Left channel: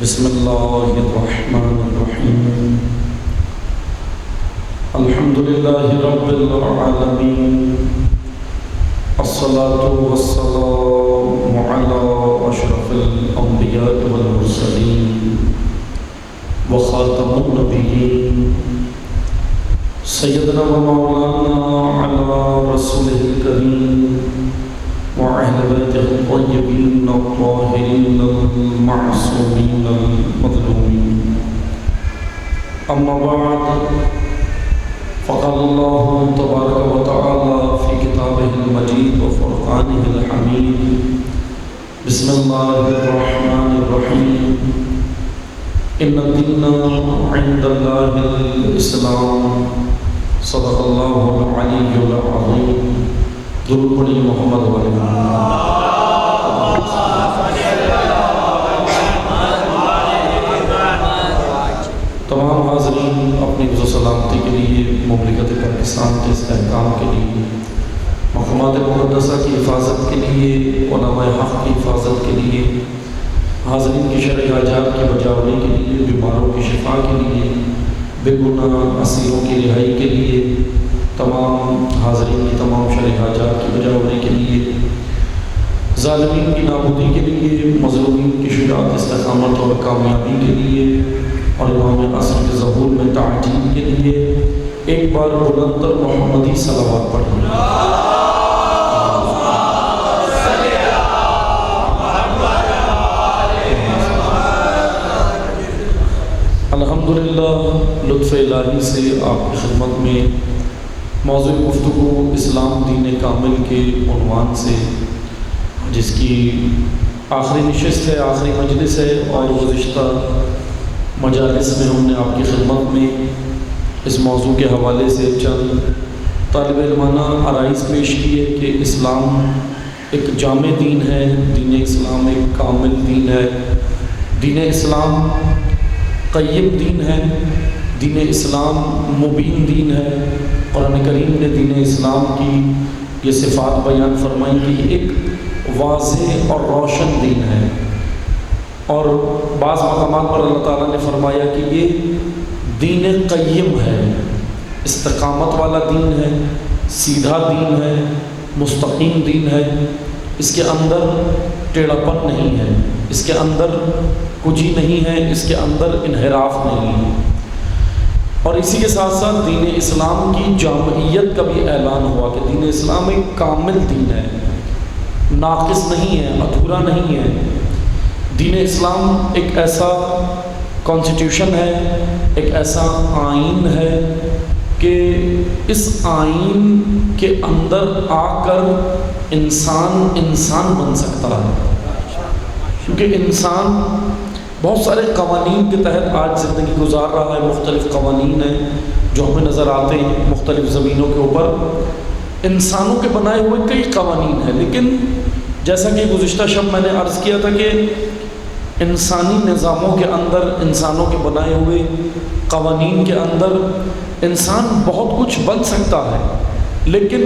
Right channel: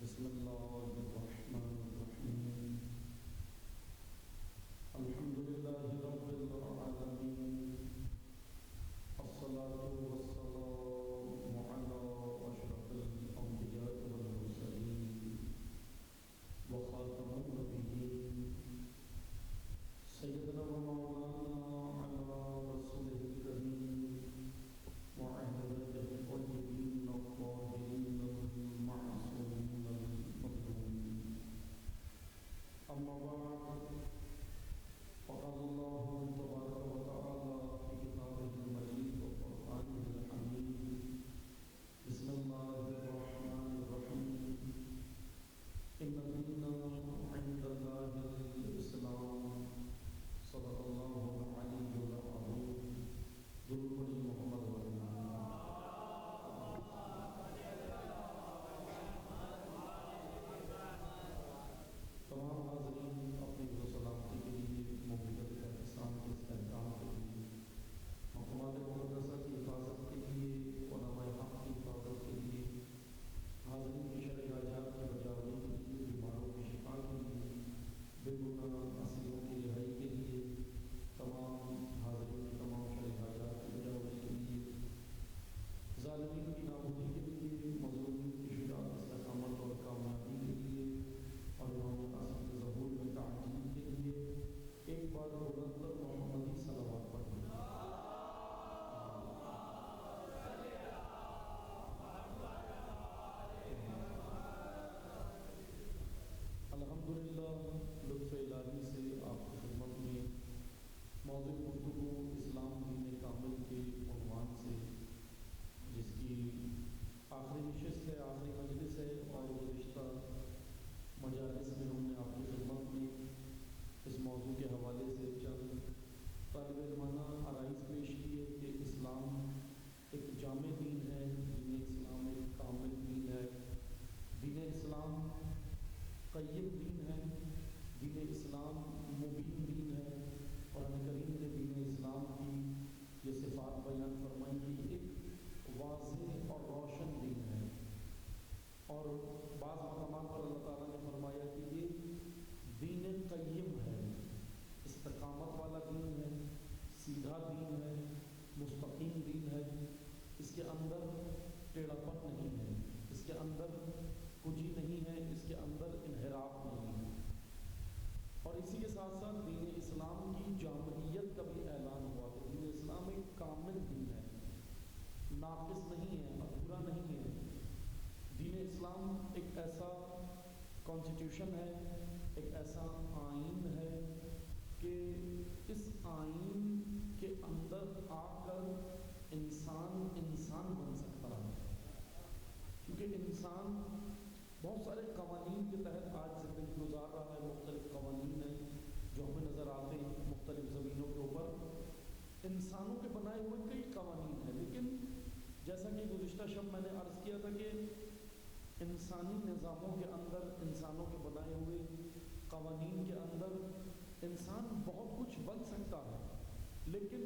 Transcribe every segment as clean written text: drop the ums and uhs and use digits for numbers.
بسم اللہ الرحمن الرحیم الحمد للہ رب العالمین الصلاة والسلام علی اشرف الانبیاء والمرسلین وخاتم النبیین سیدنا و مولانا علی رسولہ الکریم وأهل بيته الطيبين الطاهرين المعصومين المظلومين أما بعد فقال الله تبارك وتعالى في كتابه المجيد وفرقانه الحميد بسم الله الرحمن الرحيم إن الدين عند الله الإسلام صدق الله العلي العظيم درود پڑھی محمد علیہ تمام حاضرین اپنی عزت و سلامتی کے لیے مملکت پاکستان کے استحکام کے لیے مقامات مقدسہ کی حفاظت کے لیے علماء حق کی حفاظت کے لیے حاضرین کی شرعی حاجات کی بجاوری کے لیے بیماروں کی شفا کے لیے بے گناہ اسیروں کی رہائی کے لیے تمام حاضرین کی تمام شرعی حاجات کی بجاوری کے لیے ظالمین کی نابودی کے لیے مظلومین کی شجاعت استقامت اور کامیابی کے لیے اور امام عصر کے ظہور میں تعجیل کے لیے ایک بار بلندر محمدی صلوات پڑھیں الحمدللہ لطف الہی سے آپ کی خدمت میں موضوع گفتگو اسلام دین کامل کے عنوان سے جس کی آخری نشست ہے آخری مجلس ہے اور گزشتہ مجالس میں ہم نے آپ کی خدمت میں اس موضوع کے حوالے سے چند طالب علمانہ آرائز پیش کی ہے کہ اسلام ایک جامع دین ہے، دین اسلام ایک کامل دین ہے، دین اسلام قیم دین ہے، دین اسلام مبین دین ہے۔ قرآن کریم نے دین اسلام کی یہ صفات بیان فرمائی کہ ایک واضح اور روشن دین ہے، اور بعض مقامات پر اللہ تعالیٰ نے فرمایا کہ یہ دین قیم ہے، استقامت والا دین ہے، سیدھا دین ہے، مستقیم دین ہے، اس کے اندر ٹیڑھا پن نہیں ہے، اس کے اندر کجی نہیں ہے، اس کے اندر انحراف نہیں ہے۔ اور اسی کے ساتھ ساتھ دین اسلام کی جامعیت کا بھی اعلان ہوا کہ دین اسلام ایک کامل دین ہے، ناقص نہیں ہے، ادھورا نہیں ہے۔ دین اسلام ایک ایسا کانسٹیٹیوشن ہے، ایک ایسا آئین ہے کہ اس آئین کے اندر آ کر انسان بن سکتا ہے، کیونکہ انسان بہت سارے قوانین کے تحت آج زندگی گزار رہا ہے۔ مختلف قوانین ہیں جو ہمیں نظر آتے ہیں مختلف زمینوں کے اوپر، انسانوں کے بنائے ہوئے کئی قوانین ہیں، لیکن جیسا کہ گزشتہ شب میں نے عرض کیا تھا کہ انسانی نظاموں کے اندر، انسانوں کے بنائے ہوئے قوانین کے اندر انسان بہت کچھ بن سکتا ہے، لیکن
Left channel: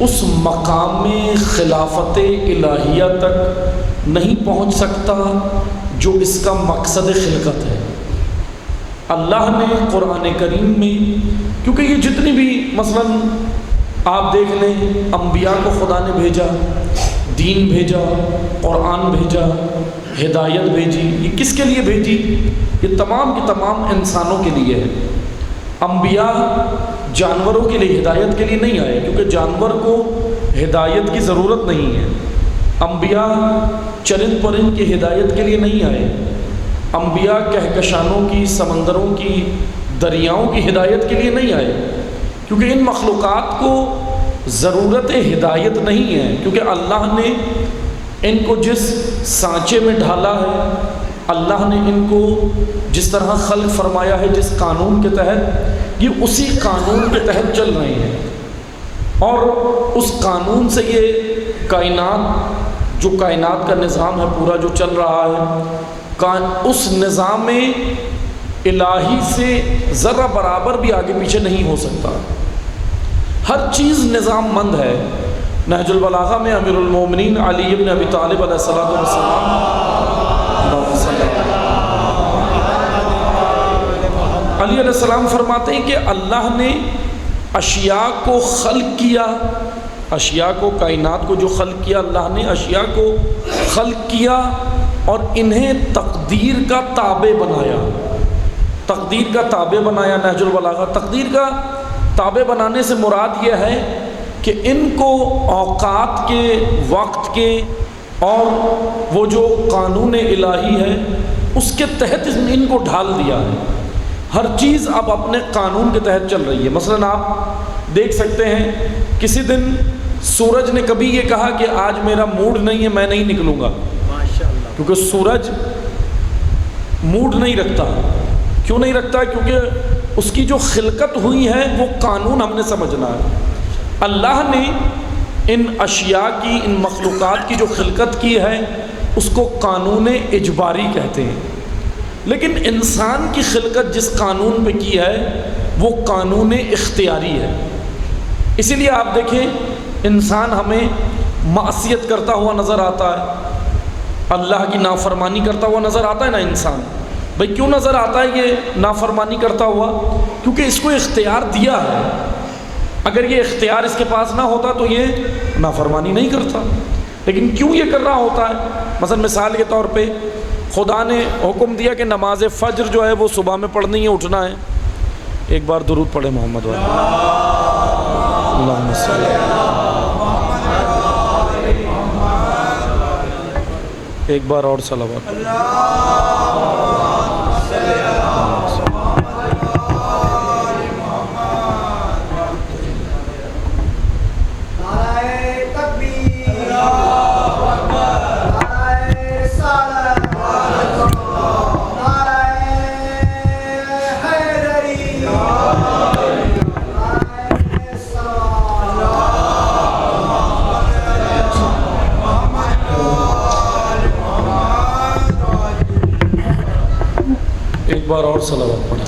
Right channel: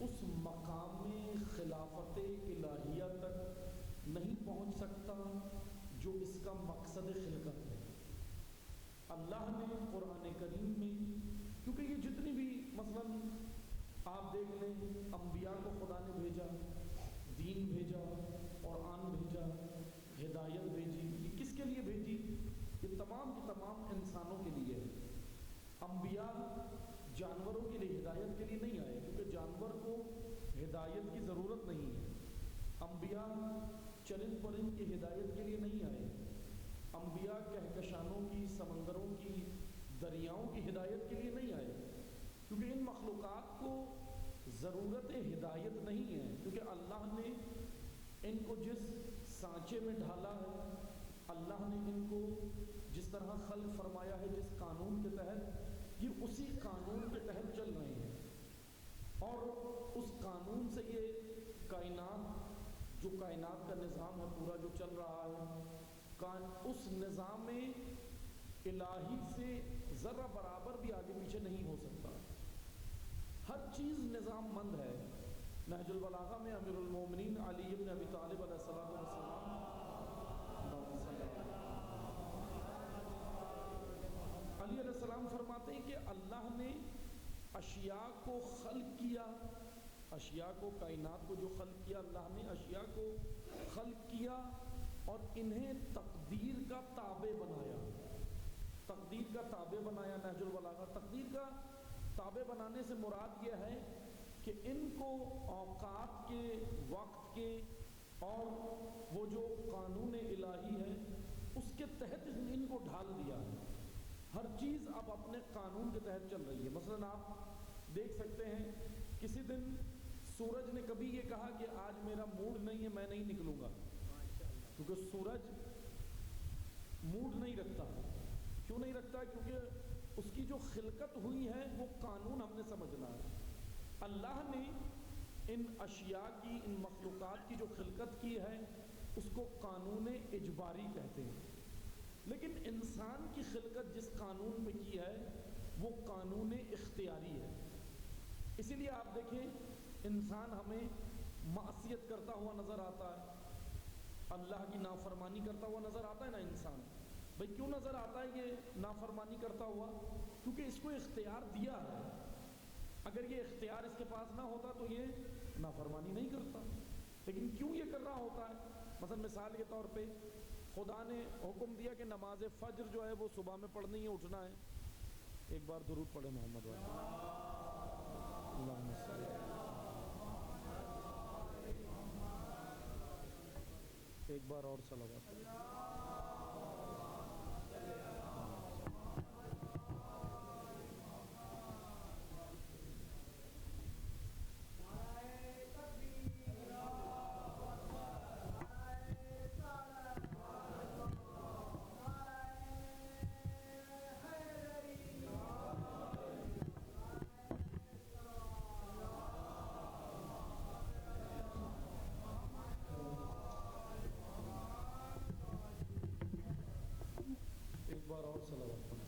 اس مقام خلافت الہیہ تک نہیں پہنچ سکتا جو اس کا مقصد خلقت ہے۔ اللہ نے قرآن کریم میں، کیونکہ یہ جتنی بھی مثلاً آپ دیکھ لیں انبیاء کو خدا نے بھیجا، دین بھیجا، قرآن بھیجا، ہدایت بھیجی، یہ کس کے لیے بھیجی؟ یہ تمام کی تمام انسانوں کے لیے ہے۔ انبیاء جانوروں کے لیے ہدایت کے لیے نہیں آئے، کیونکہ جانور کو ہدایت کی ضرورت نہیں ہے۔ انبیاء چرند پرند کی ہدایت کے لیے نہیں آئے، انبیاء کہکشانوں کی، سمندروں کی، دریاؤں کی ہدایت کے لیے نہیں آئے، کیونکہ ان مخلوقات کو ضرورت ہدایت نہیں ہے، کیونکہ اللہ نے ان کو جس سانچے میں ڈھالا ہے، اللہ نے ان کو جس طرح خلق فرمایا ہے، جس قانون کے تحت، یہ اسی قانون کے تحت چل رہے ہیں، اور اس قانون سے یہ کائنات، جو کائنات کا نظام ہے پورا جو چل رہا ہے، اس نظام الہی سے ذرہ برابر بھی آگے پیچھے نہیں ہو سکتا۔ ہر چیز نظام مند ہے۔ نہج البلاغہ میں امیر المومنین علی ابن ابی طالب علیہ السلام علی علیہ السلام فرماتے ہیں کہ اللہ نے اشیاء کو خلق کیا، اشیاء کو، کائنات کو جو خلق کیا اللہ نے، اشیاء کو خلق کیا اور انہیں تقدیر کا تابع بنایا، تقدیر کا تابع بنایا۔ نہج البلاغہ، تقدیر کا تابع بنانے سے مراد یہ ہے کہ ان کو اوقات کے، وقت کے اور وہ جو قانون الہی ہے اس کے تحت ان کو ڈھال دیا ہے۔ ہر چیز اب اپنے قانون کے تحت چل رہی ہے۔ مثلا آپ دیکھ سکتے ہیں کسی دن سورج نے کبھی یہ کہا کہ آج میرا موڈ نہیں ہے، میں نہیں نکلوں گا، کیونکہ سورج موڈ نہیں رکھتا۔ کیوں نہیں رکھتا؟ کیونکہ اس کی جو خلقت ہوئی ہے وہ قانون ہم نے سمجھنا ہے۔ اللہ نے ان اشیاء کی، ان مخلوقات کی جو خلقت کی ہے اس کو قانون اجباری کہتے ہیں، لیکن انسان کی خلقت جس قانون پہ کی ہے وہ قانون اختیاری ہے۔ اسی لیے آپ دیکھیں انسان ہمیں معصیت کرتا ہوا نظر آتا ہے، اللہ کی نافرمانی کرتا ہوا نظر آتا ہے نا انسان۔ بھئی کیوں نظر آتا ہے یہ نافرمانی کرتا ہوا؟ کیونکہ اس کو اختیار دیا ہے۔ اگر یہ اختیار اس کے پاس نہ ہوتا تو یہ نافرمانی نہیں کرتا، لیکن کیوں یہ کر رہا ہوتا ہے؟ مثلا مثال کے طور پہ خدا نے حکم دیا کہ نماز فجر جو ہے وہ صبح میں پڑھنی ہے، اٹھنا ہے۔ ایک بار درود پڑھے محمد والے، اللہم صلی ایک بار اور صلوات۔ ایک بار اور صلوات پڑھیں۔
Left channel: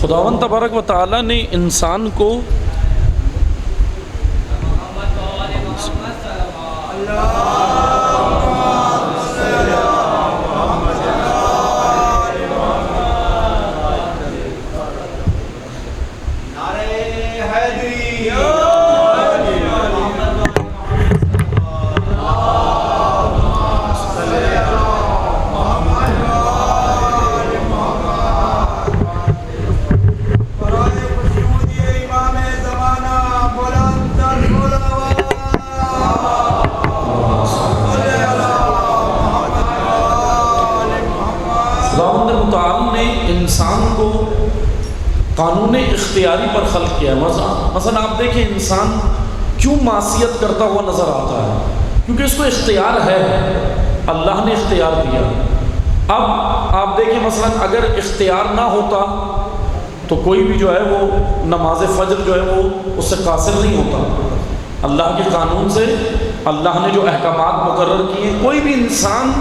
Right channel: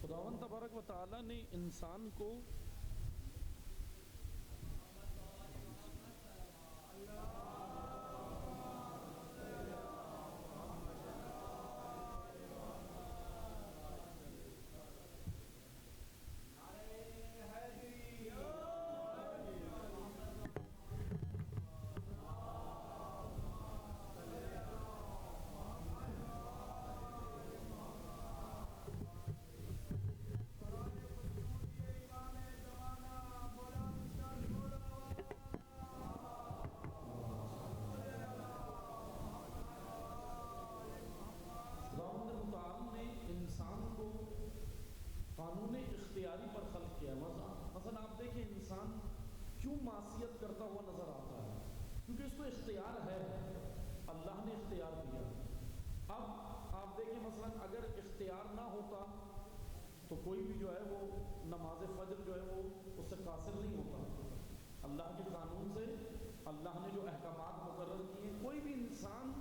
خداوند تبارک و تعالی نے انسان کو انسان کو قانون اختیاری پر خلق کیا ہے۔ مثلا آپ دیکھیں انسان کیوں معصیت کرتا ہوا نظر آتا ہے؟ کیونکہ اس کو اختیار ہے، اللہ نے اختیار دیا۔ اب آپ دیکھیں مثلا اگر اختیار نہ ہوتا تو کوئی بھی جو ہے وہ نماز فجر جو ہے وہ اس سے قاصر نہیں ہوتا۔ اللہ کے قانون سے اللہ نے جو احکامات مقرر کیے کوئی بھی انسان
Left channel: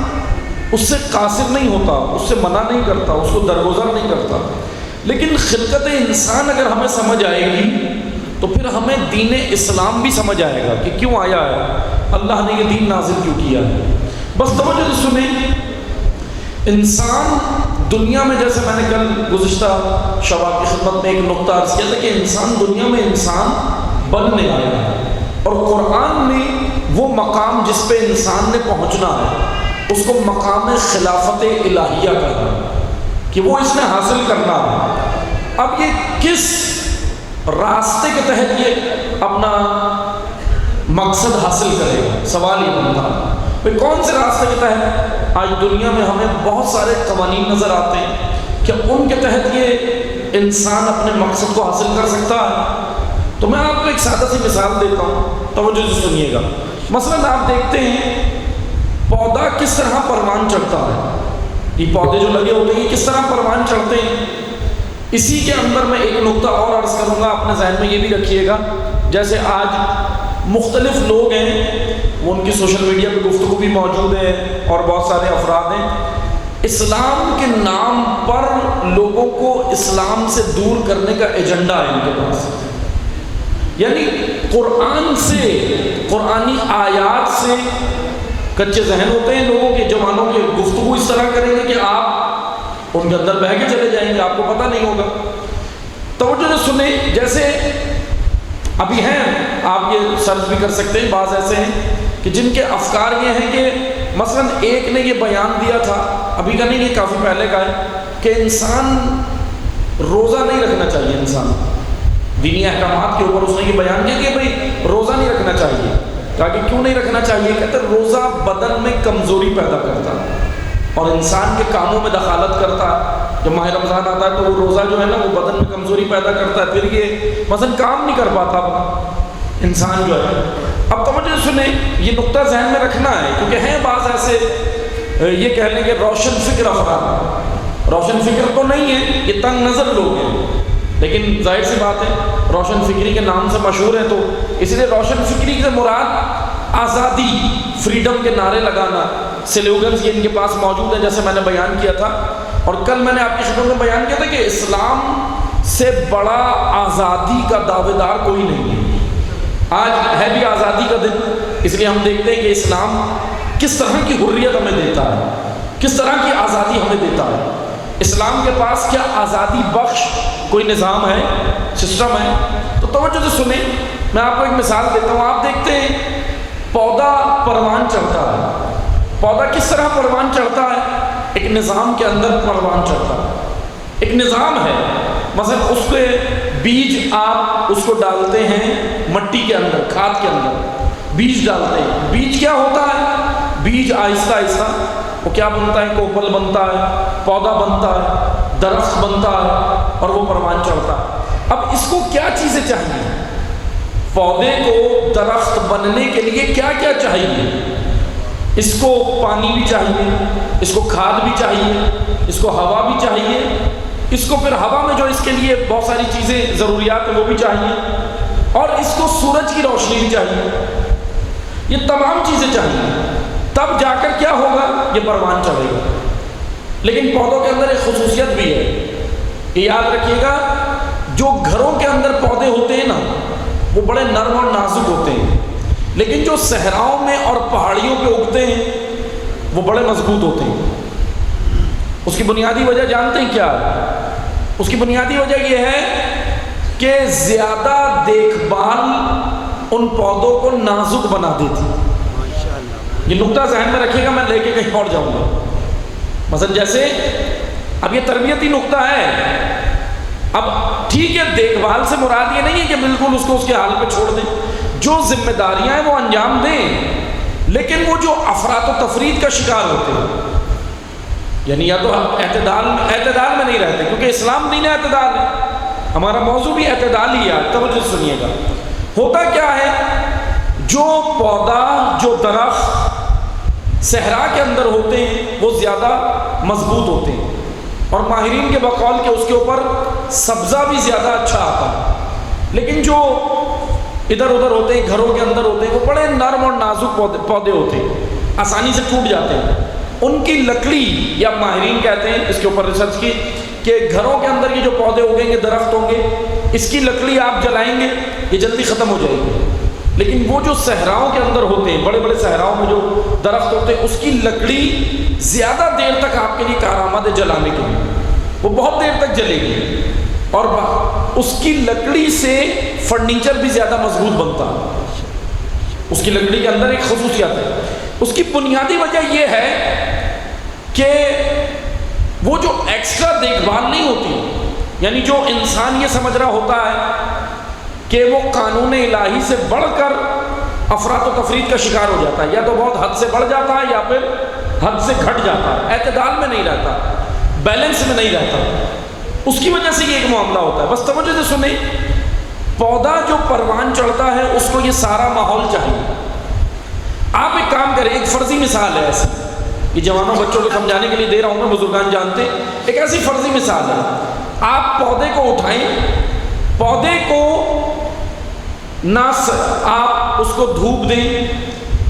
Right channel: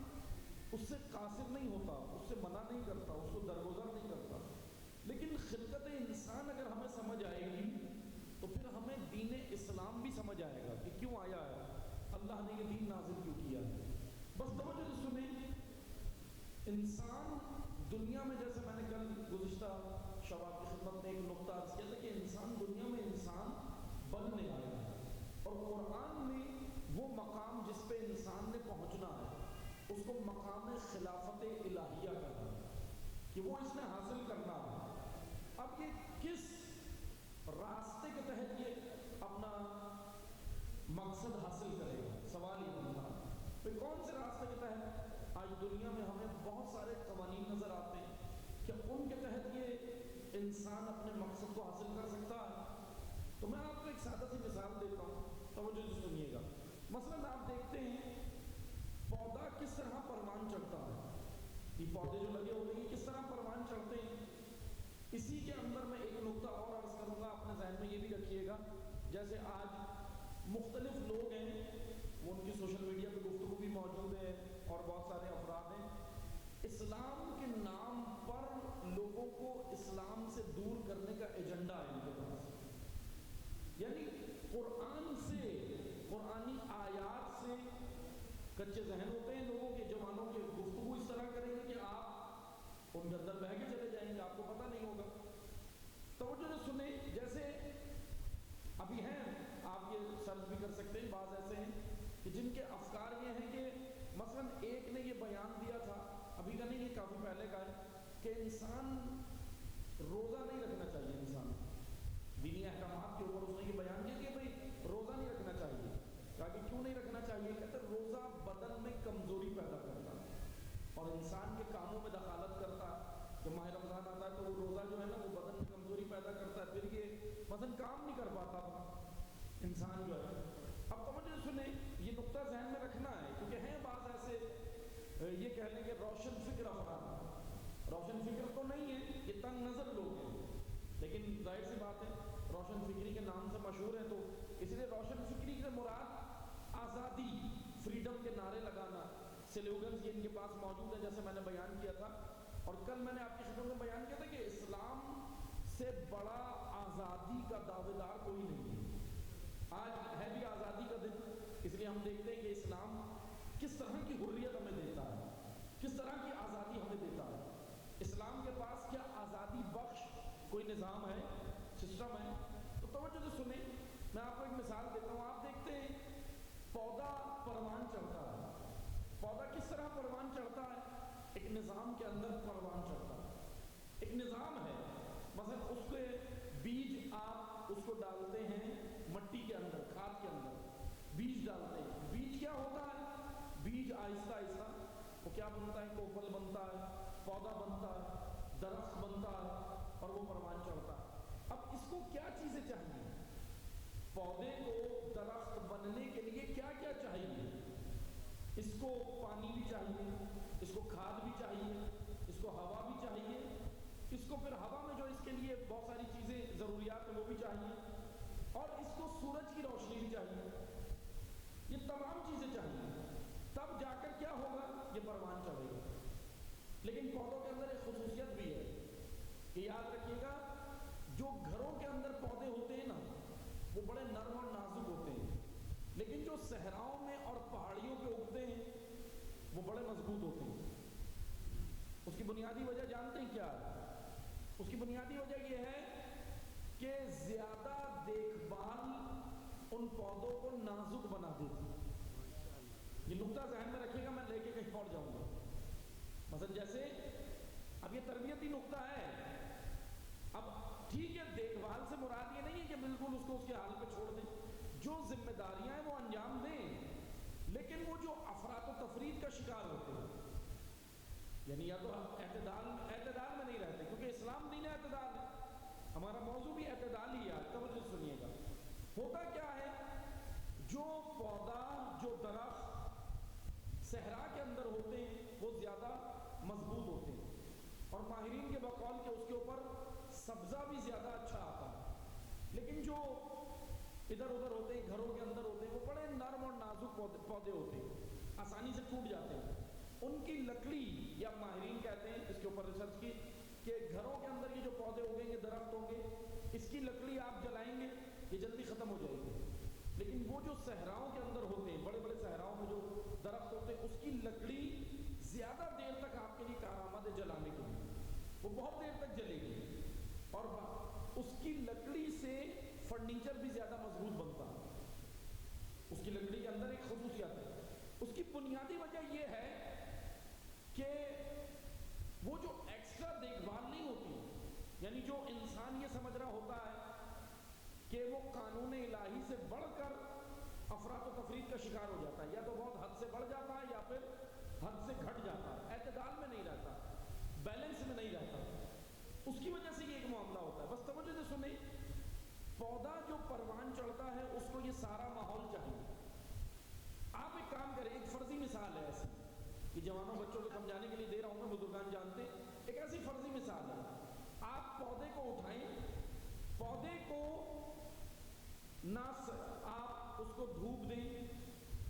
اس سے قاصر نہیں ہوتا، اس سے منع نہیں کرتا، اس کو درگزر نہیں کرتا۔ لیکن خلقت انسان اگر ہمیں سمجھ آئے گی تو پھر ہمیں دین اسلام بھی سمجھ آئے گا کہ کیوں آیا ہے، اللہ نے یہ دین نازل کیوں کیا ہے۔ بس توجہ سے سنیں، انسان دنیا میں، جیسے میں نے کل گزشتہ شباب کی خدمت میں ایک نقطہ عرض کیا تھا کہ انسان دنیا میں انسان بننے آیا ہے، اور قرآن نے وہ مقام جس پہ انسان نے پہنچنا ہے اس کو مقام خلافت الہیہ کہا کہ وہ اس نے حاصل کرنا ہے۔ اب یہ کس راستے کے تحت یہ اپنا مقصد حاصل کرے گا؟ سوال یہ بنتا ہے کون سے راستے کے تحت؟ آج دنیا میں ہمیں بہت سارے قوانین نظر آتے ہیں کہ ان کے تحت یہ انسان اپنے مقصد کو حاصل کر سکتا ہے۔ تو میں آپ کو ایک سادہ سی مثال دیتا ہوں، توجہ سے سنیے گا۔ مثلاً آپ دیکھتے ہیں پودا کس طرح پروان چڑھتا ہے، یہ پودے جو لگے ہوتے ہیں کس طرح پروان چڑھتے ہیں۔ اسی کے اندر میں ایک نقطہ اور عرض کروں گا، اپنے ذہن میں یہ بھی رکھیے گا، جیسے آج مختلف لوگ ہیں، وہ ان کی سوشل میڈیا پہ گفتگو بھی موجود ہے اور بہت سارے افراد ہیں، اسلام کے نام پر لوگوں کو اسلام سے دور کرنے کا ایجنڈا ہے ان کے پاس۔ یعنی قرآن سے، قرآنی آیات سے کچے ذہن ہوتے ہیں لوگوں کے، جوانوں کے گفتگو اس طرح کریں گے کہ آپ ان کے اندر بہہ کے چلے جائیں گے، آپ کو پتہ نہیں ہوگا۔ توجہ سے سنیں، جیسے ابھی ہیں، آپ یہ سرچ بھی کر سکتے ہیں، بعض ایسے ہیں کہ جن کے افکار یہ ہیں کہ مثلا ایک نے یہ بیان دیا تھا، ابھی کا نہیں، یہ کافی پہلے کا ہے، کہ انسان روزہ نہیں رکھنا چاہیے، انسان دینی احکامات کے اوپر اس نے یہ بیان کیا کہ بھئی روزہ نہیں رکھنا چاہیے۔ کہا کہ کیوں نہیں رکھنا چاہیے؟ کہتے روزہ بدن میں کمزوری پیدا کرتا ہے اور انسان کے کاموں میں دخالت کرتا ہے۔ جب ماہ رمضان آتا ہے تو وہ روزہ جو ہے نا وہ بدن میں کمزوری پیدا کرتا ہے، پھر یہ مثلا کام نہیں کر پاتا انسان جو ہے۔ اب توجہ سنیں، یہ نقطہ ذہن میں رکھنا ہے، کیونکہ ہیں بعض ایسے یہ کہہ لیں کہ روشن فکر افراد، روشن فکر تو نہیں ہے، یہ تنگ نظر لوگ ہیں، لیکن ظاہر سی بات ہے روشن فکری کے نام سے مشہور ہے، تو اس لیے روشن فکری سے مراد آزادی، فریڈم کے نعرے لگانا، سلوگنز یہ ان کے پاس موجود ہیں، جیسے میں نے بیان کیا تھا، اور کل میں نے آپ کی شکل میں بیان کیا تھا کہ اسلام سے بڑا آزادی کا دعوے دار کوئی نہیں ہے۔ آج ہے بھی آزادی کا دن، اس لیے ہم دیکھتے ہیں کہ اسلام کس طرح کی حریت ہمیں دیتا ہے، کس طرح کی آزادی ہمیں دیتا ہے۔ اسلام کے پاس کیا آزادی بخش کوئی نظام ہے، سسٹم ہے؟ تو توجہ سے سنیں، میں آپ کو ایک مثال دیتا ہوں۔ آپ دیکھتے ہیں پودا پروان چڑھتا ہے، پودا کس طرح پروان چڑھتا ہے؟ ایک نظام کے اندر پروان چڑھتا ہے، ایک نظام ہے۔ مثلا اس پہ بیج آپ اس کو ڈالتے ہیں مٹی کے اندر، کھاد کے اندر بیج ڈالتے ہیں، بیج کیا ہوتا ہے؟ بیج آہستہ آہستہ وہ کیا بنتا ہے؟ کوپل بنتا ہے، پودا بنتا ہے، درخت بنتا ہے، اور وہ پروان چڑھتا ہے۔ اب اس کو کیا چیزیں چاہیے؟ پودے کو درخت بننے کے لیے کیا کیا چاہیے؟ اس کو پانی بھی چاہیے، اس کو کھاد بھی چاہیے، اس کو ہوا بھی چاہیے، اس کو پھر ہوا میں جو اس کے لیے بہت ساری چیزیں ضروریات ہیں وہ بھی چاہیے، اور اس کو سورج کی روشنی بھی چاہیے، یہ تمام چیزیں چاہیے، تب جا کر کیا ہوگا؟ یہ پروان چڑھے گا۔ لیکن پودوں کے اندر ایک خصوصیت بھی ہے، یہ یاد رکھیے گا، جو گھروں کے اندر پودے ہوتے ہیں نا وہ بڑے نرم اور نازک ہوتے ہیں، لیکن جو صحراؤں میں اور پہاڑیوں پہ اگتے ہیں وہ بڑے مضبوط ہوتے ہیں۔ اس کی بنیادی وجہ جانتے ہیں کیا ہے؟ اس کی بنیادی وجہ یہ ہے کہ زیادہ دیکھ بھال ان پودوں کو نازک بنا دیتی۔ یہ نقطہ ذہن میں رکھیے گا، میں لے کے کہیں اور جاؤں گا۔ مثلا جیسے اب یہ تربیتی نقطہ ہے، اب ٹھیک ہے دیکھ بھال سے مراد یہ نہیں ہے کہ بالکل اس کو اس کے حال پہ چھوڑ دیں، جو ذمہ داریاں ہیں وہ انجام دیں، لیکن وہ جو افراط و تفرید کا شکار ہوتے ہیں، یعنی یا تو اعتدال میں نہیں رہتے، کیونکہ اسلام دین اعتدال ہے، ہمارا موضوع بھی اعتدال ہی ہے۔ توجہ سنیے گا، ہوتا کیا ہے، جو پودا، جو درخت صحرا کے اندر ہوتے ہیں وہ زیادہ مضبوط ہوتے ہیں، اور ماہرین کے بقول کہ اس کے اوپر سبزہ بھی زیادہ اچھا آتا ہے، لیکن جو ادھر ادھر ہوتے ہیں، گھروں کے اندر ہوتے ہیں، وہ بڑے نرم اور نازک پودے ہوتے ہیں، آسانی سے ٹوٹ جاتے ہیں۔ ان کی لکڑی، یا ماہرین کہتے ہیں اس کے اوپر ریسرچ کی کہ گھروں کے اندر یہ جو پودے اگیں گے، درخت ہوں گے، اس کی لکڑی آپ جلائیں گے یہ جلدی ختم ہو جائے گی، لیکن وہ جو صحراؤں کے اندر ہوتے ہیں، بڑے بڑے صحراؤں میں جو درخت ہوتے ہیں، اس کی لکڑی زیادہ دیر تک آپ کے لیے کارآمد ہے جلانے کے لیے، وہ بہت دیر تک جلے گی، اور اس کی لکڑی سے فرنیچر بھی زیادہ مضبوط بنتا ہے۔ اس کی لکڑی کے اندر ایک خصوصیت ہے، اس کی بنیادی وجہ یہ ہے کہ وہ جو ایکسٹرا دیکھ بھال نہیں ہوتی، یعنی جو انسان یہ سمجھ رہا ہوتا ہے کہ وہ قانون الہی سے بڑھ کر افراط و تفرید کا شکار ہو جاتا ہے، یا تو بہت حد سے بڑھ جاتا ہے یا پھر حد سے گھٹ جاتا ہے، اعتدال میں نہیں رہتا، بیلنس میں نہیں رہتا، اس کی وجہ سے یہ ایک معاملہ ہوتا ہے۔ بس توجہ سے سنیں، پودا جو پروان چڑھتا ہے اس کو یہ سارا ماحول چاہیے۔ آپ ایک کام کریں، ایک فرضی مثال ہے ایسی، یہ جوانوں بچوں کو سمجھانے کے لیے دے رہا ہوں میں، بزرگان جانتے، ایک ایسی فرضی مثال ہے، آپ پودے کو اٹھائیں، پودے کو نہ آپ اس کو دھوپ دیں،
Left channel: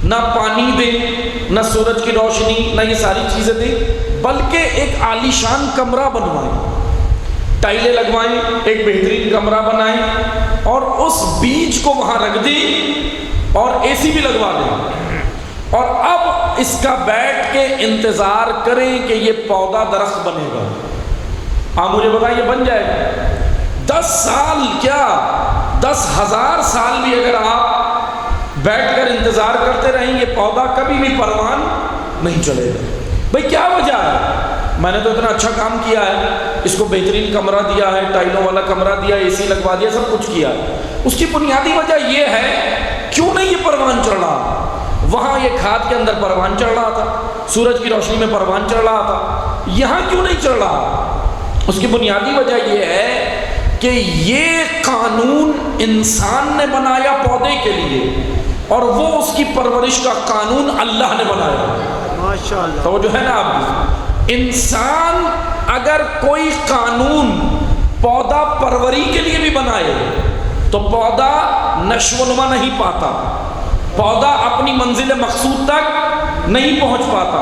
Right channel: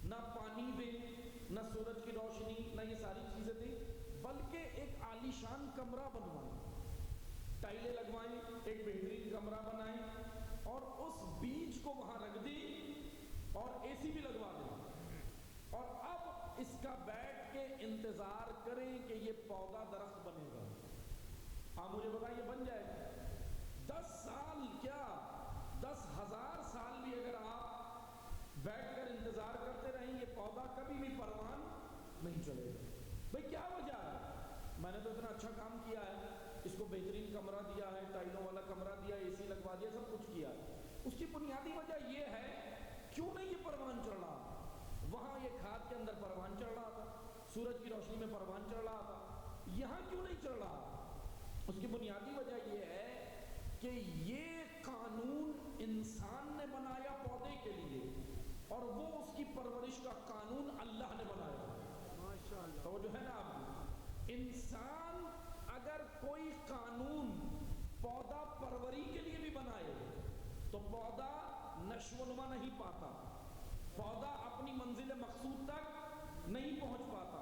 نہ پانی دیں، نہ سورج کی روشنی، نہ یہ ساری چیزیں دیں، بلکہ ایک عالیشان کمرہ بنوائیں، ٹائلیں لگوائیں، ایک بہترین کمرہ بنائیں، اور اس بیج کو وہاں رکھ دی اور اے سی بھی لگوا دیں اور اب اس کا بیٹھ کے انتظار کریں کہ یہ پودا درخت بنے گا. آپ مجھے بتائیں یہ بن جائے گا؟ 10 سال کیا 10,000 سال بھی اگر آپ بیٹھ کر انتظار کرتے رہیں یہ پودا کبھی بھی پروان نہیں چلے گا. بھئی کیا وجہ ہے؟ میں نے تو اتنا اچھا کام کیا ہے، اس کو بہترین کمرہ دیا ہے، ٹائلوں والا کمرہ دیا، اے سی لگوا دیا، سب کچھ کیا. اس کی بنیادی وجہ یہ ہے کیوں نہیں یہ پروان چڑھ رہا؟ وہاں یہ کھاد کے اندر پروان چڑھ رہا تھا، سورج کی روشنی میں پروان چڑھ رہا تھا، یہاں کیوں نہیں چڑھ رہا؟ اس کی بنیادی وجہ یہ ہے کہ یہ قانون انسان نے بنایا پودے کے لیے اور وہ اس کی پرورش کا قانون اللہ نے بنایا. ماشاءاللہ توجہ ہے نا آپ کی؟ انسان اگر کوئی قانون پودا پروری کے لیے بھی بنائے تو پودا نشو و نما نہیں پاتا، پودا اپنی منزل مقصود تک نہیں پہنچ پاتا،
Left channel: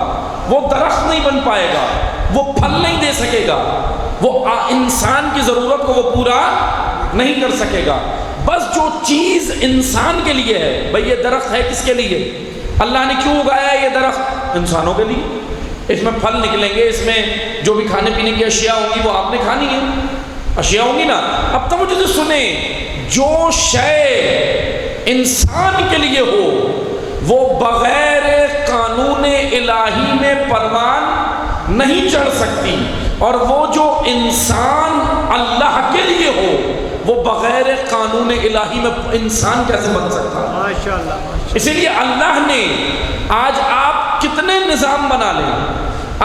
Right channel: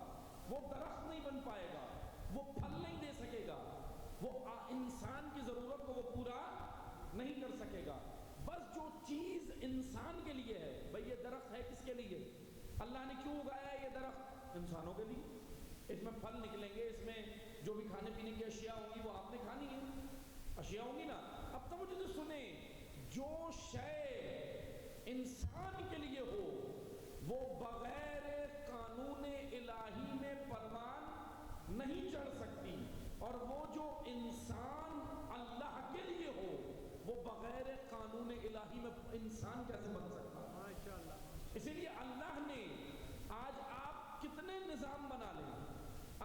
وہ درخت نہیں بن پائے گا، وہ پھل نہیں دے سکے گا، وہ انسان کی ضرورت کو وہ پورا نہیں کر سکے گا. بس جو چیز انسان کے لیے ہے، بھئی یہ درخت ہے کس کے لیے؟ اللہ نے کیوں اگایا ہے یہ درخت؟ انسانوں کے لیے. اس میں پھل نکلیں گے، اس میں جو بھی کھانے پینے کی اشیاء ہوں گی وہ آپ نے کھانی ہے، اشیاء ہوں گی نا. اب توجہ سے سنیں، جو شے انسان کے لیے ہو وہ بغیر قانون الہی میں پروان نہیں چڑھ سکتی، اور وہ جو انسان اللہ کے لیے ہو وہ بغیر قانون الہی میں انسان کیسے بن سکتا ہے؟ ماشاءاللہ. اسی لیے اللہ نے آج آپ کتنے نظام بنا لیں،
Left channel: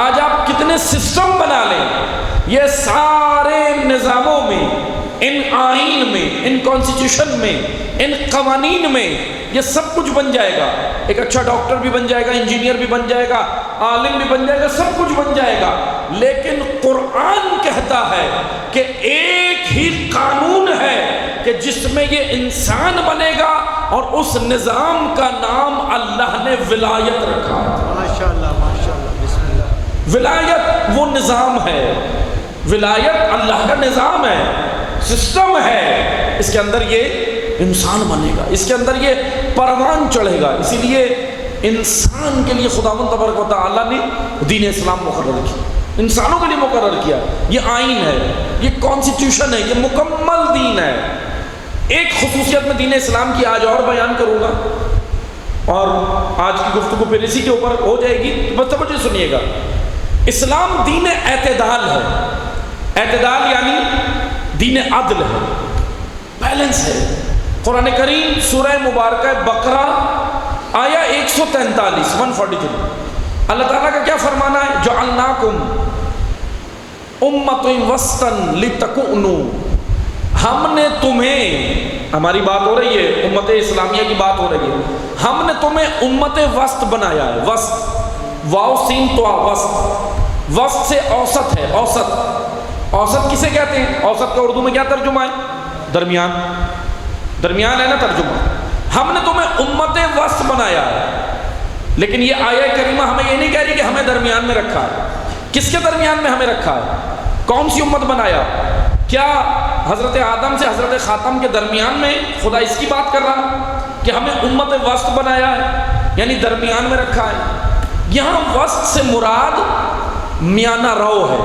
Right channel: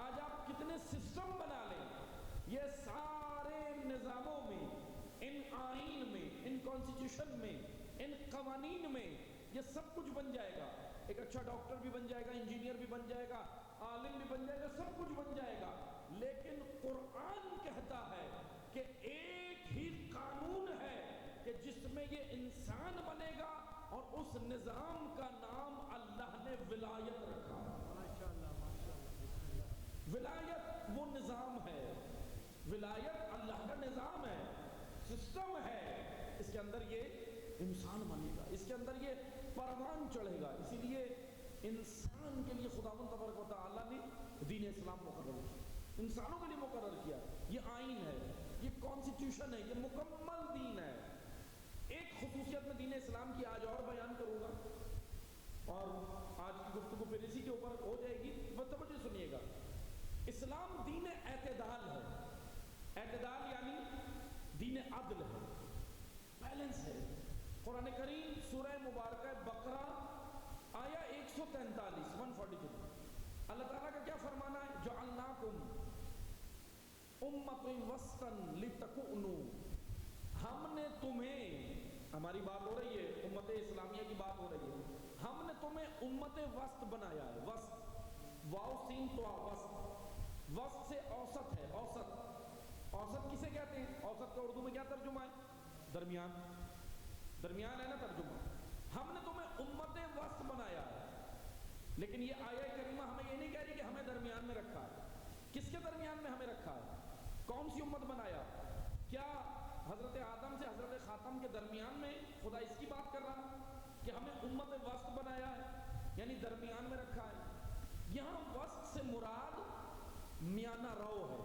آج آپ کتنے سسٹم بنا لیں، یہ سارے نظاموں میں، ان آئین میں، ان کانسٹیٹیوشن میں، ان قوانین میں یہ سب کچھ بن جائے گا. ایک اچھا ڈاکٹر بھی بن جائے گا، انجینئر بھی بن جائے گا، عالم بھی بن جائے گا، سب کچھ بن جائے گا. لیکن قرآن کہتا ہے کہ ایک ہی قانون ہے کہ جس میں یہ انسان بنے گا، اور اس نظام کا نام اللہ نے ولایت رکھا. ماشاءاللہ ماشاءاللہ بسم اللہ. ولایت وہ نظام ہے، ولایت اللہ کا نظام ہے، سسٹم ہے، اس کے اندر یہ انسان بنے گا، اس کے اندر یہ پروان چڑھے گا. اسی لیے انسان کے لیے خداوند تبارک و تعالیٰ نے دین اسلام مقرر کیا، انسانوں کے لیے مقرر کیا. یہ آئین ہے، یہ کانسٹیٹیوشن ہے، یہ مکمل دین ہے. ایک خصوصیت میں دین اسلام کی آج اور بیان کروں گا، اور آج کی گفتگو پھر اسی کے اوپر ہو جائے گی، بس توجہ سنیے گا. اسلام دین اعتدال ہے. اعتدال یعنی دین عدل ہے، بیلنس ہے. قرآن کریم سورہ مبارکہ بقرہ آیا 143 اللہ تعالیٰ کا کیا فرمانا ہے؟ جعلناکم امۃ وسطا لتکونوا، ہم نے تمہیں، ہماری بات ہو رہی ہے، امت اسلامیہ کی بات ہو رہی ہے، ہم نے تمہیں امت وسط بنایا ہے. وسط، واو سین تو وسط، وسط سے اوسط ہے. اوسط، اوسط کسے کہتے ہیں؟ اوسط کا اردو میں کیا ترجمہ ہے؟ درمیان. درمیان ہے نا ترجمہ. ہم نے تمہیں امت وسط بنایا ہے. لیکن یہ آیہ کریمہ ہمیں یہ نہیں کہہ رہی کہ ہمیں درمیان میں رکھا ہے. کس کے درمیان میں ہمیں رکھا ہے؟ کون سی امت بنایا؟ کیا حضرت آدم سے حضرت خاتم کے درمیان میں خدا اس کی بات کر رہا کہ ہمیں امت وسط بنایا ہے، یعنی درمیان میں رکھا ہے؟ یہاں وسط سے مراد میانہ رو ہے،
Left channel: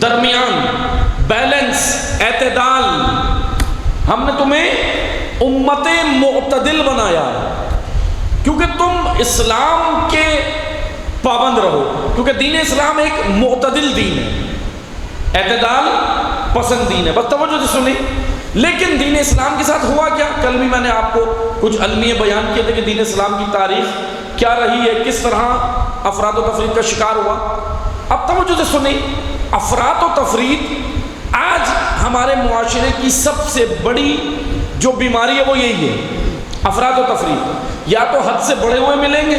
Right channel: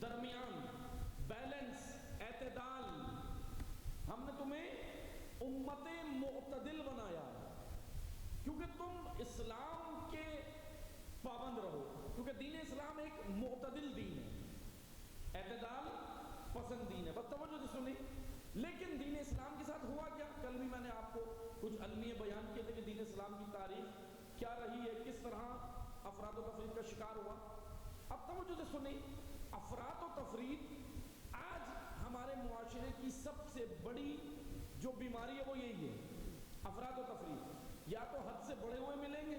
درمیان، بیلنس، اعتدال. ہم نے تمہیں امت معتدل بنایا ہے کیونکہ تم اسلام کے پابند رہو، کیونکہ دین اسلام ایک معتدل دین ہے، اعتدال پسند دین ہے. بس توجہ سے سنیں. لیکن دین اسلام کے ساتھ ہوا کیا؟ کل بھی میں نے آپ کو کچھ علمیہ بیان کیے تھے کہ دین اسلام کی تاریخ کیا رہی ہے، کس طرح افراد و تفرید کا شکار ہوا. اب توجہ سے سنیں. افراد و تفرید آج ہمارے معاشرے کی سب سے بڑی جو بیماری ہے وہ یہی ہے، افراد و تفرید. یا تو حد سے بڑے ہوئے ملیں گے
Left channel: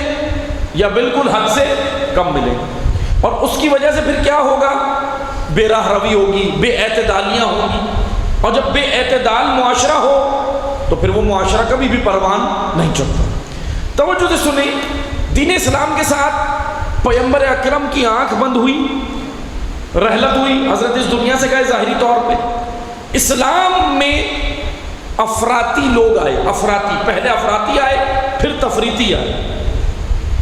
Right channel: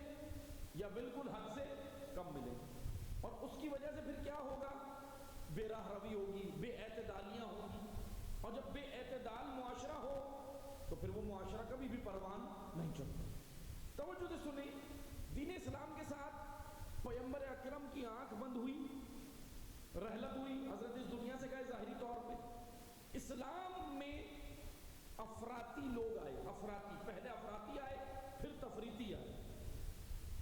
یا بالکل حد سے کم ملیں گے، اور اس کی وجہ سے پھر کیا ہوگا؟ بے راہ روی ہوگی، بے اعتدالیاں ہوگی. اور جب بے اعتدال معاشرہ ہو تو پھر وہ معاشرہ کبھی بھی پروان نہیں چڑھتا. توجہ سے سنیں. دین اسلام کے ساتھ پیغمبر اکرم کی آنکھ بند ہوئی، رحلت ہوئی، حضرت اس دنیا سے گئے ظاہری طور پہ. اسلام میں افراطی لوگ آئے، افراطی، پہلے افراطی آئے پھر تفریطی آئے۔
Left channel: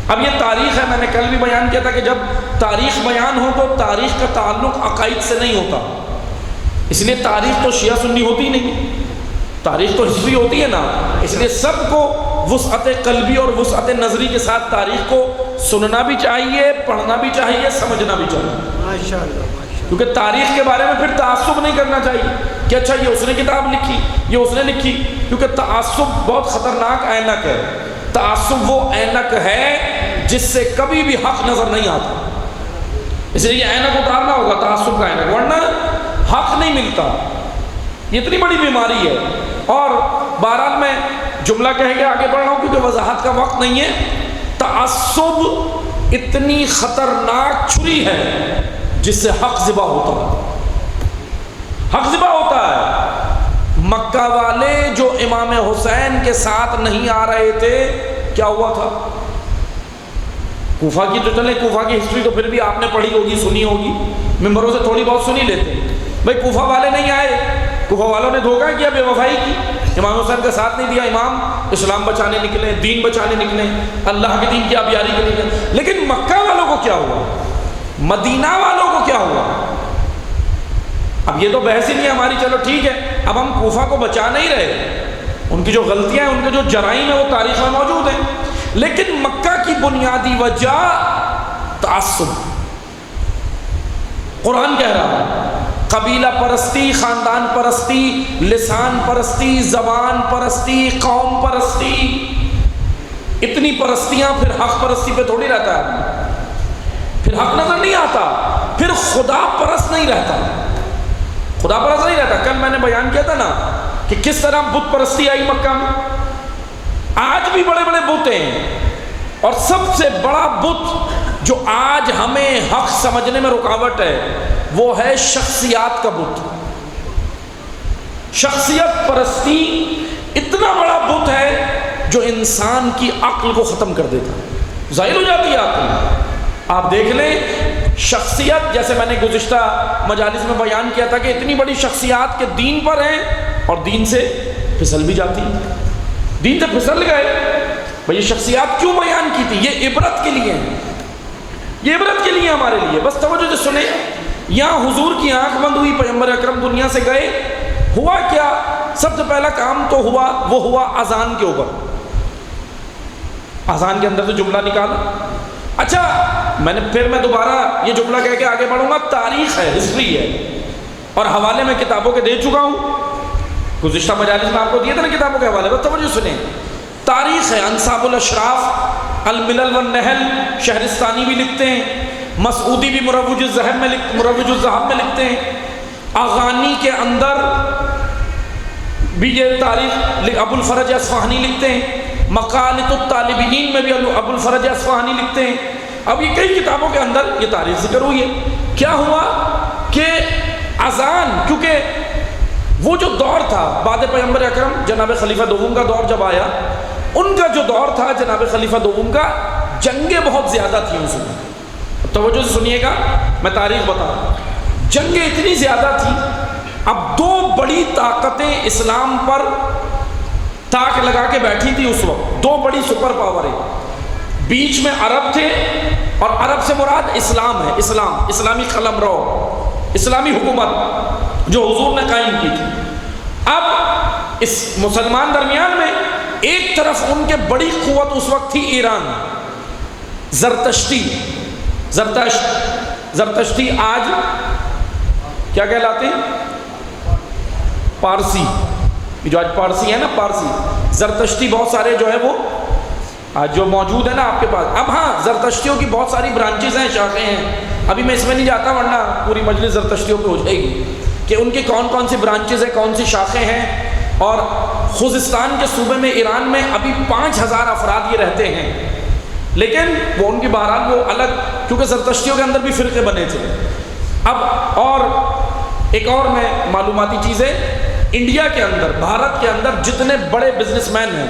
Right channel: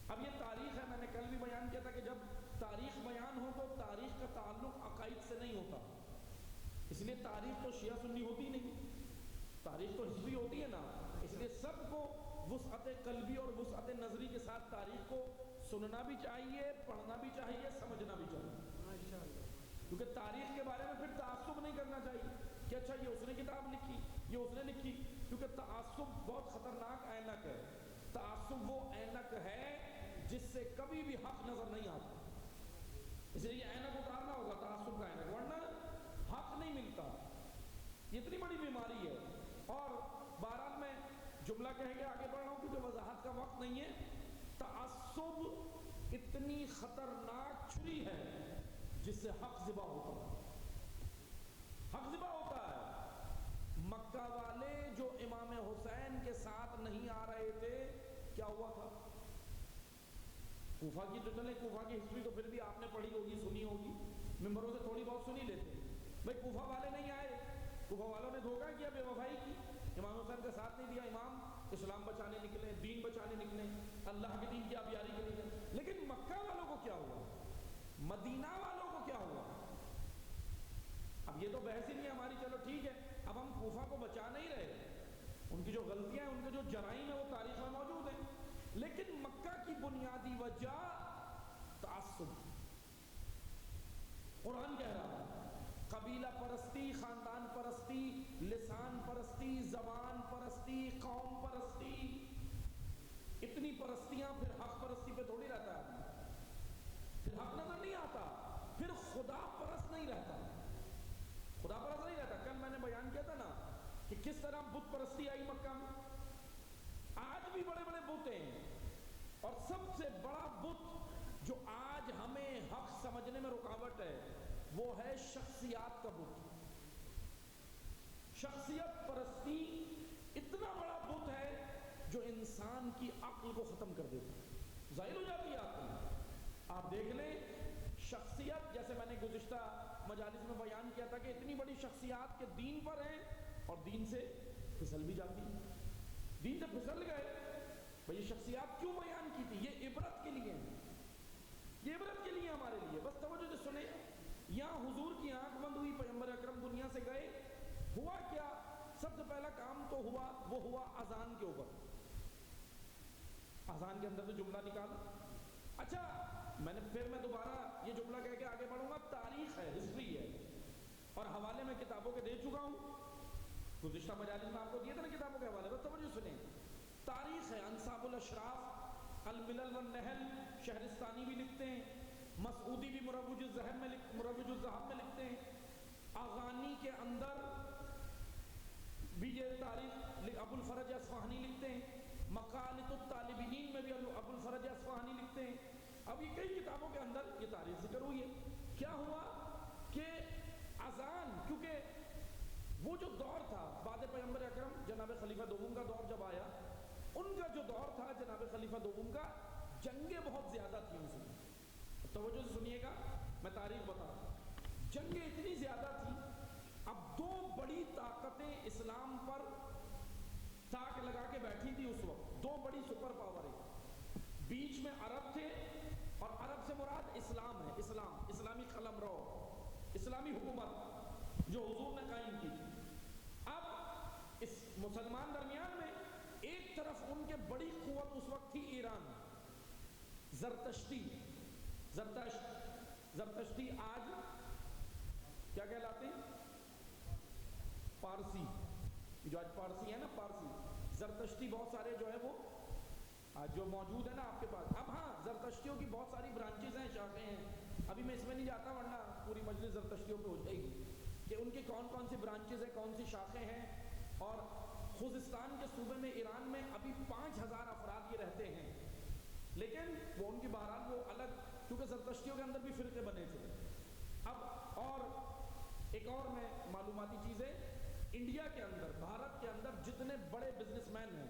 اب یہ تاریخ ہے، میں نے کل بھی بیان کیا تھا کہ جب تاریخ بیان ہو تو تاریخ کا تعلق عقائد سے نہیں ہوتا، اس لیے تاریخ تو شیعہ سنی ہوتی نہیں، تاریخ تو ہسٹری ہوتی ہے نا، اس لیے سب کو وسعت قلبی اور وسعت نظری کے ساتھ تاریخ کو سننا بھی چاہیے، پڑھنا بھی چاہیے، سمجھنا بھی چاہیے، ماشاءاللہ، کیونکہ تاریخ کے بارے میں پھر تعصب نہیں کرنا چاہیے کہ اچھا یہ اس نے کتاب لکھی، یہ اس نے لکھی، کیونکہ تعصب بہت خطرناک اینک ہے۔ تعصب وہ اینک ہے جس سے کبھی بھی حق نظر نہیں آتا، اس لیے یہ اینک اتارنا ہوگا، تعصب کا اینک، ورنہ حق نہیں ملتا۔ یہ اتنی بڑی بیماری ہے۔ اور بہرحال میں جملہ کہہ کے آگے بڑھ رہا ہوں کیونکہ وضاحت کا وقت نہیں ہے۔ تعصب اتنی خطرناک چھری ہے جس سے حق ذبح ہوتا ہے، حق ذبح ہوتا ہے۔ مکہ والے جو امام حسین کے ساتھ نہیں آ رہے تھے، کیا ہوا تھا؟ کوفہ کی تو چلے، کوفہ کی ہسٹری تو پھر بھی آپ نے پڑھی ہوگی، سنی ہوگی، ممبروں سے تھوڑی بہت سنی لیتے ہیں۔ بھائی کوفہ والے نہیں آئے، کوفہ والوں نے دھوکہ کیا، بے وفائی کی، امام حسین کا ساتھ نہیں دیا، امام اسلام بچانے نکلے، دین بچانے نکلے، اللہ کے دین کی آبیاری کے لیے۔ لیکن مکہ والوں کو کیا ہوا، مدینہ والوں کو کیا ہوا؟ اب یہ تو بحث ہی نہیں ہے ہماری، چلو ٹھیک ہے، اب ہم کوفہ کو بچا نہیں رہے، ان کی جو غلطیاں ہیں، ان کے جو جرائم ہیں وہ تاریخ میں موجود ہیں، لیکن مکہ کی بنیادی وجہ تعصب۔ قرآن کہہ رہا ہے قبیلہ پرستی، خاندان پرستی، لسان پرستی، زبان پرستی، قوم پرستی، اتنی پرستیاں، پھر حق پرستی پہ تھوڑی رہتا ہے، پھر حق نظر نہیں آتا، پھر خدا پرست نہیں رہتا، خدا پرست نہیں رہتا۔ کل میں نے بیان کیا تھا نا کہ کس طرح بت پرستی آئی مکہ میں، آج بھی بڑے بڑے بت ہیں، اور سب سے بڑا بت جو آج ہمیں حق سمجھنے میں رکاوٹ ہے وہ ہے شخصیات کا بت۔ شخصیت پرستی اتنا بڑا بت ہے جو انسان کی عقل کو ختم کر دیتا ہے، ظاہر ہو جاتی ہے عقل۔ آپ دیکھ لیں شخصیت، جیسے میں نے گزشتہ مجالس میں بیان کیا تھا کہ اتنی بڑی شخصیات کے دین پر ہیں اور دین سے پھسل بھی جاتی، دین سے پھسل گئے۔ بھئی یہ شخصیات کیوں بیان کی تھی؟ یہ عبرت کے لیے ہیں، یہ عبرت کے لیے ہمارے لیے۔ بس توجہ سے سنیں، یہاں حضور کی آنکھ بند ہوئی، پیغمبر اکرم دنیا سے گئے، ہوا کیا؟ سب سے پہلا کام تو ہوا، وہ ہوا اذان کے اوپر، اذان کے اندر سے جملہ نکالا۔ اچھا میں دوبارہ یہ جملہ کہہ کے آگے بڑھوں گا، تاریخ ہے، ہسٹری ہے، اور حوالے میں کتابوں کے دے چکا ہوں، گزشتہ مجالس میں آپ کو دیے تھے نا کتابوں کے حوالے، بس توجہ سنیں، تاریخ ہے۔ انصاب الاشراف، الملل والنحل، شہرستانی بھی لکھتے ہیں، مسعودی بھی مروج الذہب میں لکھتے ہیں، اغانی کے اندر بھی یہ تاریخ ابو الفرج اصفہانی لکھتے ہیں، مقالۃ الطالبین میں بھی ابو الفرج اصفہانی لکھتے ہیں۔ اب یہ کئی کتابوں کے اندر یہ تاریخ ذکر ہوئی ہے۔ کیا ہوا کہ اذان، کیونکہ وہ جو دور تھا بعد پیغمبر اکرم جناب خلیفہ دوم کا دور جب آیا، ان کا جو دور تھا جناب خلیفہ دوم کا، جنگیں بہت زیادہ تھیں اس میں۔ توجہ سے سنیے گا، میں تاریخ بتا رہا ہوں، جنگیں اتنی زیادہ تھیں، اب دو بڑی طاقتیں اسلام پر تاک لگا کے بیٹھی تھی اس وقت، دو بڑی سپر پاوریں، بیچ میں عرب تھے، اور عرب سے مراد اسلام ہے، اسلام، اسلامی قلمرو، اسلامی حکومت جو حضور نے قائم کی تھی۔ اب اس مسلمان درمیان میں ایک طرف ان کے بڑی قوت اس وقت تھی ایران، زرتشتی آج کیا کہلاتے ہیں؟ پارسی، جو آج پارسی ہے نا، پارسی، زرتشتی بہت سارے جو ہے وہ آج جو موجود ہے نا آپ کے پاس۔ اب ہاں زرتشتیوں کی بہت ساری برانچز ہیں، شاخیں ہیں، ابھی میں اس میں نہیں جاتا ورنہ پوری مجلس زرتشتیوں پہ ہو جائے گی کہ ان کی کون کون سی برانچز ہیں، کون سی شاخیں ہیں۔ اور خوزستان کے صوبے میں ایران میں ابھی 5000 افراد یہ رہتے ہیں، لیکن وہ ان کی بہرحال وہ الگ، کیونکہ زرتشتیوں کے اندر بھی فرقے بنے تھے۔ اب اور ایک اور میں معلوماتی چیزیں، انڈیا کے اندر، بھارت کے اندر جتنے بڑے بزنس مین ہیں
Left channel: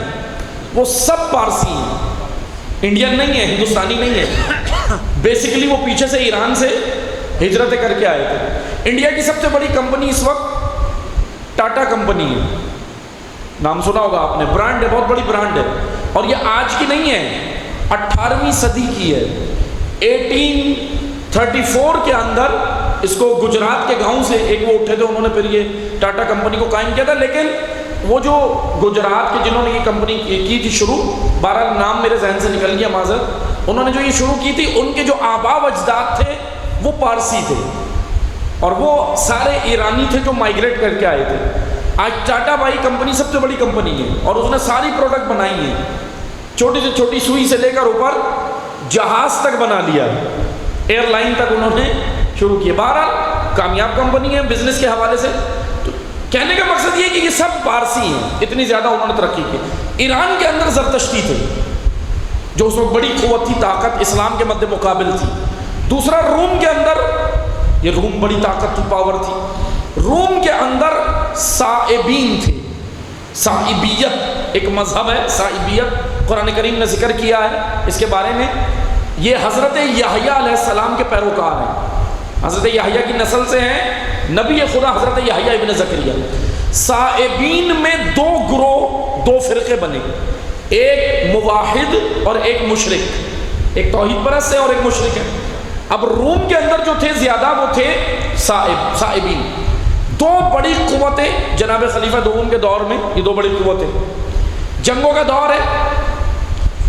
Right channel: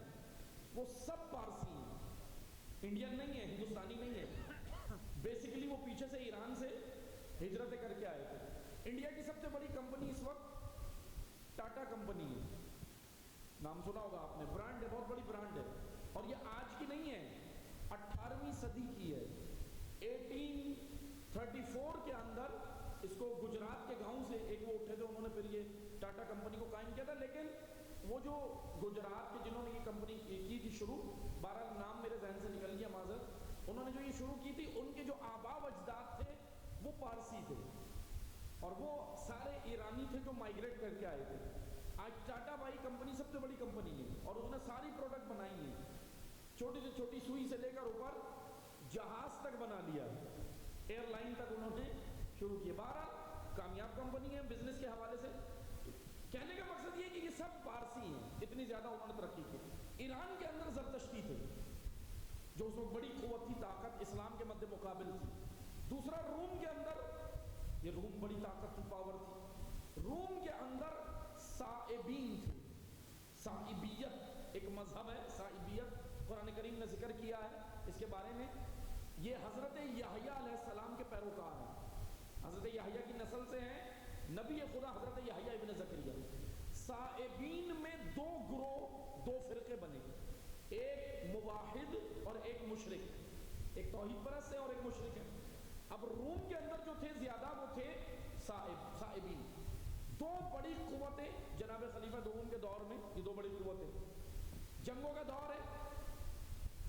وہ سب پارسی ہیں، انڈین نہیں ہیں، ہندوستانی نہیں ہیں، بیسیکلی وہ پیچھے سے ایران سے ہجرتیں کر کے آئے تھے۔ انڈیا کی سب سے بڑی کمپنی اس وقت ٹاٹا کمپنی ہے، نام سنا ہوگا آپ نے، برانڈ ہے، بہت بڑی برانڈ ہے، اور یہ آج کی نہیں ہے، 18ویں صدی کی ہے۔ 1834 کے اندر اس کو گجرات کے گاؤں سے ایک وہ اٹھے تھے، انہوں نے پھر یہ ٹاٹا کمپنی کو قائم کیا تھا، لیکن وہ جو گجرات کے جنہوں نے یہ کمپنی کی تھی شروع، بہرحال نام میرے ذہن سے نکل گیا معذرت، انہوں نے جو یہ شروع کی تھی، ان کے جو آبا و اجداد تھے وہ پارسی تھے، اور وہ سارے ایرانی تھے جو مائیگریٹ کر کے آئے تھے۔ آج ٹاٹا بھائی کمپنی سب سے بڑی کمپنی ہے، اور اس نے ساری پروڈکٹ بنائی ہیں، چھوٹی سے چھوٹی سوئی سے لے کر اوپر جہاز تک بنا لیا، ایئر لائن تک انہوں نے شروع کیا۔ بہرحال کامیاب کمپنی ہے بزنس کے حوالے سے۔ تو کہنے کا مقصد یہ کہ یہ سب پارسی ہیں، اتنی زیادہ انہوں نے ترقی کی۔ ایران کے اندر زرتشتی تھے، جو اس وقت بڑی قوت تھی، طاقت اسلام کے مد مقابل تھی۔ دوسرا روم کے اندر، یہ روم بڑی طاقت تھی، پاور تھی، روم کے اندر صائبین تھے۔ صائبیت ایک مذہب ہے، صائبیت قرآن کریم نے ذکر کیا ہے اس کے بارے میں۔ یہ حضرت یحییٰ علیہ السلام کے پیروکار ہیں، حضرت یحییٰ کی نسل سے ہیں، نبی خدا حضرت یحییٰ ابن زکریا۔ صائبین میں دو گروہ، دو فرقے بنے، ایک موحد اور ایک مشرک، ایک توحید پرست ہے اور ایک مشرک ہے۔ اب روم کے اندر جو تھے زیادہ وہ تھے صائبین۔ دو بڑی قوتیں جناب خلیفہ دوم کے دور میں، یہ دو بڑی قوتیں، جنگوں کا دور ہے۔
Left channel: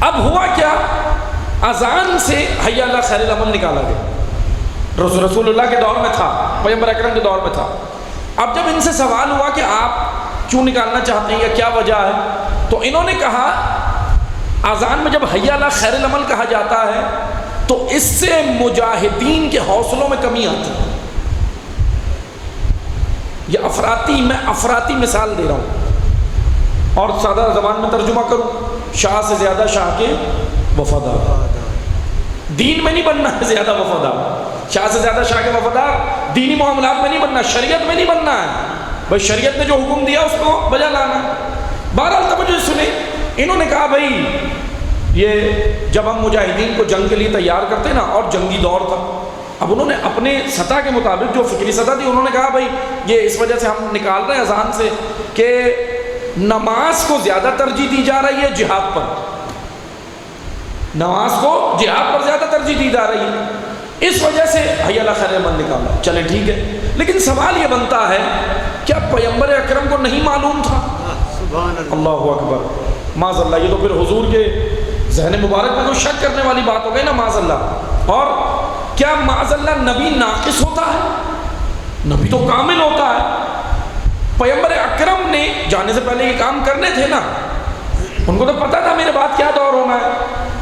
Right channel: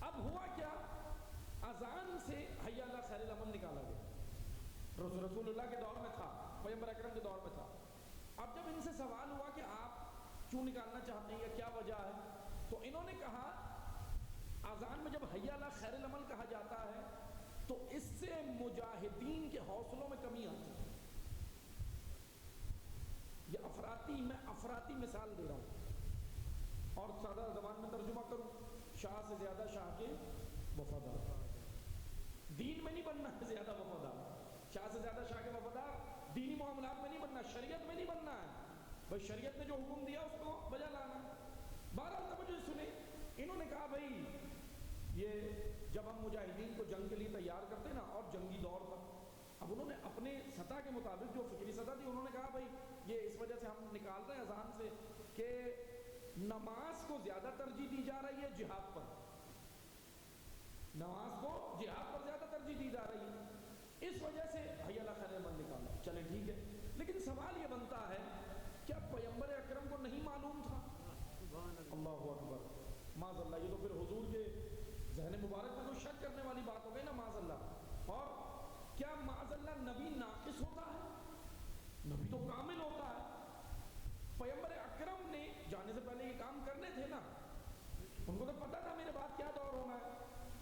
اب ہوا کیا، اذان سے حی علی خیر العمل نکالا گیا، رسول اللہ کے دور میں تھا، پیغمبر اکرم کے دور میں تھا۔ اب جب ان سے سوال ہوا کہ آپ کیوں نکالنا چاہتے ہیں یا کیا وجہ ہے، تو انہوں نے کہا اذان میں جب حی علی خیر العمل کہا جاتا ہے تو اس سے مجاہدین کے حوصلوں میں کمی آتی ہے۔ یہ میں افراطی مثال دے رہا ہوں، اور سادہ زبان میں ترجمہ کروں، شاہ سے زیادہ شاہ کے وفادار۔ دین میں نہیں بننا ہے زیادہ وفادار، شاہ سے زیادہ شاہ کے وفادار، دینی معاملات میں نہیں بننا، شریعت میں نہیں بننا ہے، بھائی شریعت نے جو حکم دیا اس کو بجا لانا۔ بہرحال توجہ سنیں، انہوں نے کہا بھائی یہ جب ہم مجاہدین کو جنگ کے لیے تیار کرتے نا، اور جنگی دور تھا، اب انہوں نے اپنے سطح کے مطابق جو فکری سطح تھی، انہوں نے کہا بھائی یہ اس وجہ سے ہم نکال رہے ہیں اذان سے کہ نماز کو زیادہ ترجیح دی جا رہی ہے جہاد پر، نماز کو جہاد پر زیادہ ترجیح دی جا رہی ہے، اس وجہ سے حی علی خیر العمل نکالا۔ چلیں ٹھیک ہے، لیکن سوال یہ بنتا ہے کیا پیغمبر اکرم کو نہیں معلوم تھا؟ اللہ اکبر، معاذ اللہ، یہ تو پھر حضور کے ذہن مبارک میں کوئی شک کرنے والی بات ہو گئی نا، معاذ اللہ۔ اور کیا معاذ اللہ نبی ناقص ہوتا ہے؟ نبی تو کامل ہوتا ہے۔ پیغمبر اکرم نے جانے سے پہلے یہ کام کرنے تھے نا، ان کو تو پتا تھا میرے بعد کیا دور ہونا ہے،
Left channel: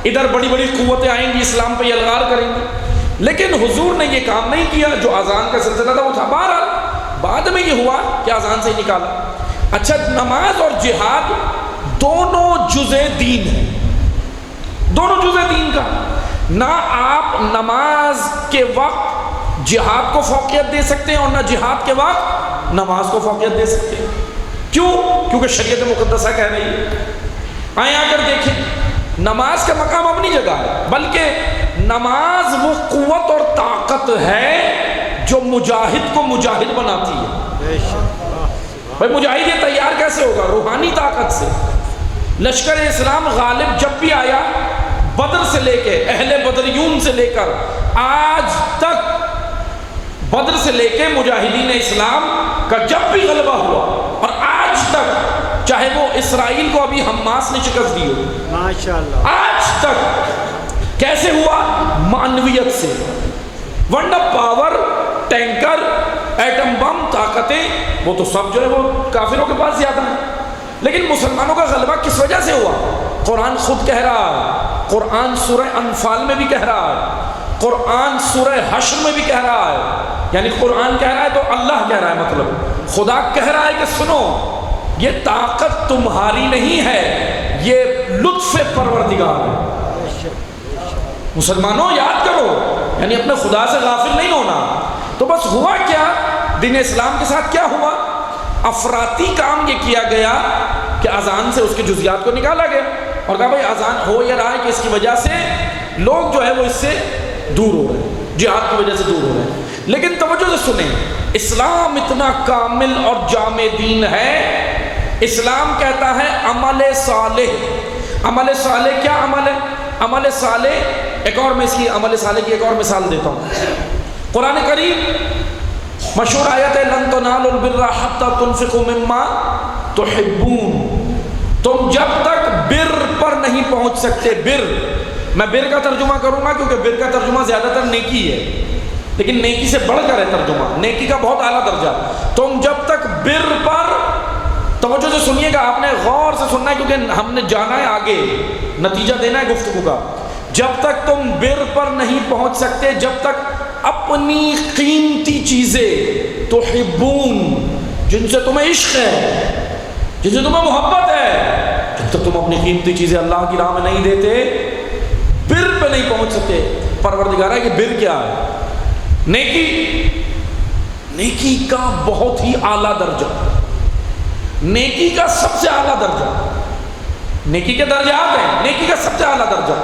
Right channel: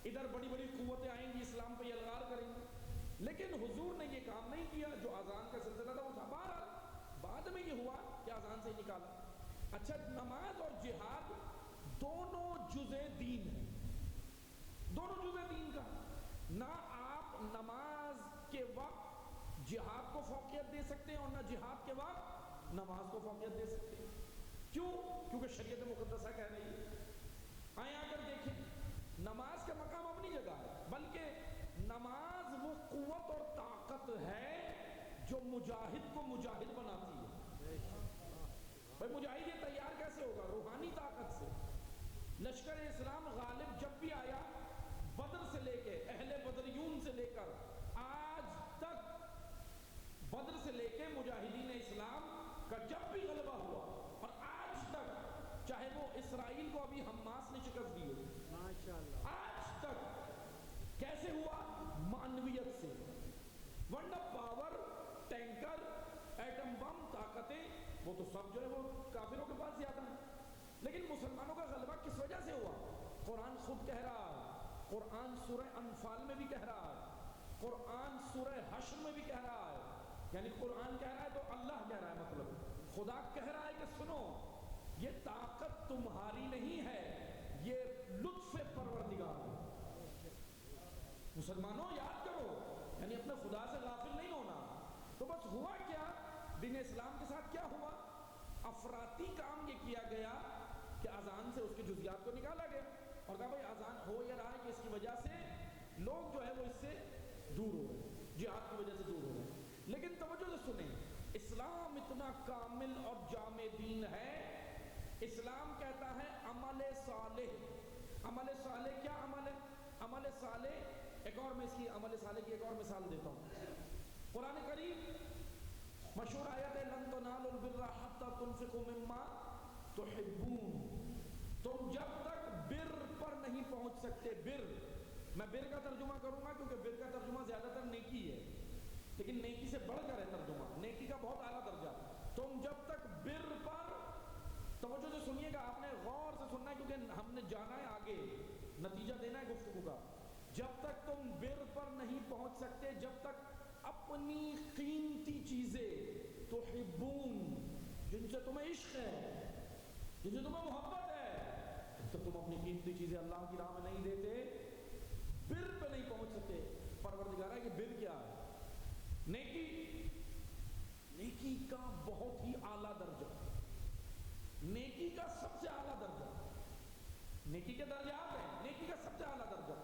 ادھر بڑی بڑی قوتیں آئیں گی، اسلام پہ یلغار کریں گی، لیکن حضور نے یہ کام نہیں کیا۔ جو اذان کا سلسلہ تھا وہ تھا، بہرحال بعد میں یہ ہوا کہ اذان سے ہی نکالا۔ اچھا، نماز اور جہاد دونوں جزء دین ہیں، دونوں جزء دین کا۔ نہ آپ نماز کے وقت جہاد کو فوقیت دے سکتے ہیں، اور نہ جہاد کے وقت نماز کو فوقیت دے سکتے ہیں۔ کیوں؟ کیونکہ شریعت مقدسہ کہہ رہی ہے۔ آئیں آ کر دیکھیں، نماز کا مقام اپنی جگہ ہے، بلکہ نماز وہ قوت اور طاقت ہے جو مجاہد کو مجاہد بناتی ہے۔ بھائی مجاہد یہ تیار کیسے ہوگا؟ روحانی طاقت سے۔ لشکر اسلام غالب جب بھی آیا، بدر سے لے کے، اہل بدریون سے لے کر آج تک، بدر سے لے کے مجاہدین اسلام کا جب بھی غلبہ ہوا، اور آج تک، چاہے وہ اسرائیل کو ابھی حماس نے شکست دی ہو، ماشاءاللہ، آج تک کیسے ہوا؟ معنویت سے۔ ورنہ پاور، ٹینکر، ایٹم بم، طاقتیں، وہ تو سب جو ہے وہ کافروں کے پاس زیادہ ہیں، لیکن مسلمانوں کا غلبہ کس وجہ سے ہوا؟ قرآن خود کہہ رہا ہے، قرآن سورہ انفال میں بھی کہہ رہا ہے، قرآن سورہ حشر میں بھی کہہ رہا ہے، یعنی قرآن کہہ رہا ہے تو اللہ کہہ رہا ہے، مطلب خدا کہہ رہا ہے کہ سنو، یہ طاقت تمہاری نہیں ہے، یہ لطف پروردگار ہے۔ مسلمانوں یاد کرو، یعنی اپنے خدا سے غافل نہیں ہونا۔ تو بس ہوا کیا، دین اسلام کے ساتھ کیا ہوا؟ افراطی کام یہ کیا گیا کہ اذان سے اس کے جزیات کو نکالا گیا، اور کہا بھائی اذان ہو یا رہا ہے کہ اس کی وجہ سے لوگ جو ہے وہ اس سے دور ہو رہے ہیں، جہاد کی وجہ سے دور ہو رہے ہیں۔ لیکن توجہ سے سنیں، اسلام اتنا کامل اور جامع دین ہے. اسلام کہتا ہے عمل صالح. عمل صالح کیا عمل ہے؟ عمل صالح ایک اور میں اس کی عمل صالح کی ایک اور مثال دیتا ہوں. قرآن کریم مشہور آیت ہے لن تنالوا البر حتى تنفقوا مما تحبون. تم جب تک بر پر نہیں پہنچ سکتے. بر میں بر کا ترجمہ کروں گا کیونکہ بر کا ترجمہ زیادہ تر نیکی ہے, لیکن نیکی سے بڑھ کر ہے ترجمہ, نیکی کا بہت اعلیٰ درجہ. تم جب تک بر پر, توجہ سے سنیے گا, آپ نے غور سے سننا ہے کیونکہ ہم نے جانا ہے آگے, نتیجہ دینا ہے گفتگو کا. جب تک تم بر پر نہیں پہنچ سکتے, جب تک اپنی قیمتی چیزیں تحبون, جن سے تمہیں عشق ہے, جن سے تمہیں محبت ہے, جب تک تم اپنی قیمتی چیزیں اللہ کی راہ میں نہیں دیتے, بر پہ نہیں پہنچ سکتے. پروردگارہ کہ بر کیا ہے؟ نیکی. نیکی کا بہت ہی اعلیٰ درجہ, نیکی کا سب سے اعلیٰ درجہ, نیکی کے درجات ہیں, نیکی کا سب سے اعلیٰ درجہ.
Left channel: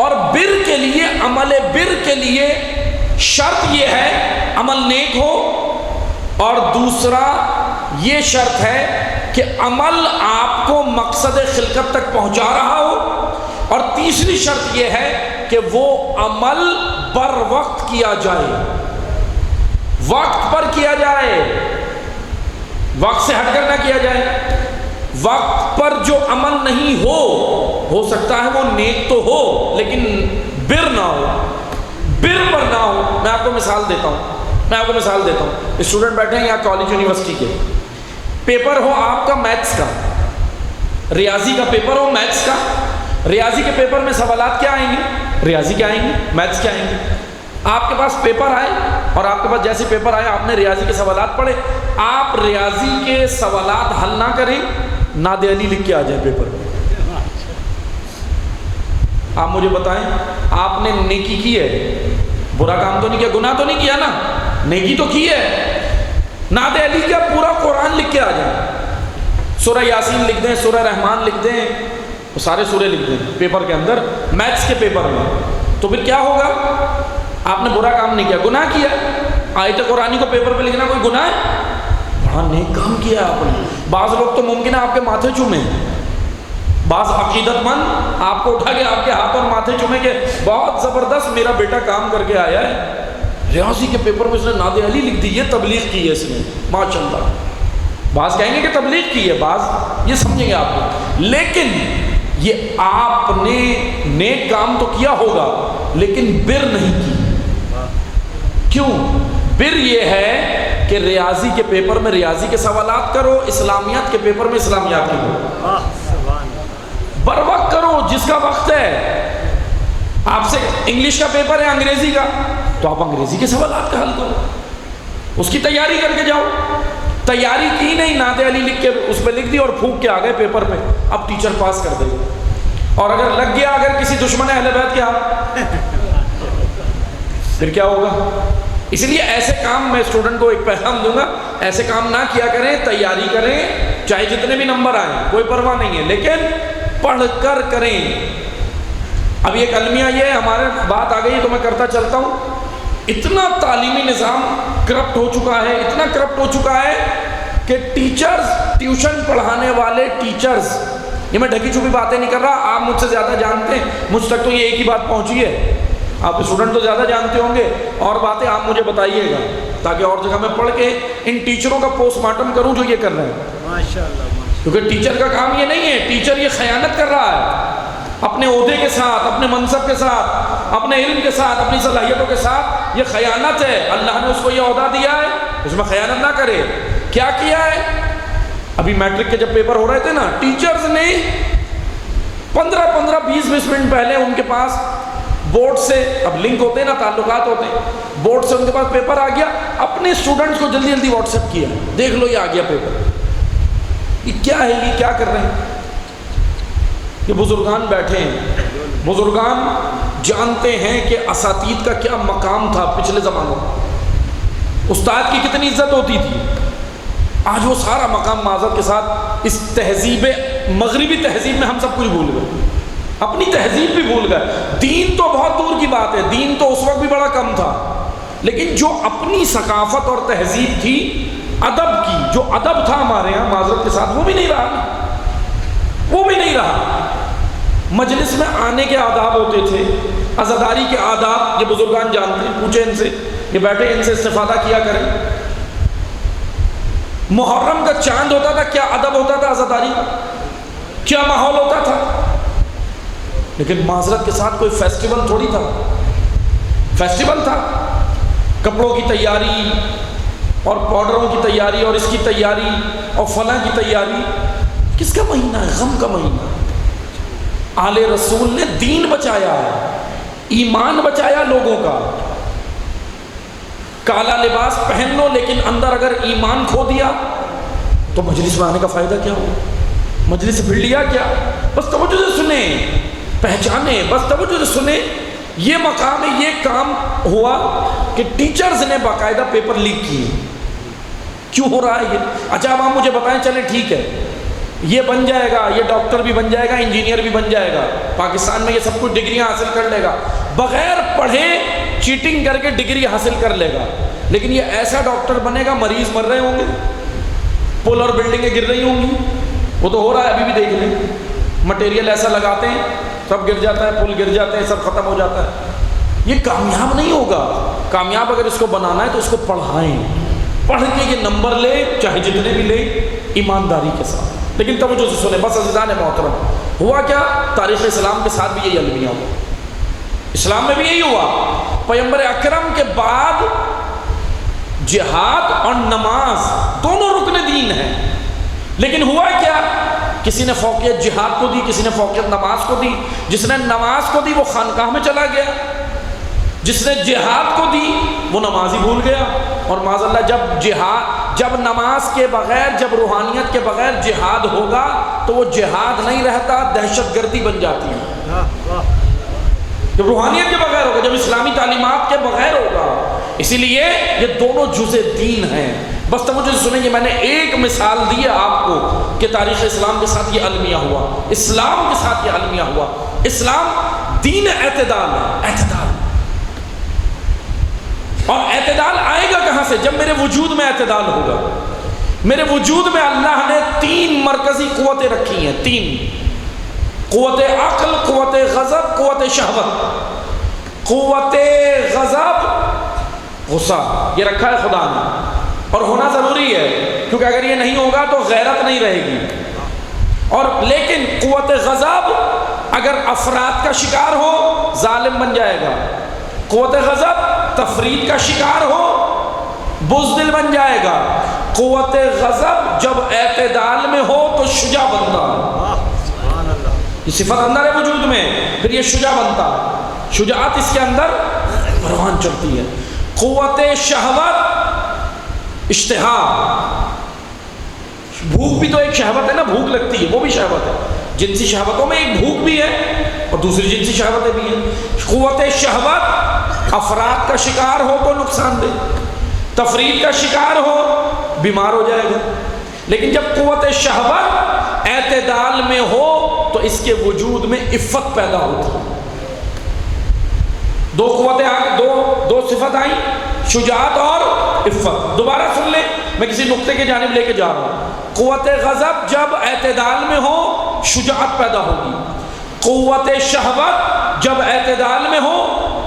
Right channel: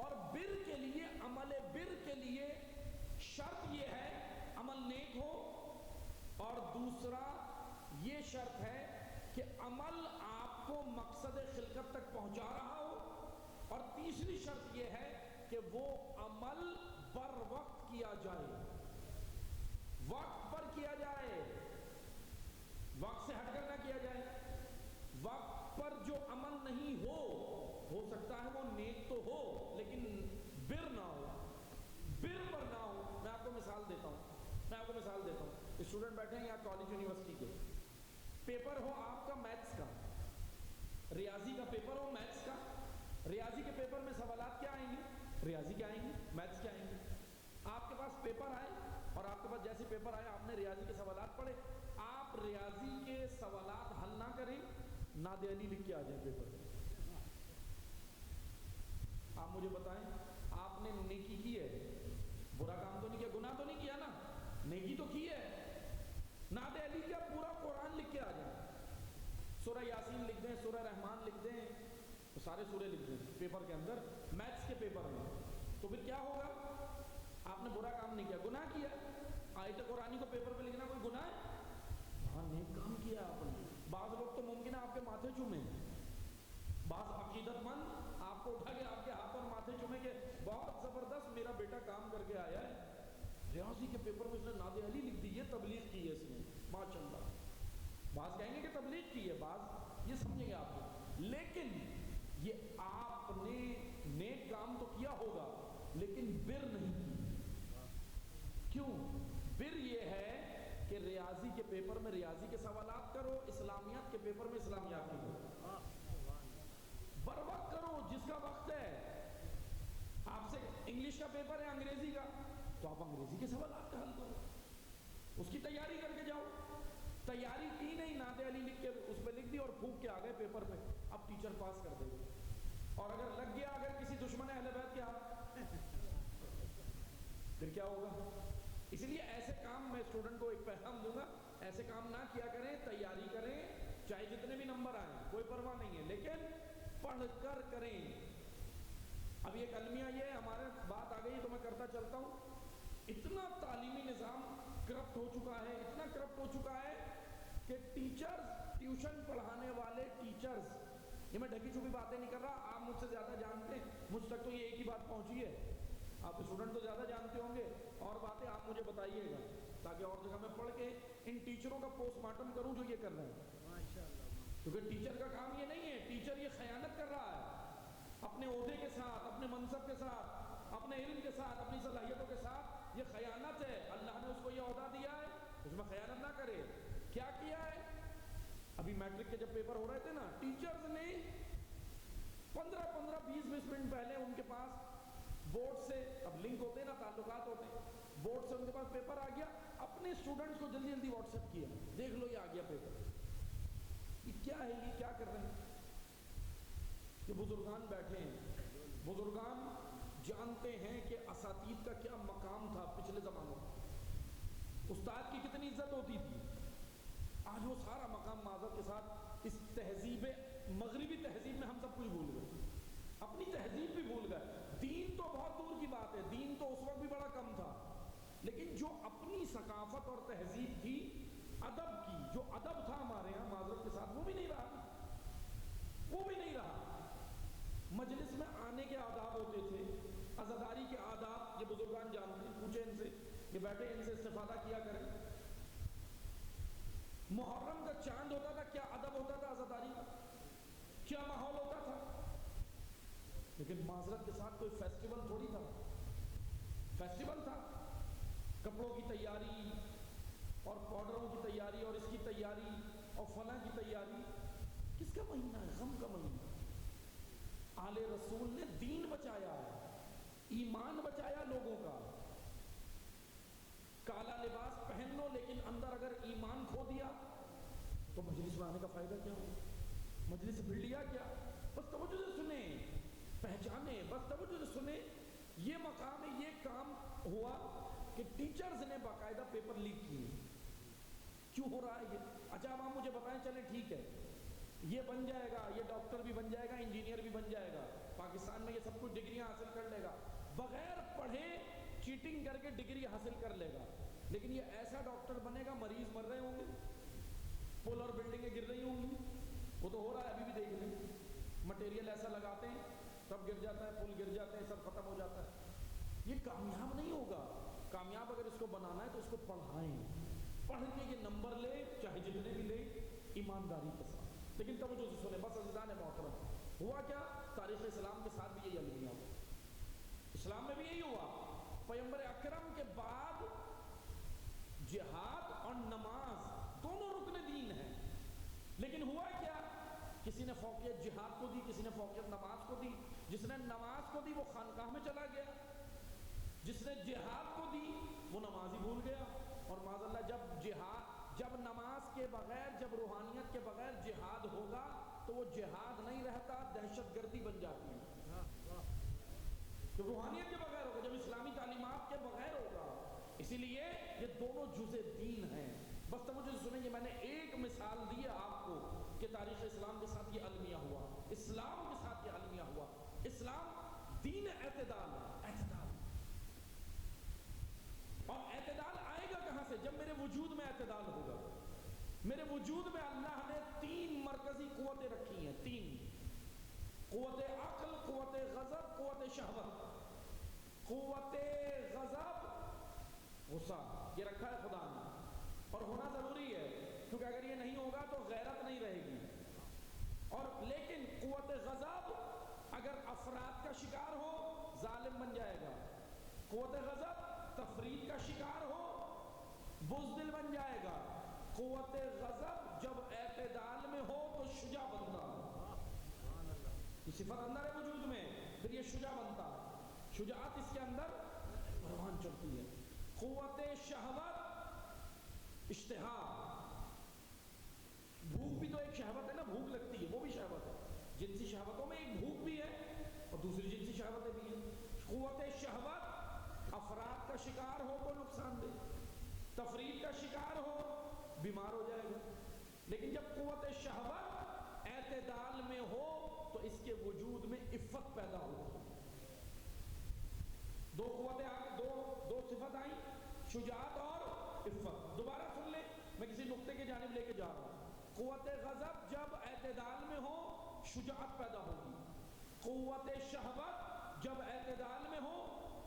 اور بر کے لیے, عمل بر کے لیے شرط یہ ہے عمل نیک ہو, اور دوسرا یہ شرط ہے کہ عمل آپ کو مقصد خلقت تک پہنچا رہا ہو, اور تیسری شرط یہ ہے کہ وہ عمل بر وقت کیا جائے, وقت پر کیا جائے, وقت سے ہٹ کر نہ کیا جائے. وقت پر جو عمل نہیں ہو سکتا ہے وہ نیک تو ہو لیکن بر نہ ہو, بر پر نہ ہو. میں آپ کو مثال دیتا ہوں, اسٹوڈنٹ بیٹھے ہیں یہاں کالج یونیورسٹی کے, پیپر ہو آپ کا میتھس کا, ریاضی کا پیپر ہو میتھس کا. ریاضی کے پیپر میں سوالات کیا آئیں گے؟ ریاضی کے آئیں گے, میتھس کے آئیں گے. آپ کے پاس پیپر آئے اور آپ کے پاس جیسے پیپر آئے آپ نے ریاضی کے سوالات پڑھے, آپ ریاضی کے سوالات حل نہ کریں, ناد علی لکھ کے آ جائے پیپر میں. آپ مجھے بتائیں آپ نے نیکی کی ہے, برا کام تو نہیں کیا, گناہ تو نہیں کیا نا, نیکی تو کی ہے. ناد علی کا پورا قرآن لکھ کے آ جائیں, سورہ یاسین لکھ دیں, سورہ رحمان لکھ دیں, سارے سورے لکھ دیں پیپر کے اندر, میتھس کے پیپر میں, تو پھر کیا ہوگا؟ آپ نے برا کام نہیں کیا, گناہ کیا. آیت قرآنی کو پیپر پہ لکھنا کوئی گناہ ہے؟ بڑا نیک کام کیا آپ نے. بعض لوگ تو ممکن ہے آپ کے ماتھے چومیں, بعض عقیدت مند آپ کو اٹھا کے آپ کے ہاتھ اور ماتھے چومیں کہ بہت زبردست میرا بیٹا کام کر کے آیا ہے, ریاضی کے پیپر میں اس نے ناد علی لکھ دی, یہ تبلیغ کی ہے اس نے, ماشاءاللہ. بعض کہیں گے کہ تبلیغ کی ہے, بعض یہ سمجھیں گے آپ کو, لیکن یہ آپ نے نیک کام تو کیا ہوگا لیکن بر نہیں کی. کیوں؟ بر یہ ہے کہ ریاضی کے پیپر میں ریاضی کے سوالات کرو, اسلامیات کے پیپر میں اسلامیات کے کرو, بر وقت کرو جس کا وقت ہے. آپ سے انگلش کا پیپر ہے انگریزی کا, تو آپ انگریزی کے سوالات کا حل کرو, اس کی تیاری کر کے جاؤ. تیاری کی نہیں, ناد علی لکھ کے اس پہ لکھ دی اور پھونک کے آ گئے پیپر پہ, اب ٹیچر پاس کر دے گا. اور اگر لگ گیا اگر کسی دشمن اہل بیت کے ہاتھ, پھر کیا ہوگا؟ اس لیے ایسے کام میں اسٹوڈنٹ کو ایک پیغام دوں گا, ایسے کام نہ کیا کریں, تیاری کریں, چاہے جتنے بھی نمبر آئیں کوئی پرواہ نہیں ہے, لیکن پڑھ کر کریں. اب یہ کلمیہ یہ ہمارے بات آ گئی تو میں کرتا چلتا ہوں. اتنا تعلیمی نظام کرپٹ ہو چکا ہے, اتنا کرپٹ ہو چکا ہے کہ ٹیچرز, ٹیوشن پڑھانے والے ٹیچرز, یہ میں ڈھکی چھپی باتیں نہیں کر رہا, آپ مجھ سے زیادہ جانتے ہیں, مجھ تک تو یہ ایک ہی بات پہنچی ہے, آپ اسٹوڈنٹ تو زیادہ جانتے ہوں گے, اور باتیں آپ مجھے بتائیے گا تاکہ اور جگہ میں پڑھ کے ان ٹیچروں کا پوسٹ مارٹم کروں جو یہ کر رہے ہیں. ماشاءاللہ. کیونکہ ٹیچر کا کام یہ نہیں ہے, ٹیچر یہ خیانت کر رہا ہے اپنے عہدے کے ساتھ, اپنے منصب کے ساتھ, اپنے علم کے ساتھ, اپنی صلاحیتوں کے ساتھ. یہ خیانت ہے, اللہ نے اس کو یہ عہدہ دیا ہے, اس میں خیانت نہ کرے. کیا کیا ہے؟ ابھی میٹرک کے جب پیپر ہو رہے تھے نا, ٹیچرز نے 15-20 منٹ پہلے ان کے پاس بورڈ سے, اب لنک ہوتے ہیں نا, تعلقات ہوتے ہیں, بورڈ سے ان کے پاس پیپر آ گیا, اپنے اسٹوڈنٹس کو جلدی جلدی واٹس ایپ کیا, دیکھ لو یہ آ گیا پیپر. یہ کیا ہے, یہ کیا کر رہے ہیں؟ یہ بزرگان بیٹھے ہیں, بزرگان جانتے ہیں کہ اساتید کا کیا مقام تھا پچھلے زمانوں میں, استاد کی کتنی عزت ہوتی تھی. آج وہ سارا مقام معذرت کے ساتھ اس تہذیب, مغربی تہذیب میں ہم سب کچھ بھول گئے, اپنی تہذیب بھی بھول گئے. دین تو بہت دور کی بات ہے, دین تو اس وقت بھی بڑا کم تھا, لیکن جو اپنی ثقافت اور تہذیب تھی ادب کی، جو ادب تھا ہمارے یہاں معذرت کے ساتھ، وہ بھی نہیں رہا، وہ بھی نہیں رہا۔ مجلس میں آنے کے آداب ہوتے تھے، عزاداری کے آداب یہ بزرگان جانتے ہیں، پوچھیں ان سے، یہ بیٹھے ان سے استفادہ کیا کریں۔ محرم کا چاند ہوتا تھا، کیا ادب ہوتا تھا عزاداری کا، کیا ماحول ہوتا تھا۔ لیکن معذرت کے ساتھ کوئی فیسٹیول تھوڑی تھا، فیسٹیول تھا، کپڑوں کی تیاری اور پاؤڈروں کی تیاری اور اس کی تیاری اور فلاں کی تیاری۔ کس کا مہینہ ہے؟ غم کا مہینہ۔ آل رسول نے دین بچایا ہے، ایمان بچایا لوگوں کا۔ کالا لباس پہن لو لیکن اندر اگر ایمان کھو دیا تو مجلس میں آنے کا فائدہ کیا ہو؟ مجلس سے پھر لیا کیا؟ بس توجہ سے سنیں، پہچانے، بس توجہ سے سنیں۔ یہ مقام ہے، یہ کام ہوا کہ ٹیچرز نے باقاعدہ پیپر لیک کیے۔ کیوں ہو رہا ہے یہ؟ اچھا اب آپ مجھے بتائیں، چلیں ٹھیک ہے، یہ بن جائے گا، یہ ڈاکٹر بھی بن جائے گا، انجینئر بھی بن جائے گا، پاکستان میں یہ سب کچھ ڈگریاں حاصل کر لے گا، بغیر پڑھے چیٹنگ کر کے ڈگری حاصل کر لے گا، لیکن یہ ایسا ڈاکٹر بنے گا مریض مر رہے ہوں گے، پل اور بلڈنگیں گر رہی ہوں گی، وہ تو ہو رہا ہے ابھی بھی دیکھ لیں، مٹیریل ایسا لگاتے ہیں سب گر جاتا ہے، پل گر جاتے ہیں، سب ختم ہو جاتا ہے۔ یہ کامیاب نہیں ہوگا۔ کامیاب اگر اس کو بنانا ہے تو اس کو پڑھائیں، پڑھ کے یہ نمبر لے، چاہے جتنے بھی لے، ایمانداری کے ساتھ۔ لیکن توجہ سے سنیں، بس عزیزان محترم، ہوا کیا؟ تاریخ اسلام کے ساتھ بھی یہی المیہ ہوا، اسلام میں بھی یہی ہوا۔ پیغمبر اکرم کے بعد جہاد اور نماز دونوں رکن دین ہیں، لیکن ہوا کیا؟ کسی نے فوقیت جہاد کو دی، کسی نے فوقیت نماز کو دی۔ جس نے نماز کو دی وہ خانقاہ میں چلا گیا، جس نے جہاد کو دی وہ نماز ہی بھول گیا۔ اور معاذ اللہ جب نماز کے بغیر، جب روحانیت کے بغیر جہاد ہوگا تو وہ جہاد نہیں رہتا، دہشت گردی بن جاتی ہے۔ جب روحانیت کے بغیر ہوگا، جب اسلامی تعلیمات کے بغیر ہوگا۔ اسی لیے یہ دونوں جزء دین ہیں۔ بس توجہ سے سنیں، یہ میں نے ایک مثال دی ہے آپ کو کہ تاریخ اسلام کے ساتھ یہ المیہ ہوا، اسلام کے ساتھ یہ المیہ ہوا۔ اسلام دین اعتدال ہے، اعتدال۔ اور اعتدال آئے گا کہاں سے؟ جب میرے وجود میں اعتدال ہوگا۔ میرے وجود میں اللہ نے 3 مرکزی قوتیں رکھی ہیں، 3: قوت عقل، قوت غضب، قوت شہوت۔ قوت غضب، غصہ، یہ رکھا ہے خدا نے، اور ہونا ضروری ہے، کیونکہ اگر یہ نہیں ہوگا تو غیرت نہیں رہے گی۔ اور لیکن قوت غضب اگر افراد کا شکار ہو ظالم بن جائے گا، قوت غضب تفرید کا شکار ہو بزدل بن جائے گا، قوت غضب جب اعتدال میں ہو تو شجاع بنتا ہے۔ یہ صفت اندر ہے وجود میں، پھر یہ شجاع بنتا ہے، شجاعت اس کے اندر پروان چڑھتی ہے۔ قوت شہوت، اشتہا، بھوک بھی تو ایک شہوت ہے نا، بھوک لگتی ہے، وہ بھی شہوت ہے۔ جنسی شہوتوں میں ایک بھوک بھی ہے اور دوسری جنسی شہوتیں بھی ہیں۔ قوت شہوت افراد کا شکار ہو تو نقصان دہ، تفرید کا شکار ہو بیمار ہو جائے گا۔ لیکن جب قوت شہوت اعتدال میں ہو تو اس کے وجود میں عفت پیدا ہوتی ہے۔ دو قوتیں دو صفت آئیں، شجاعت اور عفت۔ دوبارہ سن لیں، میں کسی نقطے کے جانب لے کے جا رہا ہوں۔ قوت غضب جب اعتدال میں ہو شجاعت پیدا ہوگی، قوت شہوت جب اعتدال میں ہو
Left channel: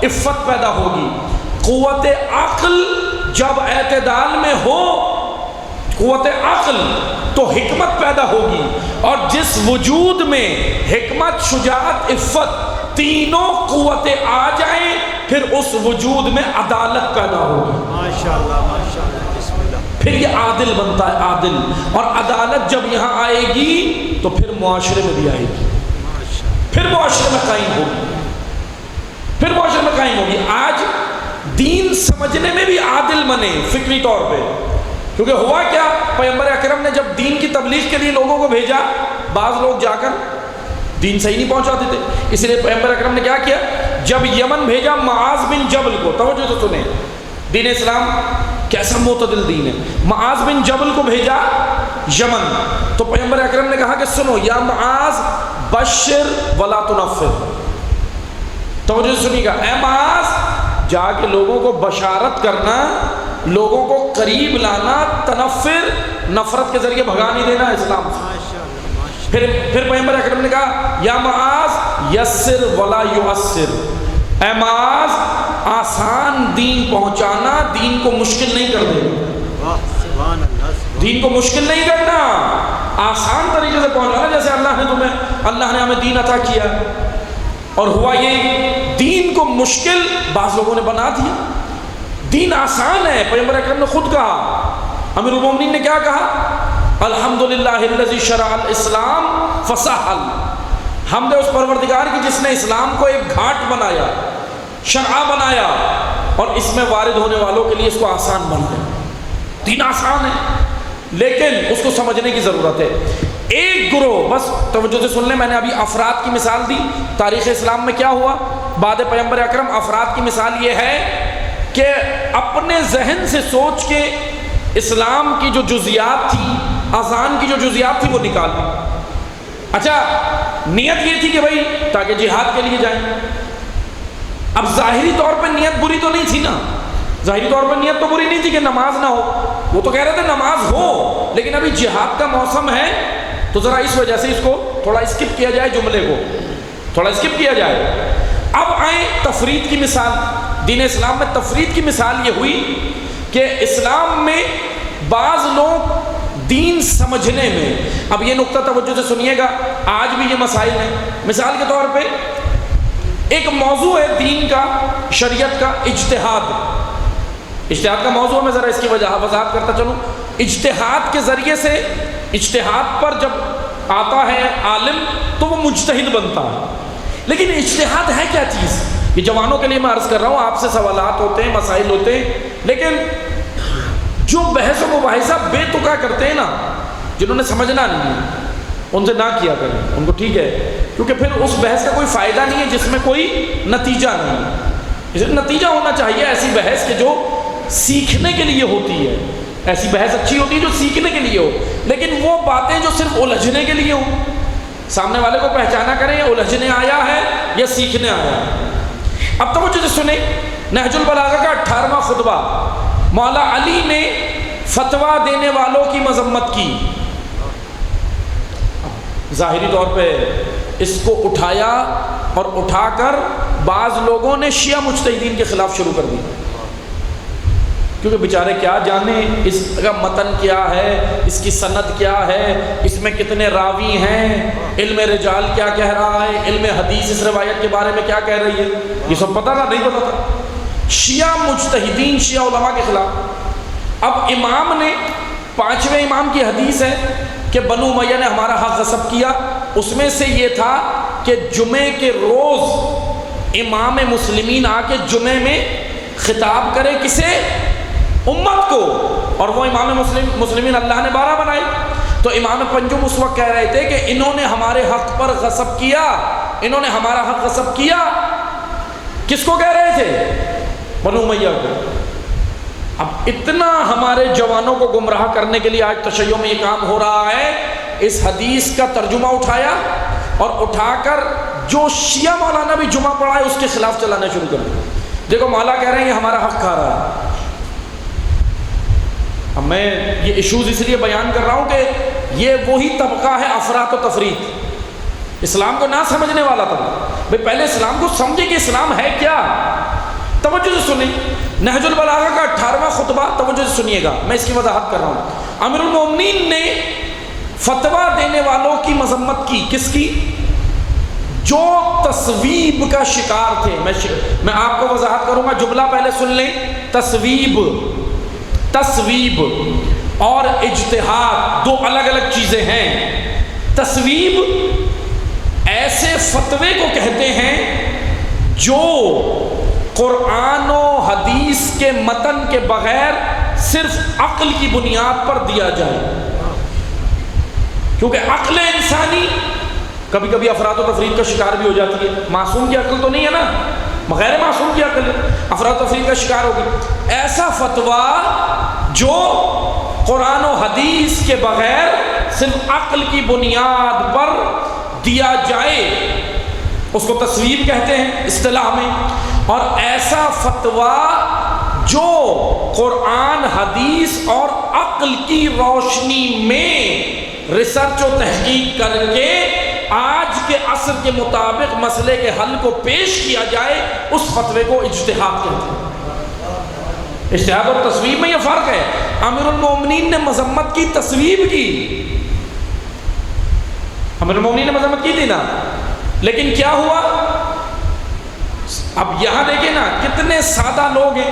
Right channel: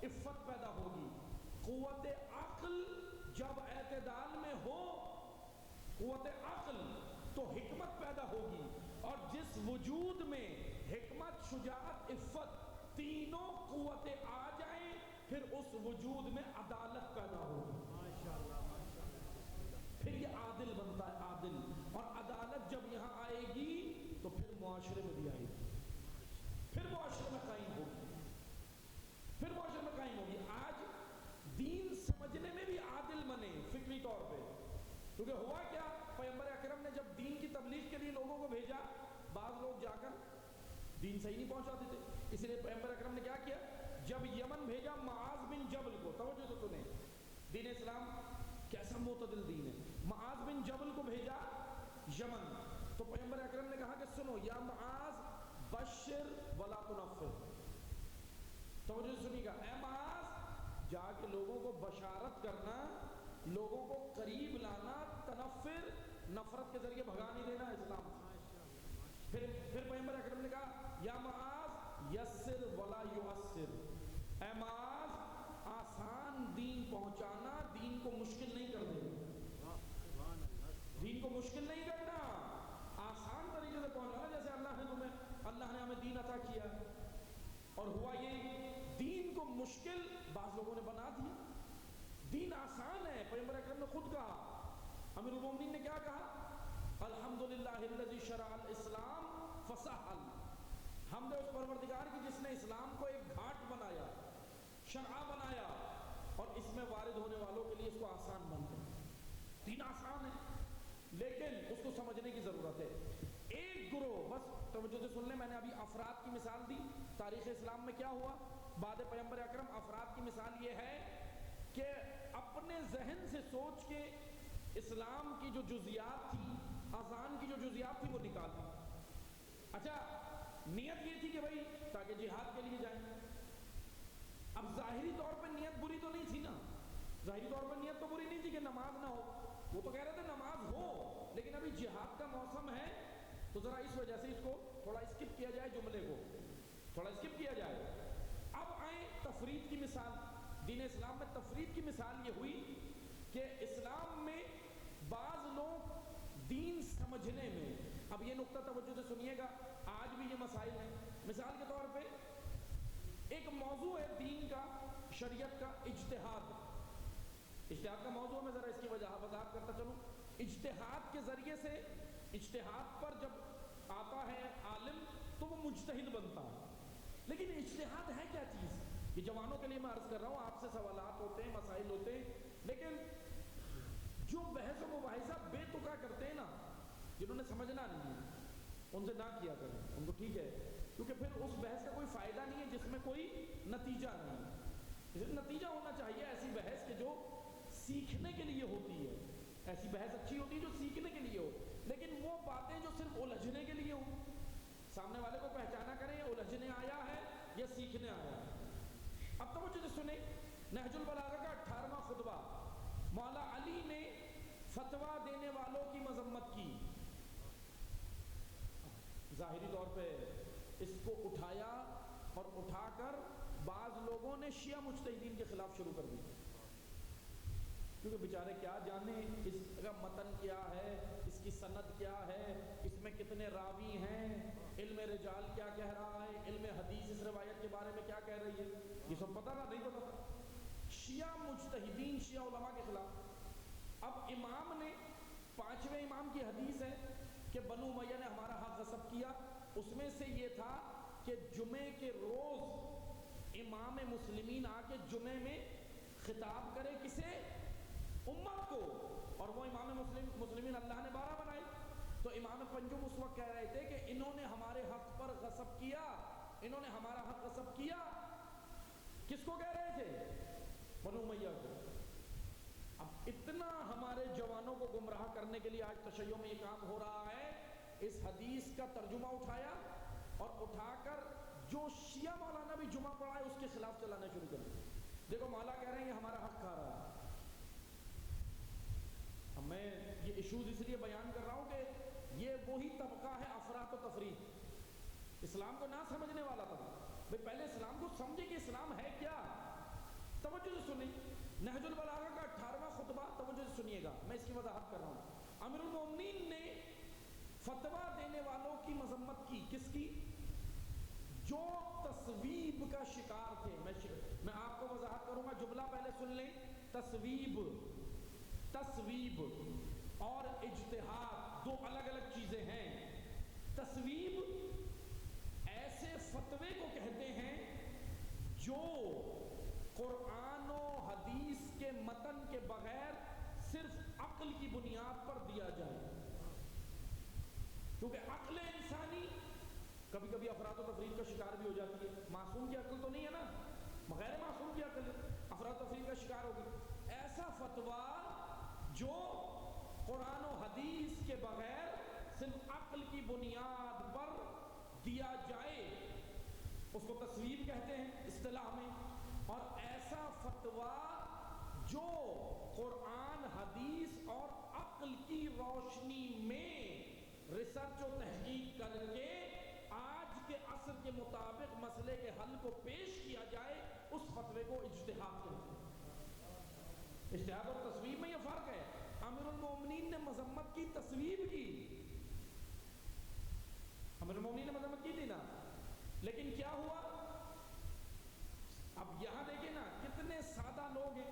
عفت پیدا ہوگی، قوت عقل جب اعتدال میں ہو، قوت عقل تو حکمت پیدا ہوگی، اور جس وجود میں حکمت، شجاعت، عفت تینوں قوتیں آ جائیں پھر اس وجود میں عدالت پیدا ہوگی۔ ماشاءاللہ ماشاءاللہ، بسم اللہ۔ پھر یہ عادل بنتا ہے، عادل۔ اور عدالت جب یہاں آئے گی تو پھر معاشرے میں بھی آئے گی، پھر معاشرے میں قائم ہوگی، پھر معاشرے میں قائم ہوگی۔ آج دین سمجھنے میں بھی عادل بنے فکری طور پہ، کیونکہ ہوا کیا؟ پیغمبر اکرم نے جب دین کی تبلیغ کے لیے لوگوں کو بھیجا، بعض لوگ جا کر دین صحیح نہیں پہنچاتے تھے، اس لیے پیغمبر اکرم نے کیا کیا؟ جب یمن بھیجا معاذ بن جبل کو، توجہ سے سنیں، دین اسلام کیسا معتدل دین ہے۔ معاذ بن جبل کو بھیجا یمن، تو پیغمبر اکرم نے کہا کہ سنو یا معاذ بشر ولا تنفر، توجہ سے سنیے گا، اے معاذ جا کے لوگوں کو بشارت کرنا، لوگوں کو قریب لانا، تنفر نفرت کے ذریعے بھگا نہیں دینا اسلام سے۔ پھر پیغمبر اکرم نے کہا یا معاذ یسر ولا یعسر، اے معاذ آسان دین پہنچانا، دین کو مشکل نہیں کر دینا، دین کو مشکل نہیں کرنا، آسان طریقے سے پہنچانا۔ جیسے اللہ نے ہمیں دین عطا کیا، اور ہوا یہ دین کو مشکل بعض لوگوں نے بنا دیا۔ دین آسان ہے، پیغمبر اکرم نے خود کہا، امیر المومنین نے کیا کہا؟ الحمدللہ الذی شرع الاسلام فسہل، حمد اس پروردگار کی جس نے اسلام کو ایک گھاٹ بنایا، شرع بنایا، اور اس میں وارد ہونے والوں کے لیے اس کو آسان بنایا۔ دین آسان ہے لیکن اس کو سمجھنے کی ضرورت ہے۔ ایک گروہ، بس توجہ سے سن لیں، میں نے ابھی افراد کی مثال دی، تاریخ اسلام میں کیا ہوا بعد پیغمبر اکرم؟ افراد کی مثال یہ ہے کہ اپنے ذہن سے سوچ کے اسلام کی جو جزیات تھی، اذان کی جو جزیات تھی وہ نکال لی۔ اچھا نیت یہ تھی کہ بھائی تاکہ جہاد کے لیے جائیں۔ اب ظاہری طور پہ نیت بری تو نہیں تھی نا، ظاہری طور پر نیت تو بری نہیں تھی کہ نماز نہ ہو، وہ تو کہہ رہے تھے نماز ہو، لیکن ابھی جہاد کا موسم ہے تو ذرا اس وجہ سے اس کو تھوڑا اسکپ کیا جائے، جملے کو تھوڑا اسکپ کیا جائے۔ اب آئیں تفرید کی مثال، دین اسلام میں تفرید کی مثال یہ ہوئی کہ اسلام میں بعض لوگ دین سمجھنے میں، اب یہ نقطہ توجہ سے سنیے گا، آج بھی یہ مسائل ہیں۔ مثال کے طور پہ ایک موضوع ہے دین کا، شریعت کا، اجتہاد۔ اجتہاد کا موضوع میں ذرا اس کی وضاحت کرتا چلوں۔ اجتہاد کے ذریعے سے، اجتہاد پر جب آتا ہے عالم تو وہ مجتہد بنتا ہے، لیکن اجتہاد ہے کیا چیز؟ یہ جوانوں کے لیے میں عرض کر رہا ہوں، آپ سے سوالات ہوتے ہیں، مسائل ہوتے ہیں، لیکن جو بحث و مباحثہ بے تکا کرتے ہیں نا، جنہوں نے سمجھنا نہیں ہے ان سے نہ کیا کریں، ان کو ٹھیک ہے، کیونکہ پھر اس بحث کا کوئی فائدہ نہیں ہے جس میں کوئی نتیجہ نہیں ہے۔ اس میں نتیجہ ہونا چاہیے ایسی بحث کے جو سیکھنے کے لیے ہوتی ہے، ایسی بحث اچھی ہوتی ہے جو سیکھنے کے لیے ہو، لیکن وہ باتیں جو صرف الجھنے کے لیے ہوں، سامنے والے کو پہچانا کریں یہ الجھنے آیا ہے یا سیکھنے آیا ہے۔ اب توجہ سے سنیں، نہج البلاغہ کا 18واں خطبہ، مولا علی نے فتویٰ دینے والوں کی مذمت کی۔ ظاہری طور پہ اس کو اٹھایا اور اٹھا کر بعض لوگوں نے شیعہ مجتہدین کے خلاف شروع کر دی، کیونکہ بیچارے کیا جانے اس کا متن کیا ہے، اس کی سند کیا ہے، اس میں کتنے راوی ہیں، علم رجال کیا کہہ رہا ہے، علم حدیث اس روایت کے بارے میں کیا کہہ رہی ہے، یہ سب پتہ تھا نہیں پتہ تھا؟ شیعہ مجتہدین، شیعہ علماء کے خلاف۔ اب امام نے، 5ویں امام کی حدیث ہے کہ بنو امیہ نے ہمارا حق غصب کیا، اس میں سے یہ تھا کہ جمعے کے روز امام مسلمین آ کے جمعے میں خطاب کرے، کسے؟ امت کو، اور وہ امام مسلمین اللہ نے 12 بنائے۔ تو امام پنجم اس وقت کہہ رہے تھے کہ انہوں نے ہمارے حق پر غصب کیا، انہوں نے ہمارا حق غصب کیا۔ کس کو کہہ رہے تھے؟ بنو امیہ کو۔ اب اتنا ہمارے جوانوں کو گمراہ کرنے کے لیے آج تشیع میں یہ کام ہو رہا ہے، اس حدیث کا ترجمہ اٹھایا اور اٹھا کر جو شیعہ مولانا بھی جمعہ پڑھا ہے اس کے خلاف چلانا شروع کر دیا۔ دیکھو مولا کہہ رہے ہیں یہ ہمارا حق کھا رہا ہے۔ اب میں یہ ایشوز اس لیے بیان کر رہا ہوں کہ یہ وہی طبقہ ہے افراط و تفریط، اسلام کو نہ سمجھنے والا طبقہ۔ بھئی پہلے اسلام کو سمجھے کہ اسلام ہے کیا۔ توجہ سے سنیں، نہج البلاغہ کا 18واں خطبہ، توجہ سے سنیے گا، میں اس کی وضاحت کر رہا ہوں۔ امیر المومنین نے فتویٰ دینے والوں کی مذمت کی، کس کی؟ جو تصویب کا شکار تھے۔ میں آپ کو وضاحت کروں گا، جملہ پہلے سن لیں۔ تصویب اور اجتہاد دو الگ الگ چیزیں ہیں۔ تصویب ایسے فتوے کو کہتے ہیں جو قرآن و حدیث کے متن کے بغیر صرف عقل کی بنیاد پر دیا جائے، کیونکہ عقل انسانی کبھی کبھی افراد و تفرید کا شکار بھی ہو جاتی ہے۔ معصوم کی عقل تو نہیں ہے نا، غیر معصوم کی عقل ہے، افراد و تفرید کا شکار ہوگی۔ ایسا فتویٰ جو قرآن و حدیث کے بغیر صرف عقل کی بنیاد پر دیا جائے، اس کو تصویب کہتے ہیں اصطلاح میں. اور ایسا فتویٰ جو قرآن حدیث اور عقل کی روشنی میں ریسرچ و تحقیق کر کے آج کے عصر کے مطابق مسئلے کے حل کو پیش کیا جائے، اس فتوے کو اجتہاد کہتے ہیں. اجتہاد اور تصویب میں یہ فرق ہے. امیر المومنین نے مذمت کی، تصویب کی. امیر المومنین نے مذمت کی تھی نا، لیکن کیا ہوا؟ اب یہاں دیکھیں نا کتنے سادہ لوگ ہیں،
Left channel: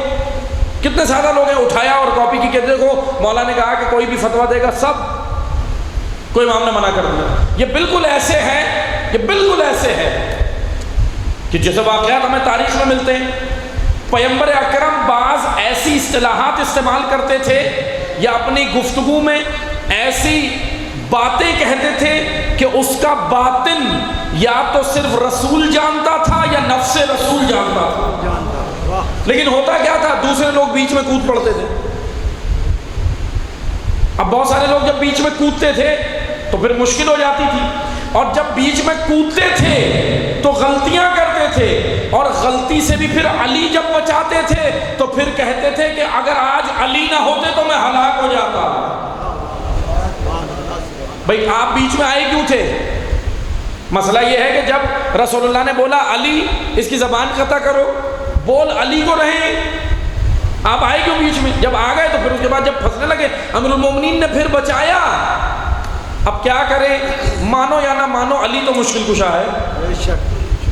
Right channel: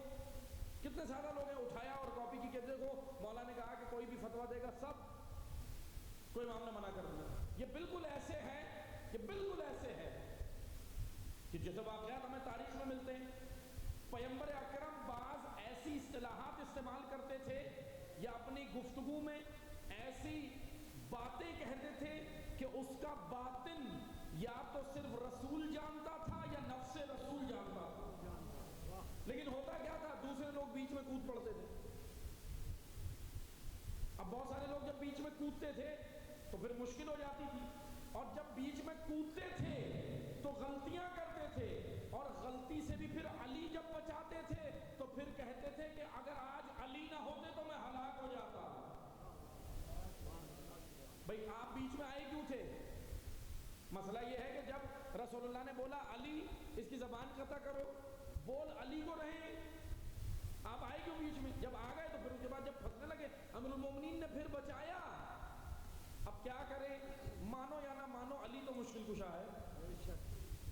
کتنے سادہ لوگ ہیں. اٹھایا اور کاپی کی کہ دیکھو مولا نے کہا کہ کوئی بھی فتویٰ دے گا سب، کوئی امام نے منع کر دیا. یہ بالکل ایسے ہے، یہ بالکل ایسے ہے کہ جیسے واقعات ہمیں تاریخ میں ملتے ہیں. پیغمبر اکرم بعض ایسی اصطلاحات استعمال کرتے تھے یا اپنی گفتگو میں ایسی باتیں کہتے تھے کہ اس کا باطن یا تو صرف رسول جانتا تھا یا نفس رسول جانتا تھا. لیکن ہوتا کیا تھا؟ دوسرے لوگ بیچ میں کود پڑتے تھے. اب بہت سارے لوگ جب بیچ میں کودتے تھے تو پھر مشکل ہو جاتی تھی، اور جب بیچ میں کودتے تھے تو غلطیاں کرتے تھے، اور غلطی سے بھی پھر علی جب بچاتے تھے تو پھر کہتے تھے کہ اگر آج علی نہ ہوتے تو میں ہلاک ہو جاتا. بھئی آپ بیچ میں آئے کیوں تھے؟ مسئلہ یہ ہے کہ جب رسول اللہ نے بولا علی اس کی زبان قطع کرو، بول علی کو رہیں، آپ آئے کیوں بیچ میں؟ جب آ گئے تو پھر اس کے بعد جب پھنسنے لگے امیر المومنین نے پھر بچایا. اب کیا کریں؟ مانو یا نہ مانو علی تو مشکل کشا ہے.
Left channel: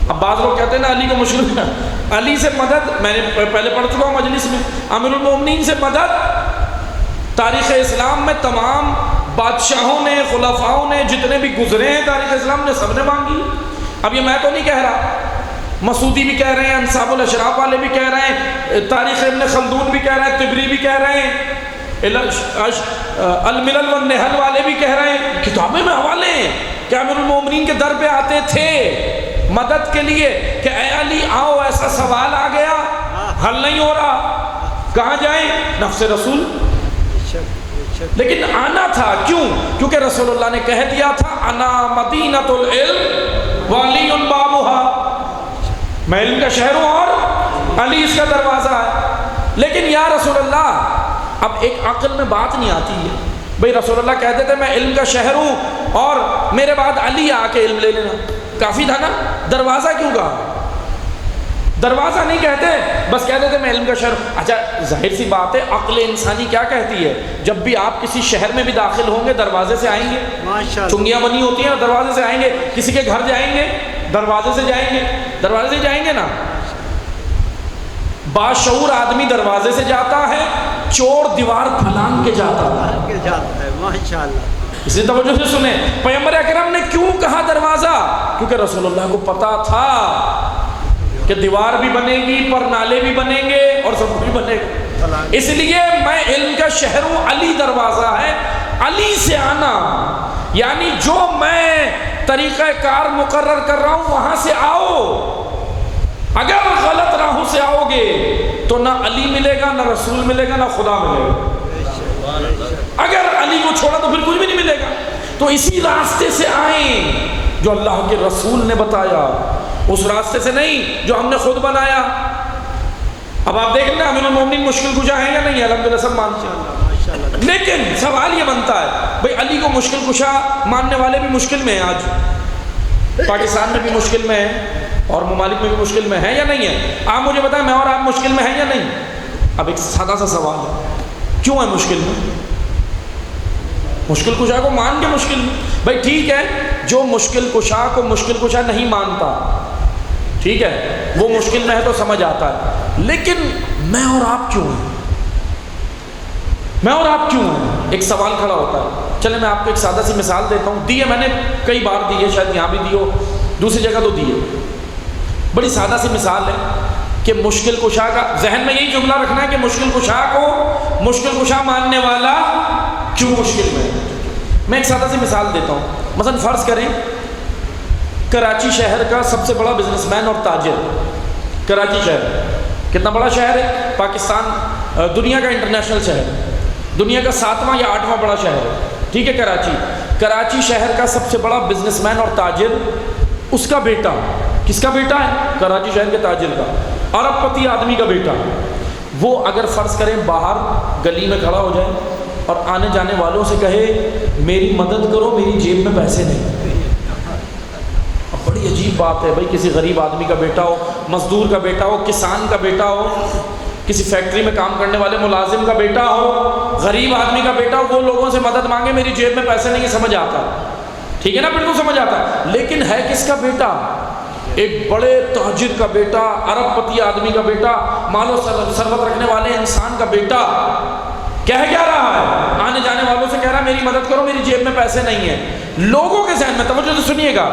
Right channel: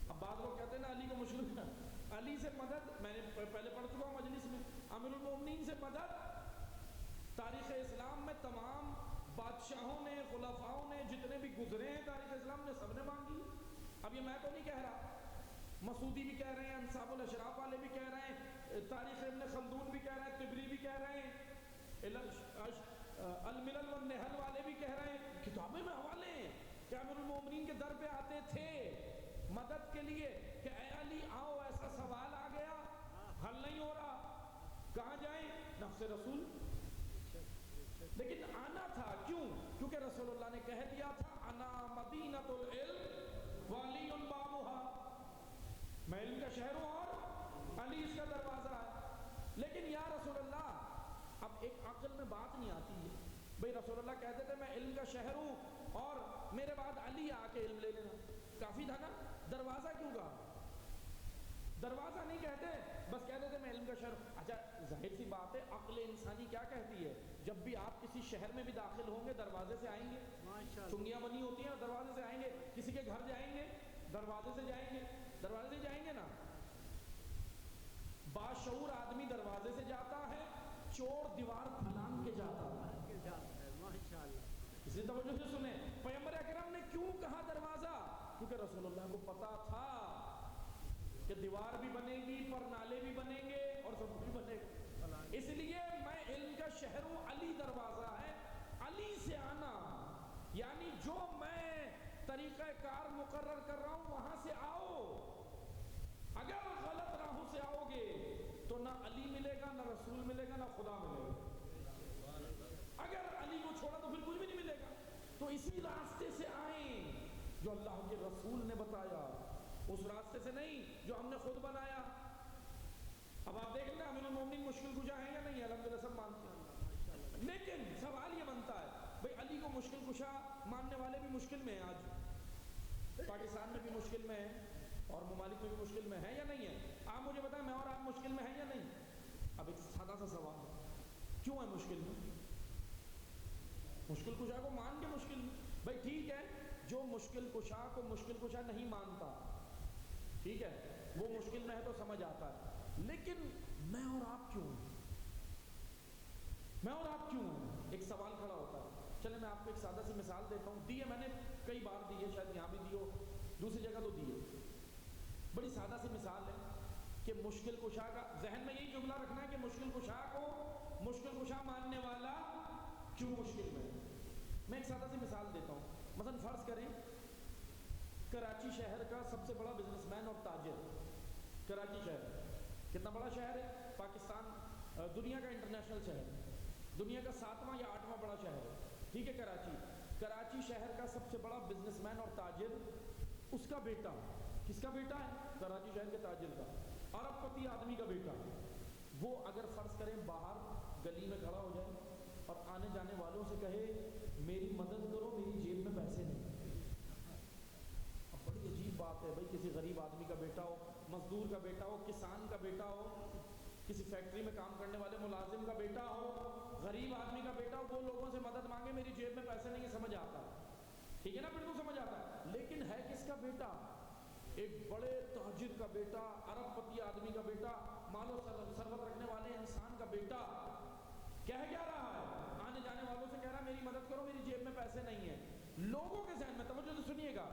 اب بعض لوگ کہتے ہیں نا علی کو مشکل کشا، علی سے مدد، میں نے پہلے پڑھ چکا ہوں مجلس میں، امیر المومنین سے مدد تاریخ اسلام میں تمام بادشاہوں نے، خلفاؤں نے، جتنے بھی گزرے ہیں تاریخ اسلام نے، سب نے مانگی. اب یہ میں تو نہیں کہہ رہا، مسعودی بھی کہہ رہے ہیں، انصاب الاشراف والے بھی کہہ رہے ہیں، تاریخ ابن خلدون بھی کہہ رہے ہیں، طبری بھی کہہ رہے ہیں، الملل والنحل والے بھی کہہ رہے ہیں، کتابیں میں حوالے ہیں کہ امیر المومنین کے در پہ آتے تھے مدد کے لیے کہ اے علی آؤ، ایسا سوال آ گیا، حل نہیں ہو رہا، کہاں جائیں؟ نفس رسول. لیکن آنا تھا کیوں؟ کیونکہ رسول اللہ نے کہہ دیا تھا انا مدینۃ العلم وعلی بابها، میں علم کا شہر ہوں اور علی اس کا دروازہ ہے. لیکن یا رسول اللہ، اب ایک عقل میں بات نہیں آتی ہے. بھئی رسول اللہ کہتے تھے میں علم کا شہر ہوں اور میرے بعد علی آ کے علم لے لینا، کافی تھا نا. دروازہ کیوں کہا؟ دروازہ نہیں کہتے، بس کہتے تھے میں علم کا شہر ہوں. اچھا ظاہر سی بات ہے، عقل انسانی کیا کہتی ہے؟ جب بھی آپ کسی شہر میں بھی داخل ہوں گے دروازے سے آئیں گے، چنگیاں بنی ہوتی ہیں دروازے سے آئیں گے. کسی کے گھر جائیں گے دروازے سے جائیں گے، دروازے سے جائیں گے نا. باشعور آدمی دروازے سے جاتا ہے، چور دیوار پھلانگ کے جاتا ہے. ماشاءاللہ. اس لیے توجہ سے سنیں، پیغمبر اکرم نے کیوں کہا دروازہ؟ کیونکہ رسول اللہ کو پتا تھا کہ دیوار بھی بنے گی، پر نالے بھی بنیں گے اور سب بھی بنے گا. اس لیے میں علم کا شہر ہوں، علی دروازہ ہے. علی سے آنا یعنی جو میں طریقہ کار مقرر کر رہا ہوں وہاں سے آؤ. اگر غلط راہوں سے آؤ گے تو نہ علی ملے گا، نہ رسول ملے گا، نہ خدا ملے گا. اگر علی کو چھوڑا تو پھر کچھ بھی نہیں ملے گا. تو اسی راستے سے آئیں جو اللہ کے رسول نے بتایا، اس راستے سے نہیں جو ہم نے خود بنایا. اب آپ دیکھ لیں امیر المومنین مشکل کشا ہے یا نہیں ہے؟ الحمدللہ سب مانتے ہیں. لیکن سوال یہ بنتا ہے بھئی علی کو مشکل کشا ماننے والے بھی مشکل میں ہیں. آج پاکستان میں بھی مشکل میں ہیں اور ممالک میں بھی مشکل میں ہے یا نہیں ہے؟ آپ مجھے بتائیں میں اور آپ مشکل میں ہیں یا نہیں؟ اب ایک سادہ سا سوال ہے، کیوں ہے مشکل میں؟ مشکل کشا کو مان کے مشکل میں. بھائی ٹھیک ہے، جو مشکل کشا کو مشکل کشا نہیں مانتا، ٹھیک ہے، وہ مشکل میں ہے تو سمجھ آتا ہے. لیکن میں اور آپ کیوں ہیں؟ میں اور آپ کیوں ہیں؟ ایک سوال کھڑا ہوتا ہے. چلے میں آپ کو ایک سادہ سی مثال دیتا ہوں. دی ہے میں نے کئی بار دی ہے، شاید یہاں بھی دی ہو، دوسری جگہ تو دی ہے. بڑی سادہ سی مثال ہے کہ مشکل کشا کا ذہن میں یہی جملہ رکھنا ہے کہ مشکل کشا کو مشکل کشا ماننے والا کیوں مشکل میں ہے. میں ایک سادہ سی مثال دیتا ہوں. مثلا فرض کریں کراچی شہر کا سب سے بڑا بزنس مین اور تاجر، کراچی شہر کتنا بڑا شہر ہے؟ پاکستان دنیا کا انٹرنیشنل شہر، دنیا کا 7واں یا 8واں بڑا شہر ہے، ٹھیک ہے. کراچی شہر کا سب سے بڑا بزنس مین اور تاجر اس کا بیٹا، کس کا بیٹا ہے؟ کراچی شہر کے تاجر کا، ارب پتی آدمی کا بیٹا، وہ اگر فرض کریں باہر گلی میں کھڑا ہو جائے اور آنے جانے والوں سے کہے میری مدد کرو، میری جیب میں پیسے نہیں۔ اب بڑی عجیب بات ہے بھائی، کسی غریب آدمی کا بیٹا ہو، مزدور کا بیٹا ہو، کسان کا بیٹا ہو، کسی فیکٹری میں کام کرنے والے ملازم کا بیٹا ہو، غریب آدمی کا بیٹا ہو، وہ لوگوں سے مدد مانگے میری جیب میں پیسے نہیں، سمجھ آتا ہے، ٹھیک ہے نا، بالکل سمجھ آتا ہے۔ لیکن ہے کس کا بیٹا؟ ایک بڑے تاجر کا بیٹا، ارب پتی آدمی کا بیٹا، مال و ثروت رکھنے والے انسان کا بیٹا، کہہ کیا رہا ہے؟ آنے جانے والوں سے کہہ رہا ہے میری مدد کرو، میری جیب میں پیسے نہیں ہیں۔ لوگوں کے ذہن میں، توجہ سے سنیے گا،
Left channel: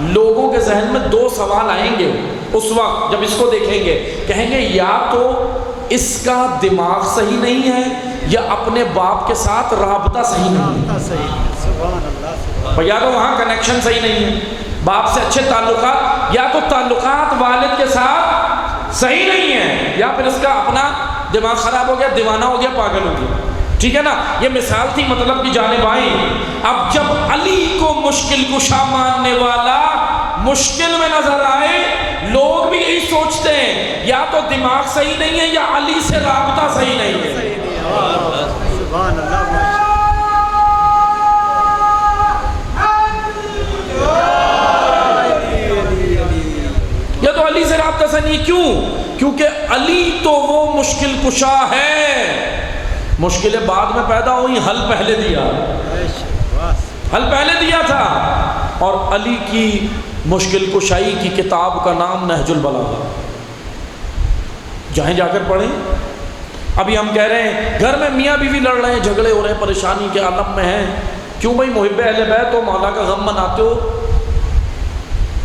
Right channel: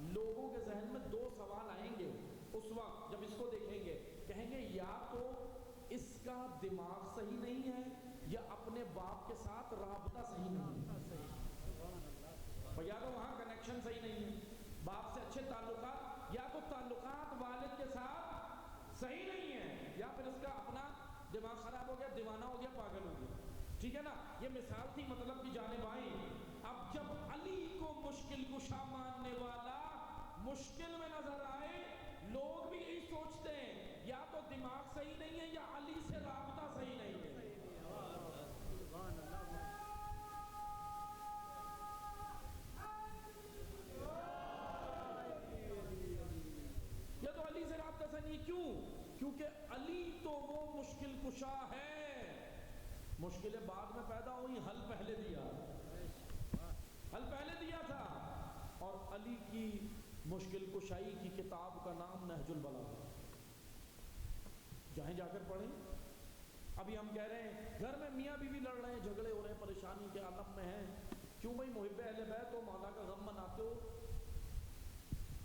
لوگوں کے ذہن میں دو سوال آئیں گے اس وقت جب اس کو دیکھیں گے، کہیں گے یا تو اس کا دماغ صحیح نہیں ہے یا اپنے باپ کے ساتھ رابطہ صحیح نہیں ہے، یا تو وہاں کنیکشن صحیح نہیں ہے، باپ سے اچھے تعلقات، یا تو تعلقات والد کے ساتھ صحیح نہیں ہے، یا پھر اس کا اپنا دماغ خراب ہو گیا، دیوانہ ہو گیا، پاگل ہو گیا، ٹھیک ہے نا۔ یہ مثال تھی مطلب کی جانب آئی۔ اب جب علی کو مشکل کشا ماننے والا مشکل میں نظر آئے، لوگ بھی یہی سوچتے ہیں یا تو دماغ صحیح نہیں ہے یا علی سے رابطہ صحیح نہیں ہے۔ یا تو علی سے رابطہ صحیح نہیں، کیوں؟ کیونکہ علی تو وہ مشکل کشا ہے، مشکلیں بعد میں پیدا ہوئی، حل پہلے دیا، حل پہلے دیا تھا۔ اور علی کی مشکل کشائی کی کتاب کا نام نہج البلاغہ، جائیں جا کر پڑھیں۔ ابھی ہم کہہ رہے ہیں گھر میں میاں بیوی لڑ رہے ہیں، جھگڑے ہو رہے ہیں، پریشانی کے عالم میں ہیں، کیوں بھائی؟ محب اہل بیت ہو، مولا کا غم مناتے ہو۔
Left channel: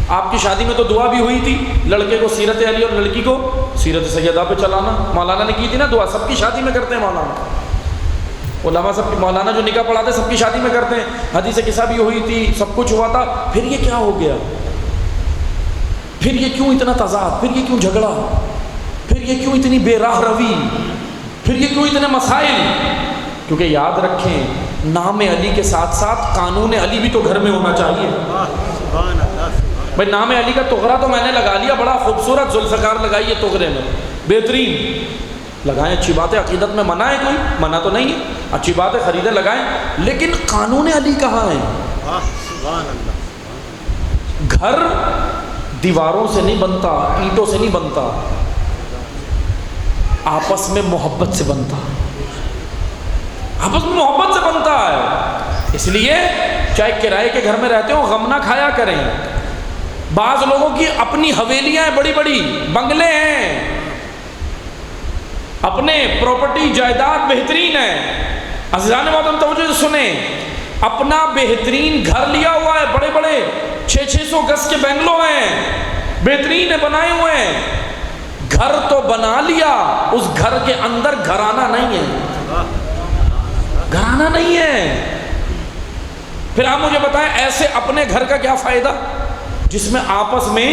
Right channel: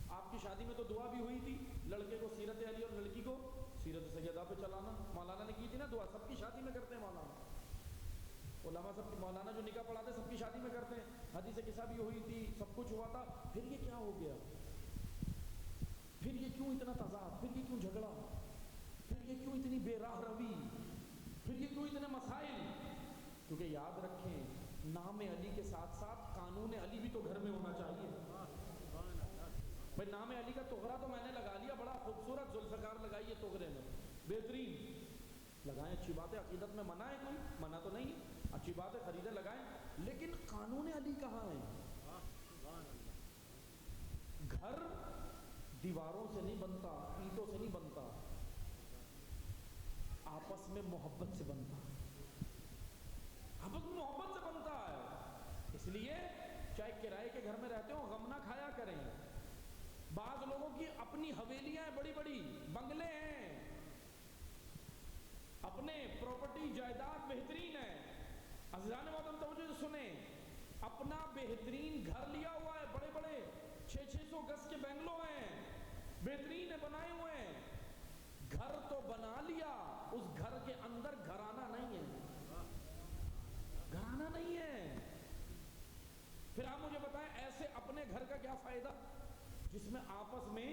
آپ کی شادی میں تو دعا بھی ہوئی تھی، لڑکے کو سیرت علی اور لڑکی کو سیرت سیدہ پہ چلانا، مولانا نے کی تھی نا دعا، سب کی شادی میں کرتے ہیں مولانا، علماء سب کی، مولانا جو نکاح پڑھاتے سب کی شادی میں کرتے ہیں، حدیث قصہ بھی ہوئی تھی، سب کچھ ہوا تھا۔ پھر یہ کیا ہو گیا؟ پھر یہ کیوں اتنا تضاد؟ پھر یہ کیوں جھگڑا؟ پھر یہ کیوں اتنی بے راہ روی؟ پھر یہ کیوں اتنے مسائل؟ کیونکہ یاد رکھیں نام علی کے ساتھ ساتھ قانون علی بھی تو گھر میں ہونا چاہیے۔ بھائی نام علی کا تغرا تو میں نے لگا لیا، بڑا خوبصورت ذوالفقار لگائی ہے تغرے میں، بہترین لگائیں، اچھی بات ہے، عقیدت میں منع ہے کوئی؟ منع تو نہیں ہے، اچھی بات ہے، خریدیں لگائیں، لیکن قانون علی کہاں ہے؟ گھر دیواروں سے نہیں بنتا، اینٹوں سے نہیں بنتا، آپس میں محبت سے بنتا، آپس میں محبت سے بنتا ہے۔ اس لیے چاہے کرائے کے گھر میں رہتے ہو، غم نہ کھایا کریں۔ بعض لوگوں کی اپنی حویلیاں ہیں، بڑی بڑی بنگلے ہیں، اپنے پراپرٹی جائیداد بہترین ہے، عزیزان محترم توجہ سے سنیں، اپنا بہترین گھر لیا ہوا ہے، بڑے بڑے 600 گز کے بنگلو ہیں، بہترین ہے، بنائے ہوئے ہیں، گھر تو بنا لیا، اس گھر کے اندر گھرانہ نہیں ہے، گھرانہ نہیں ہے۔ پھر آپ مجھے بتائیں ایسے اپنے گھر کا کیا فائدہ جس میں آپس میں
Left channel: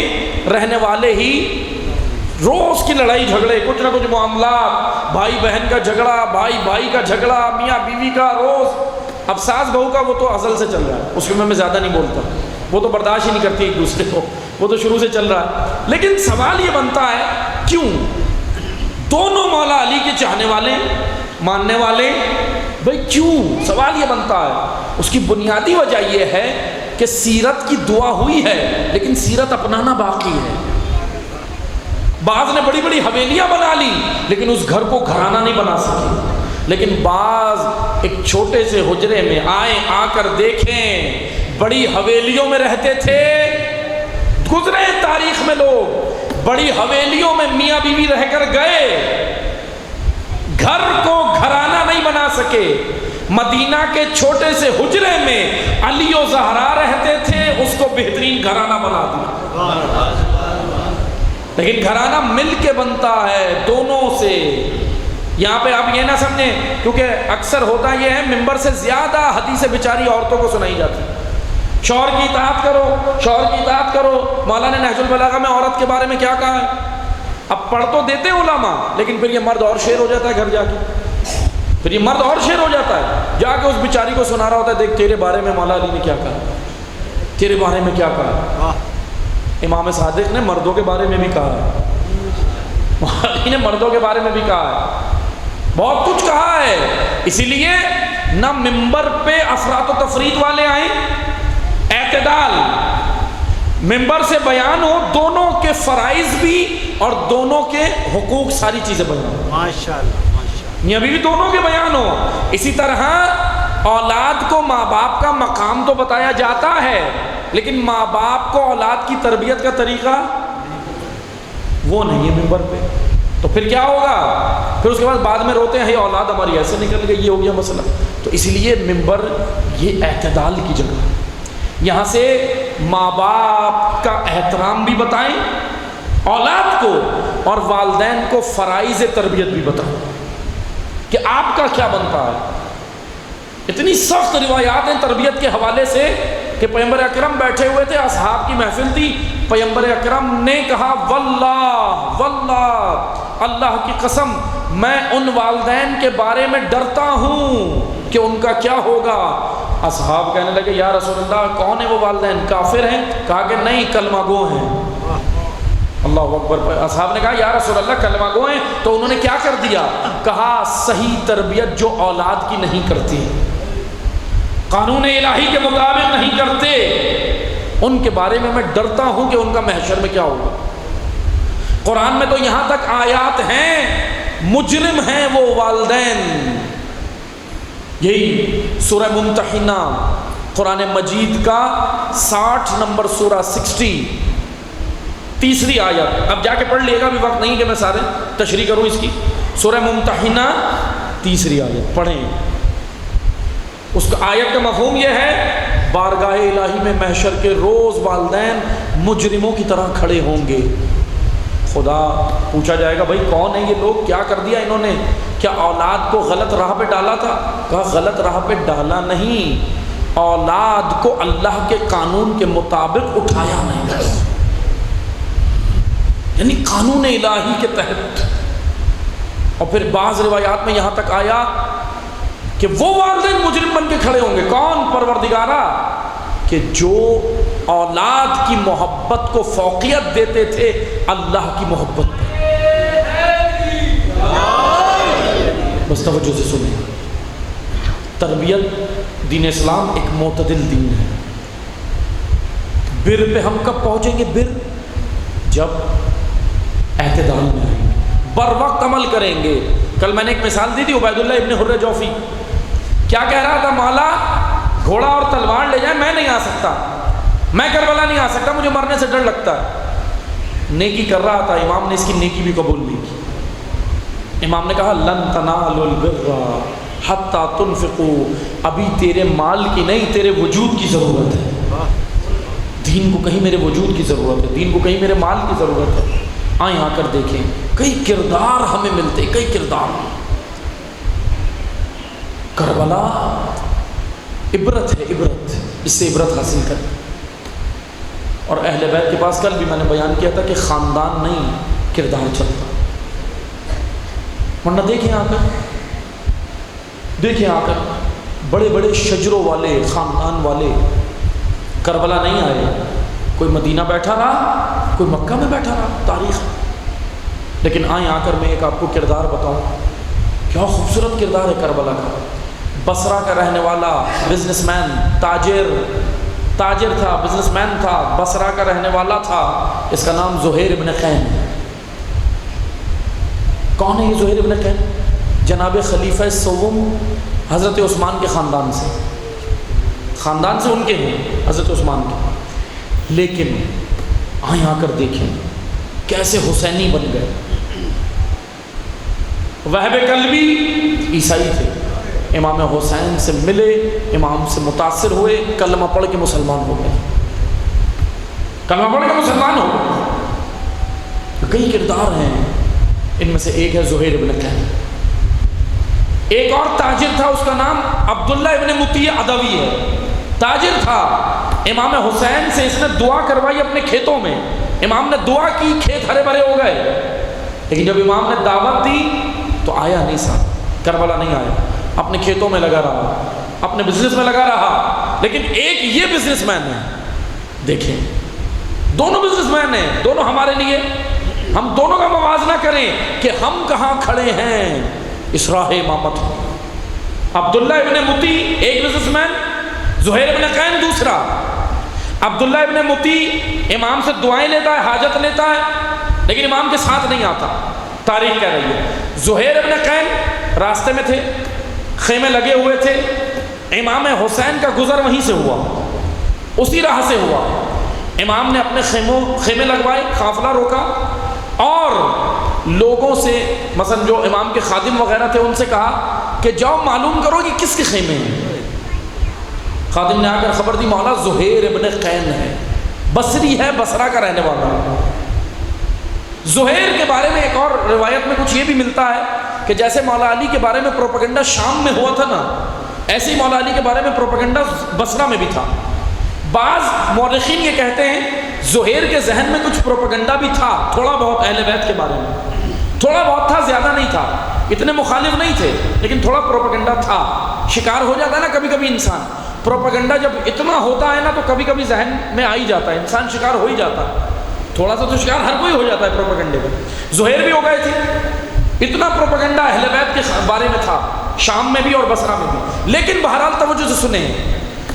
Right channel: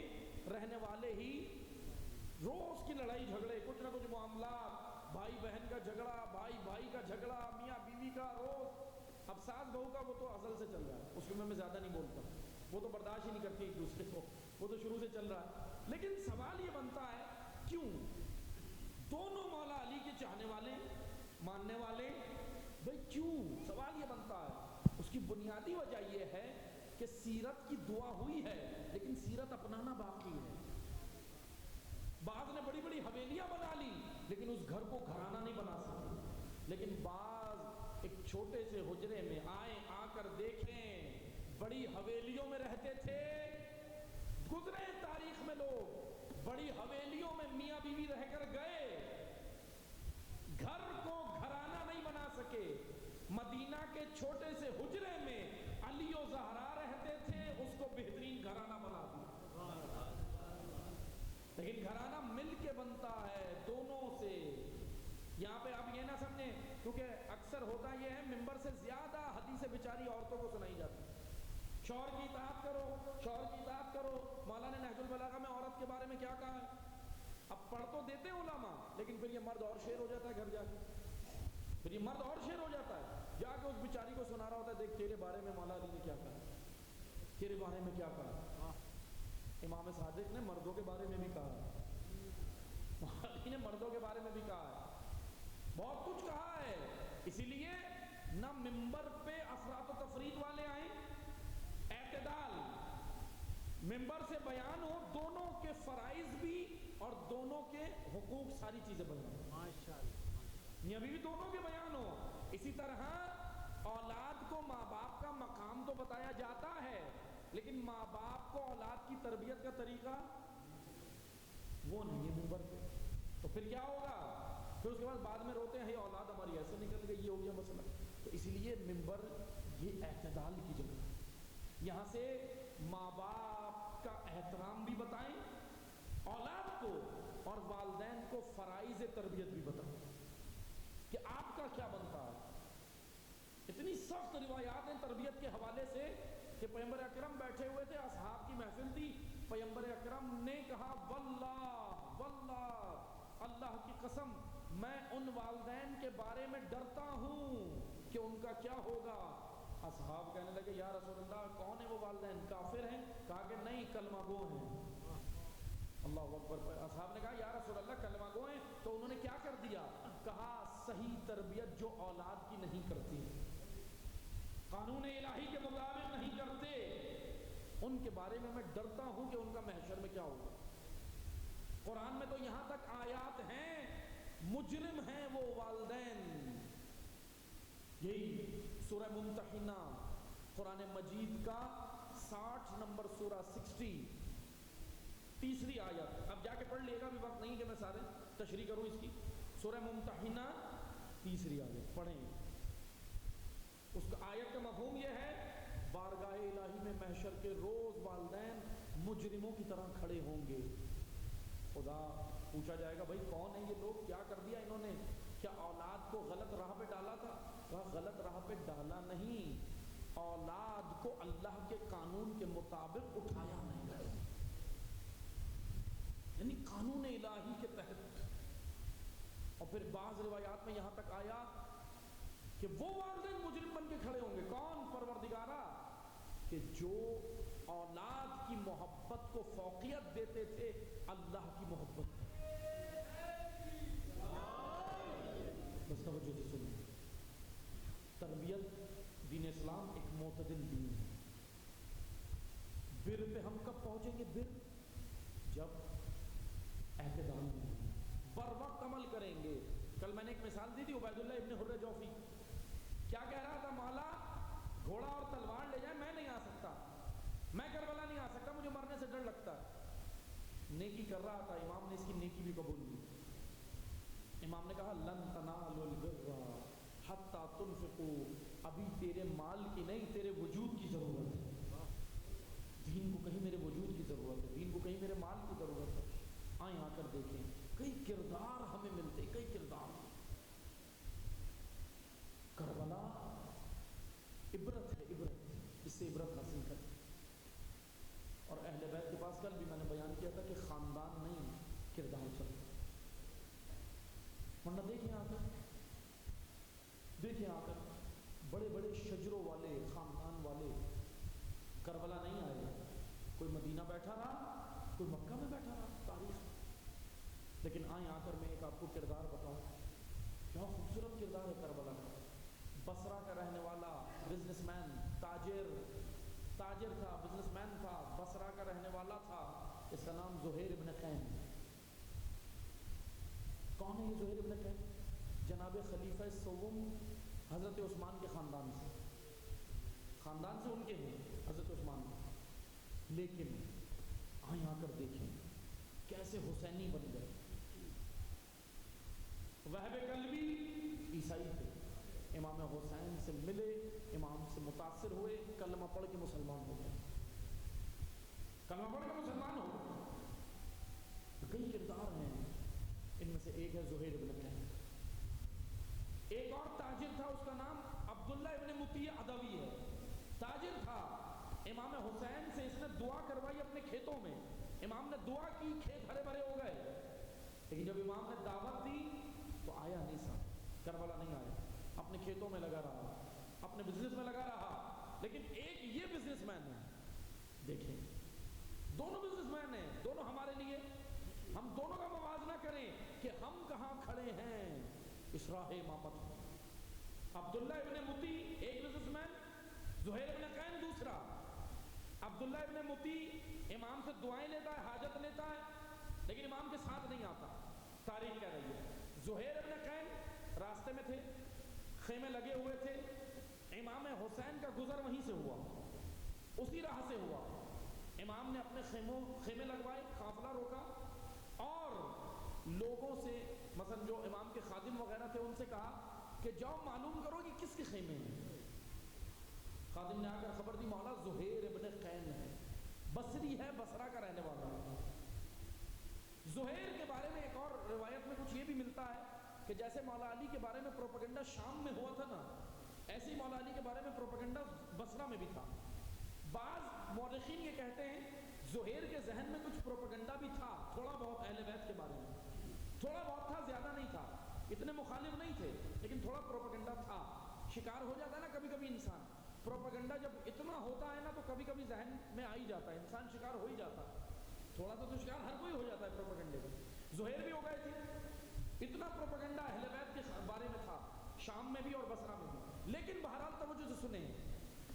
رہنے والے ہی روز کی لڑائی جھگڑے، کچھ نہ کچھ معاملات، بھائی بہن کا جھگڑا، بھائی بھائی کا جھگڑا، میاں بیوی کا روز۔ اب ساس بہو کا وہ تو ازل سے چل رہا ہے، اس میں زیادہ نہیں بولتا، وہ تو برداشت ہی نہیں کرتی ایک دوسرے کو، وہ تو شروع سے چل رہا ہے۔ لیکن سوال یہ بنتا ہے کیوں دونوں مولا علی کے چاہنے والے، ماننے والے، بھائی کیوں؟ سوال یہ بنتا ہے، اس کی بنیادی وجہ یہ ہے کہ سیرت کی دعا ہوئی ہے لیکن سیرت اپنانا باقی ہے۔ بعض نے بڑی بڑی حویلیاں بنا لی لیکن اس گھر کو گھرانہ نہیں بنا سکے، لیکن بعض ایک چھوٹے سے حجرے میں آئیں، آ کر دیکھیں، بڑی حویلیوں میں رہتے تھے، گزرے تاریخ میں لوگ بڑی حویلیوں میں میاں بیوی رہ کر گئے، گھر کو گھرانہ نہیں بنا سکے۔ مدینہ کے چھوٹے سے حجرے میں علی و زہرا رہتے تھے، اس کو بہترین گھرانہ بنا دیا۔ لیکن گھرانہ مل کے بنتا ہے دونوں سے۔ یہاں پہ آپ یہ نہ سمجھیں، کیونکہ اکثر ہوتا یہ ہے ممبر سے زیادہ حدیث بیچاری عورتوں کو سنائی جاتی، شوہر کی اطاعت کرو، شوہر کی اطاعت کرو۔ مولانا نے نہج البلاغہ میں عورت کے بارے میں کیا کہا ہے؟ اب پڑھ تو دیتے علماء، لیکن پھر یہ مرد اور شیر ہو جاتا ہے گھر جا کے، پھر یہ مرد اور شیر ہو جاتا ہے، جا کے اس بیچاری کو سنا رہا ہوتا ہے، دیکھ تیرے بارے میں مولا علی نے کیا کہا، تیرے بارے میں کیا کہا۔ امام صادق نے مردوں کے بارے میں بھی کہا ہے، مولوی نے مردوں کے بارے میں بھی کہا ہے، بہت کچھ کہا ہے۔ اسی لیے نہ ممبر پہ افراط و تفرید والے آئیں، اعتدال، ممبر سے بیان ہو، دونوں کے فرائض بھی اور دونوں کے حقوق، ساری چیزیں بیان ہو، ماشاءاللہ ماشاءاللہ، یہ بھی دونوں کے بیان ہو۔ اسی طرح اولاد کو ماں باپ کا مقام تو بتایا جاتا ہے، لیکن ماں باپ کو اولاد کی تربیت کا طریقہ وہ نہیں ہے ممبر پہ، تو پھر کیا ہوگا؟ پھر اس کے بعد میں روتے ہیں اولاد ہماری ایسے نکل گئی، یہ ہو گیا مسئلہ۔ تو اسی لیے ممبر یہ اعتدال کی جگہ ہے، یہاں سے ماں باپ کا احترام بھی بتائیں اولاد کو، اور والدین کو فرائض تربیت بھی بتائیں کہ آپ کا کیا بنتا ہے۔ اتنی سخت روایات ہیں تربیت کے حوالے سے کہ پیغمبر اکرم بیٹھے ہوئے تھے، اصحاب کی محفل تھی، پیغمبر اکرم نے کہا واللہ واللہ، اللہ کی قسم، میں ان والدین کے بارے میں ڈرتا ہوں کہ ان کا کیا ہوگا۔ اصحاب کہنے لگے یا رسول اللہ کون ہیں وہ والدین، کافر ہیں؟ کہا کہ نہیں، کلمہ گو ہیں۔ اللہ اکبر۔ اصحاب نے کہا یا رسول اللہ کلمہ گو ہیں، تو انہوں نے کیا کر دیا؟ کہا صحیح تربیت جو اولاد کی نہیں کرتی، قانون الہی کے مطابق نہیں کرتے، ان کے بارے میں ڈرتا ہوں کہ ان کا محشر میں کیا ہوگا۔ قرآن میں تو یہاں تک آیات ہیں مجرم ہیں وہ والدین۔ یہی سورہ ممتحنہ قرآن مجید کا 60 نمبر سورہ 60 تیسری آیت، اب جا کے پڑھ لیے گا، بھی وقت نہیں کہ میں سارے تشریح کروں اس کی۔ سورہ ممتحنہ تیسری آیت پڑھیں، اس کا آیت کا مفہوم یہ ہے بارگاہ الہی میں محشر کے روز والدین مجرموں کی طرح کھڑے ہوں گے۔ خدا پوچھا جائے گا بھائی کون ہیں یہ لوگ، کیا کر دیا انہوں نے، کیا اولاد کو غلط راہ پہ ڈالا تھا؟ کہا غلط راہ پہ ڈالا نہیں، اولاد کو اللہ کے قانون کے مطابق اٹھایا نہیں، یعنی قانون الہی کے تحت۔ اور پھر بعض روایات میں یہاں تک آیا کہ وہ والدین مجرم بن کے کھڑے ہوں گے، کون؟ پروردگارا، کہ جو اولاد کی محبت کو فوقیت دیتے تھے اللہ کی محبت پر۔ بس توجہ سے سنیں، تربیت دین اسلام ایک معتدل دین ہے۔ بر پہ ہم کب پہنچیں گے؟ بر جب اعتدال میں آئیں گے، بر وقت عمل کریں گے۔ کل میں نے ایک مثال دی تھی، عبید اللہ ابن حر جوفی کیا کہہ رہا تھا؟ مولا گھوڑا اور تلوار لے جائیں، میں نہیں آ سکتا، میں کربلا نہیں آ سکتا، مجھے مرنے سے ڈر لگتا ہے۔ نیکی کر رہا تھا، امام نے اس کی نیکی بھی قبول نہیں کی۔ امام نے کہا لن تنالوا البر حتی تنفقوا، ابھی تیرے مال کی نہیں، تیرے وجود کی ضرورت ہے۔ دین کو کہیں میرے وجود کی ضرورت ہے، دین کو کہیں میرے مال کی ضرورت ہے۔ آئیں آ کر دیکھیں، کئی کردار ہمیں ملتے، کئی کردار۔ کربلا عبرت ہے، عبرت، اس سے عبرت حاصل کریں۔ اور اہل بیت کے پاس کل بھی میں نے بیان کیا تھا کہ خاندان نہیں کردار چلتا، ورنہ دیکھیں آ کر، دیکھیں آ کر بڑے بڑے شجروں والے خاندان والے کربلا نہیں آئے، کوئی مدینہ بیٹھا رہا، کوئی مکہ میں بیٹھا رہا، تاریخ۔ لیکن آئیں آ کر میں ایک آپ کو کردار بتاؤں، کیا خوبصورت کردار ہے کربلا کا۔ بصرہ کا رہنے والا بزنس مین، تاجر تھا، بزنس مین تھا، بصرہ کا رہنے والا تھا، اس کا نام زہیر ابن قین۔ کون ہے یہ زہیر ابن قین؟ جناب خلیفہ سوم حضرت عثمان کے خاندان سے ان کے ہیں، حضرت عثمان کے۔ لیکن آئیں آ کر دیکھیں کیسے حسینی بن گئے۔ وہب کلبی عیسائی تھے، امام حسین سے ملے، امام سے متاثر ہوئے، کلمہ پڑھ کے مسلمان ہو گئے، کلمہ پڑھ کے مسلمان ہو گئے۔ کئی کردار ہیں، ان میں سے ایک ہے زہیر ابن قین۔ ایک اور تاجر تھا، اس کا نام عبداللہ ابن مطیع عدوی ہے، تاجر تھا۔ امام حسین سے اس نے دعا کروائی اپنے کھیتوں میں، امام نے دعا کی، کھیت ہرے بھرے ہو گئے، لیکن جب امام نے دعوت دی تو آیا نہیں، صاحب کربلا نہیں آیا، اپنے کھیتوں میں لگا رہا، اپنے بزنس میں لگا رہا۔ لیکن ایک یہ بزنس مین ہے، دیکھیں دونوں بزنس جزوین ہیں، دونوں ہمارے لیے، ہم دونوں کا موازنہ کریں کہ ہم کہاں کھڑے ہیں اس راہ امامت۔ عبداللہ ابن مطیع ایک بزنس مین، زہیر ابن قین دوسرا۔ عبداللہ ابن مطیع امام سے دعائیں لیتا ہے، حاجت لیتا ہے، لیکن امام کے ساتھ نہیں آتا، تاریخ کہہ رہی ہے۔ زہیر ابن قین راستے میں تھے، خیمے لگے ہوئے تھے، امام حسین کا گزر وہیں سے ہوا، اسی راہ سے ہوا۔ امام نے اپنے خیمے لگوائے، قافلہ روکا اور لوگوں سے، مثلا جو امام کے خادم وغیرہ تھے ان سے کہا کہ جاؤ معلوم کرو کہ کس کے خیمے ہیں۔ خادم نے آ کر خبر دی، مولا زہیر ابن قین ہے، بصری ہے، بصرہ کا رہنے والا ہے۔ زہیر کے بارے میں ایک اور روایت میں کچھ یہ بھی ملتا ہے کہ جیسے مولا علی کے بارے میں پروپیگنڈا شام میں ہوا تھا نا، ایسے ہی مولا علی کے بارے میں پروپیگنڈا بصرہ میں بھی تھا۔ بعض مورخین یہ کہتے ہیں زہیر کے ذہن میں کچھ پروپیگنڈا بھی تھا، تھوڑا بہت اہل بیت کے بارے میں، تھوڑا بہت تھا، زیادہ نہیں تھا، اتنے مخالف نہیں تھے، لیکن تھوڑا پروپیگنڈا تھا۔ شکار ہو جاتا ہے نا کبھی کبھی انسان، پروپیگنڈا جب اتنا ہوتا ہے نا تو کبھی کبھی ذہن میں آ ہی جاتا ہے، انسان شکار ہو ہی جاتا ہے، تھوڑا سا تو شکار ہر کوئی ہو جاتا ہے پروپیگنڈے میں۔ زہیر بھی ہو گئے تھے، اتنا پروپیگنڈا اہل بیت کے بارے میں تھا، شام میں بھی اور بصرہ میں بھی۔ لیکن بہرحال توجہ سے سنیں،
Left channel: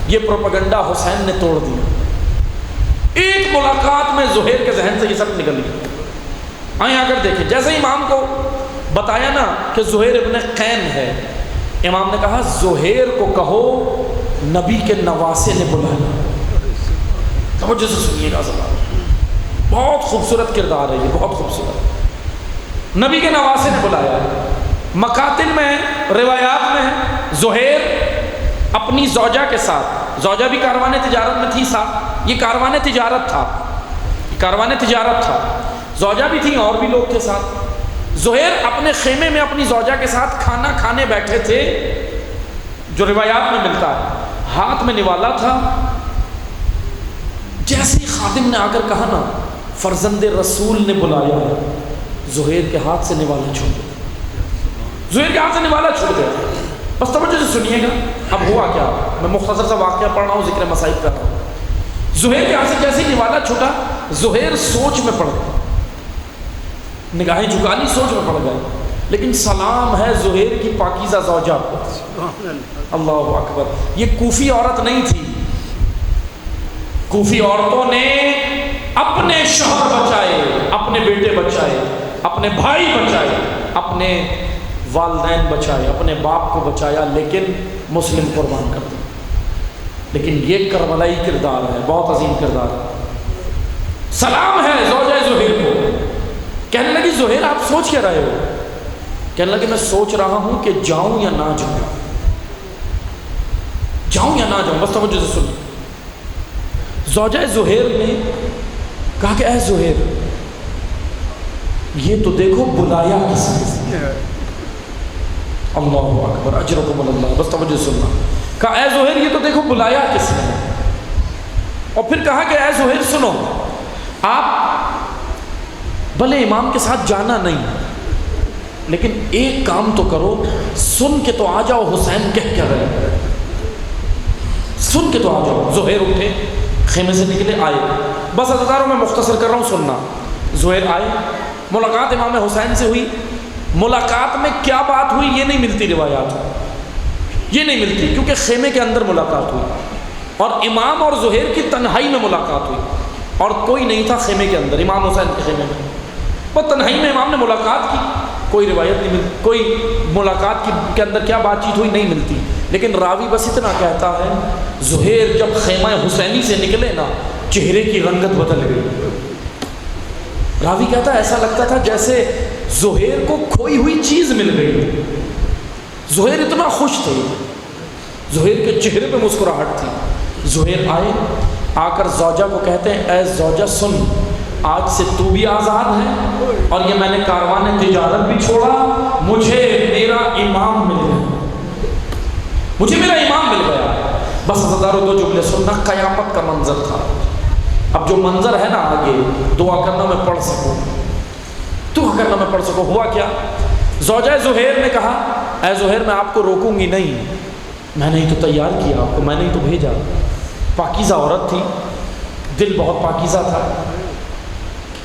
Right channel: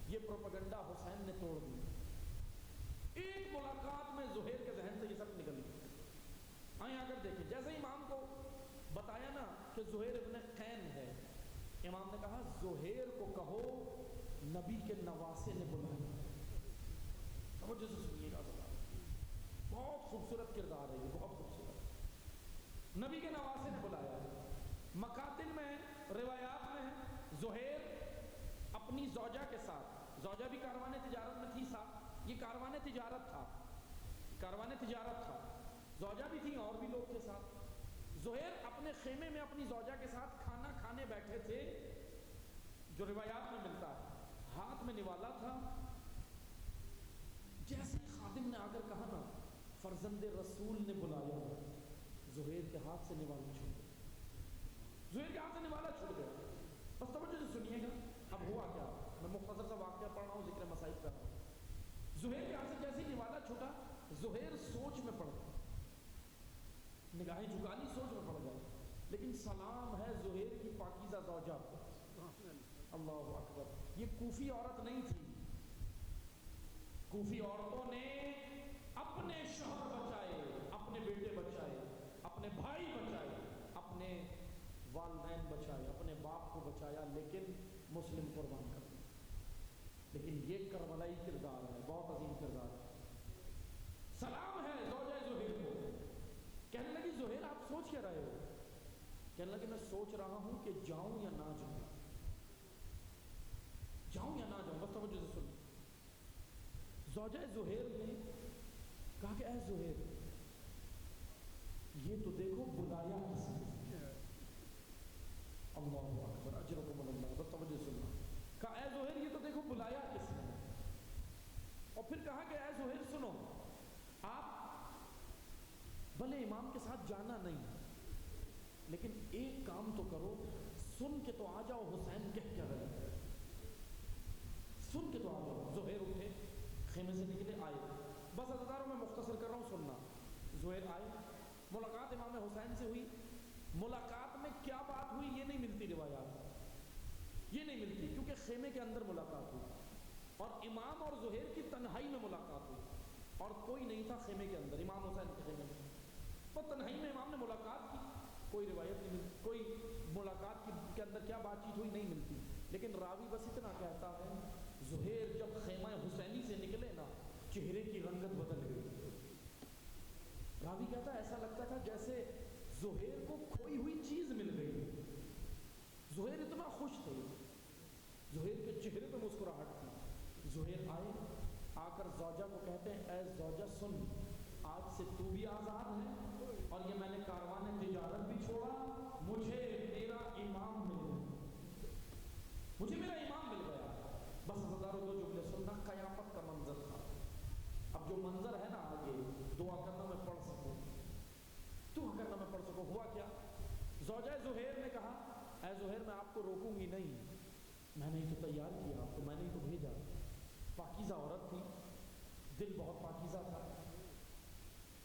یہ پروپیگنڈا حسین نے توڑ دیا۔ ایک ملاقات میں زہیر کے ذہن سے یہ سب نکل گیا۔ آئیں آ کر دیکھیں، جیسے امام کو بتایا نا کہ زہیر ابن قین ہے، امام نے کہا زہیر کو کہو نبی کے نواسے نے بلایا۔ توجہ سے سنیے گا ذرا، بہت خوبصورت کردار ہے یہ، بہت خوبصورت۔ نبی کے نواسے نے بلایا۔ مقاتل میں، روایات میں ہے زہیر اپنی زوجہ کے ساتھ، زوجہ بھی کاروان تجارت میں تھی ساتھ، یہ کاروان تجارت تھا، کاروان تجارت تھا، زوجہ بھی تھی اور بھی لوگ تھے ساتھ۔ زہیر اپنے خیمے میں اپنی زوجہ کے ساتھ کھانا کھانے بیٹھے تھے، جو روایات میں ملتا ہے، ہاتھ میں نوالا تھا۔ جیسے ہی خادم نے آ کر کہا نا فرزند رسول نے بلایا، زہیر کے ہاتھ سے نوالا چھوٹ گیا، زہیر کے ہاتھ سے نوالا چھوٹ گیا۔ بس توجہ سے سنیے گا اب ہوا کیا، میں مختصر سا واقعہ پڑھ رہا ہوں، ذکر مصائب کر رہا ہوں۔ زہیر کے ہاتھ سے جیسے ہی نوالا چھوٹا، زہیر سوچ میں پڑ گئے، نگاہیں جھکا لی، سوچ میں پڑ گئے، لیکن سلام ہے زہیر کی پاکیزہ زوجہ کو۔ اللہ اکبر، یہ کوفی عورت نہیں تھی، کوفی عورتوں نے اپنے شوہر بچائے، اپنے بیٹے بچائے، اپنے بھائی بچائے، اپنے والدین بچائے، اپنے باپ کو بچایا، لیکن مسلم قربان کر دیا۔ لیکن یہ کربلائی کردار ہے، بہت عظیم کردار ہے۔ سلام ہے زوجہ زہیر کو۔ کہنے لگی زہیر آپ سوچ کیا رہے ہو؟ کہنے لگے میں سوچ رہا ہوں کہ جاؤں یا نہ جاؤں، جاؤں یا نہ جاؤں۔ بس توجہ سے سنو، زوجہ زہیر نے کہا کہ اے زہیر یہ تو دیکھو بلایا کس نے، اللہ اکبر اجرکم اللہ، بس توجہ سننا۔ کہا اے زہیر یہ تو دیکھو بلایا کس نے، اور پھر کہا کہ اے زہیر سنو، آپ بھلے امام کے ساتھ جانا نہیں، لیکن ایک کام تو کرو، سن کے تو آ جاؤ حسین کہہ کیا رہے، سن کے تو آ جاؤ۔ زہیر اٹھے، خیمے سے نکلے، آئے۔ بس عزیزانو میں مختصر کر رہا ہوں، سننا۔ زہیر آئے، ملاقات امام حسین سے ہوئی۔ ملاقات میں کیا بات ہوئی یہ نہیں ملتی روایات، یہ نہیں ملتی، کیونکہ خیمے کے اندر ملاقات ہوئی اور امام اور زہیر کی تنہائی میں ملاقات ہوئی، اور کوئی نہیں تھا خیمے کے اندر، امام حسین کے خیمے میں، وہ تنہائی میں امام نے ملاقات کی۔ کوئی روایت نہیں ملتی، کوئی ملاقات کے اندر کیا بات چیت ہوئی نہیں ملتی، لیکن راوی بس اتنا کہتا ہے زہیر جب خیمہ حسینی سے نکلے نا چہرے کی رنگت بدل گئی۔ راوی کہتا ہے ایسا لگتا تھا جیسے زہیر کو کھوئی ہوئی چیز مل گئی، زہیر اتنا خوش تھے، زہیر کے چہرے پہ مسکراہٹ تھی۔ زہیر آئے، آ کر زوجہ کو کہتے ہیں اے زوجہ سن، آج سے تو بھی آزاد ہے، اور یہ میں نے کاروان تجارت بھی چھوڑا، مجھے میرا امام مل گیا، مجھے میرا امام مل گیا۔ بس ہزاروں دو جملے سننا، قیامت کا منظر تھا۔ اب جو منظر ہے نا آگے، دعا کرنا میں پڑھ سکوں، دعا کرنا میں پڑھ سکوں۔ ہوا کیا، زوجہ زہیر نے کہا اے زہیر میں آپ کو روکوں گی نہیں، میں نے ہی تو تیار کیا آپ کو، میں نے ہی تو بھیجا۔ پاکیزہ عورت تھی، دل بہت پاکیزہ تھا،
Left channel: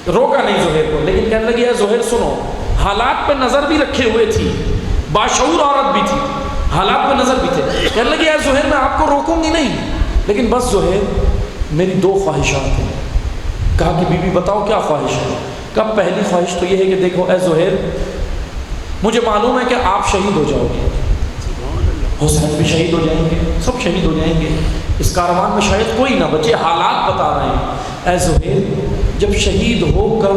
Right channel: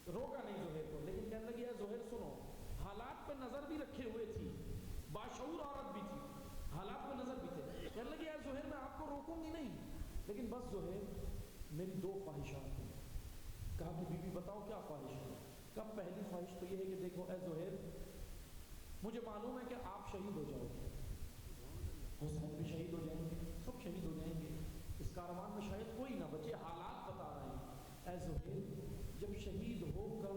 روکا نہیں زہیر کو، لیکن کہنے لگی اے زہیر سنو، حالات پہ نظر بھی رکھے ہوئے تھی، باشعور عورت بھی تھی، حالات پہ نظر بھی تھے. کہنے لگی اے زہیر میں آپ کو روکوں گی نہیں، لیکن بس زہیر میری 2 خواہشات ہیں. کہا کہ بی بی بتاؤ کیا خواہش ہے؟ کہا پہلی خواہش تو یہ ہے کہ دیکھو اے زہیر، مجھے معلوم ہے کہ آپ شہید ہو جاؤ گے، حسین بھی شہید ہو جائیں گے، سب شہید ہو جائیں گے، اس کاروان میں شاید کوئی نہ بچے، حالات بتا رہے ہیں. اے زہیر جب شہید ہو کر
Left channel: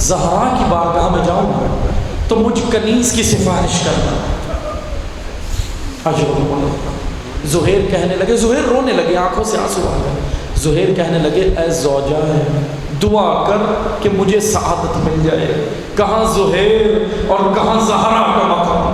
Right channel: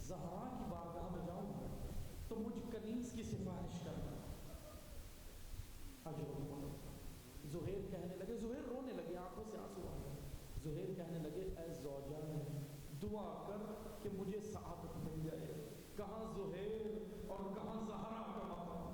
زہرا کی بارگاہ میں جاؤں گا تو مجھ کنیز کی سفارش کرنا. زہیر کہنے لگے، زہیر رونے لگے، آنکھوں سے آنسو آ گئے. زہیر کہنے لگے اے زوجہ ہے دعا کر کہ مجھے سعادت مل جائے. کہاں زہیر اور کہاں زہرا کا مقام.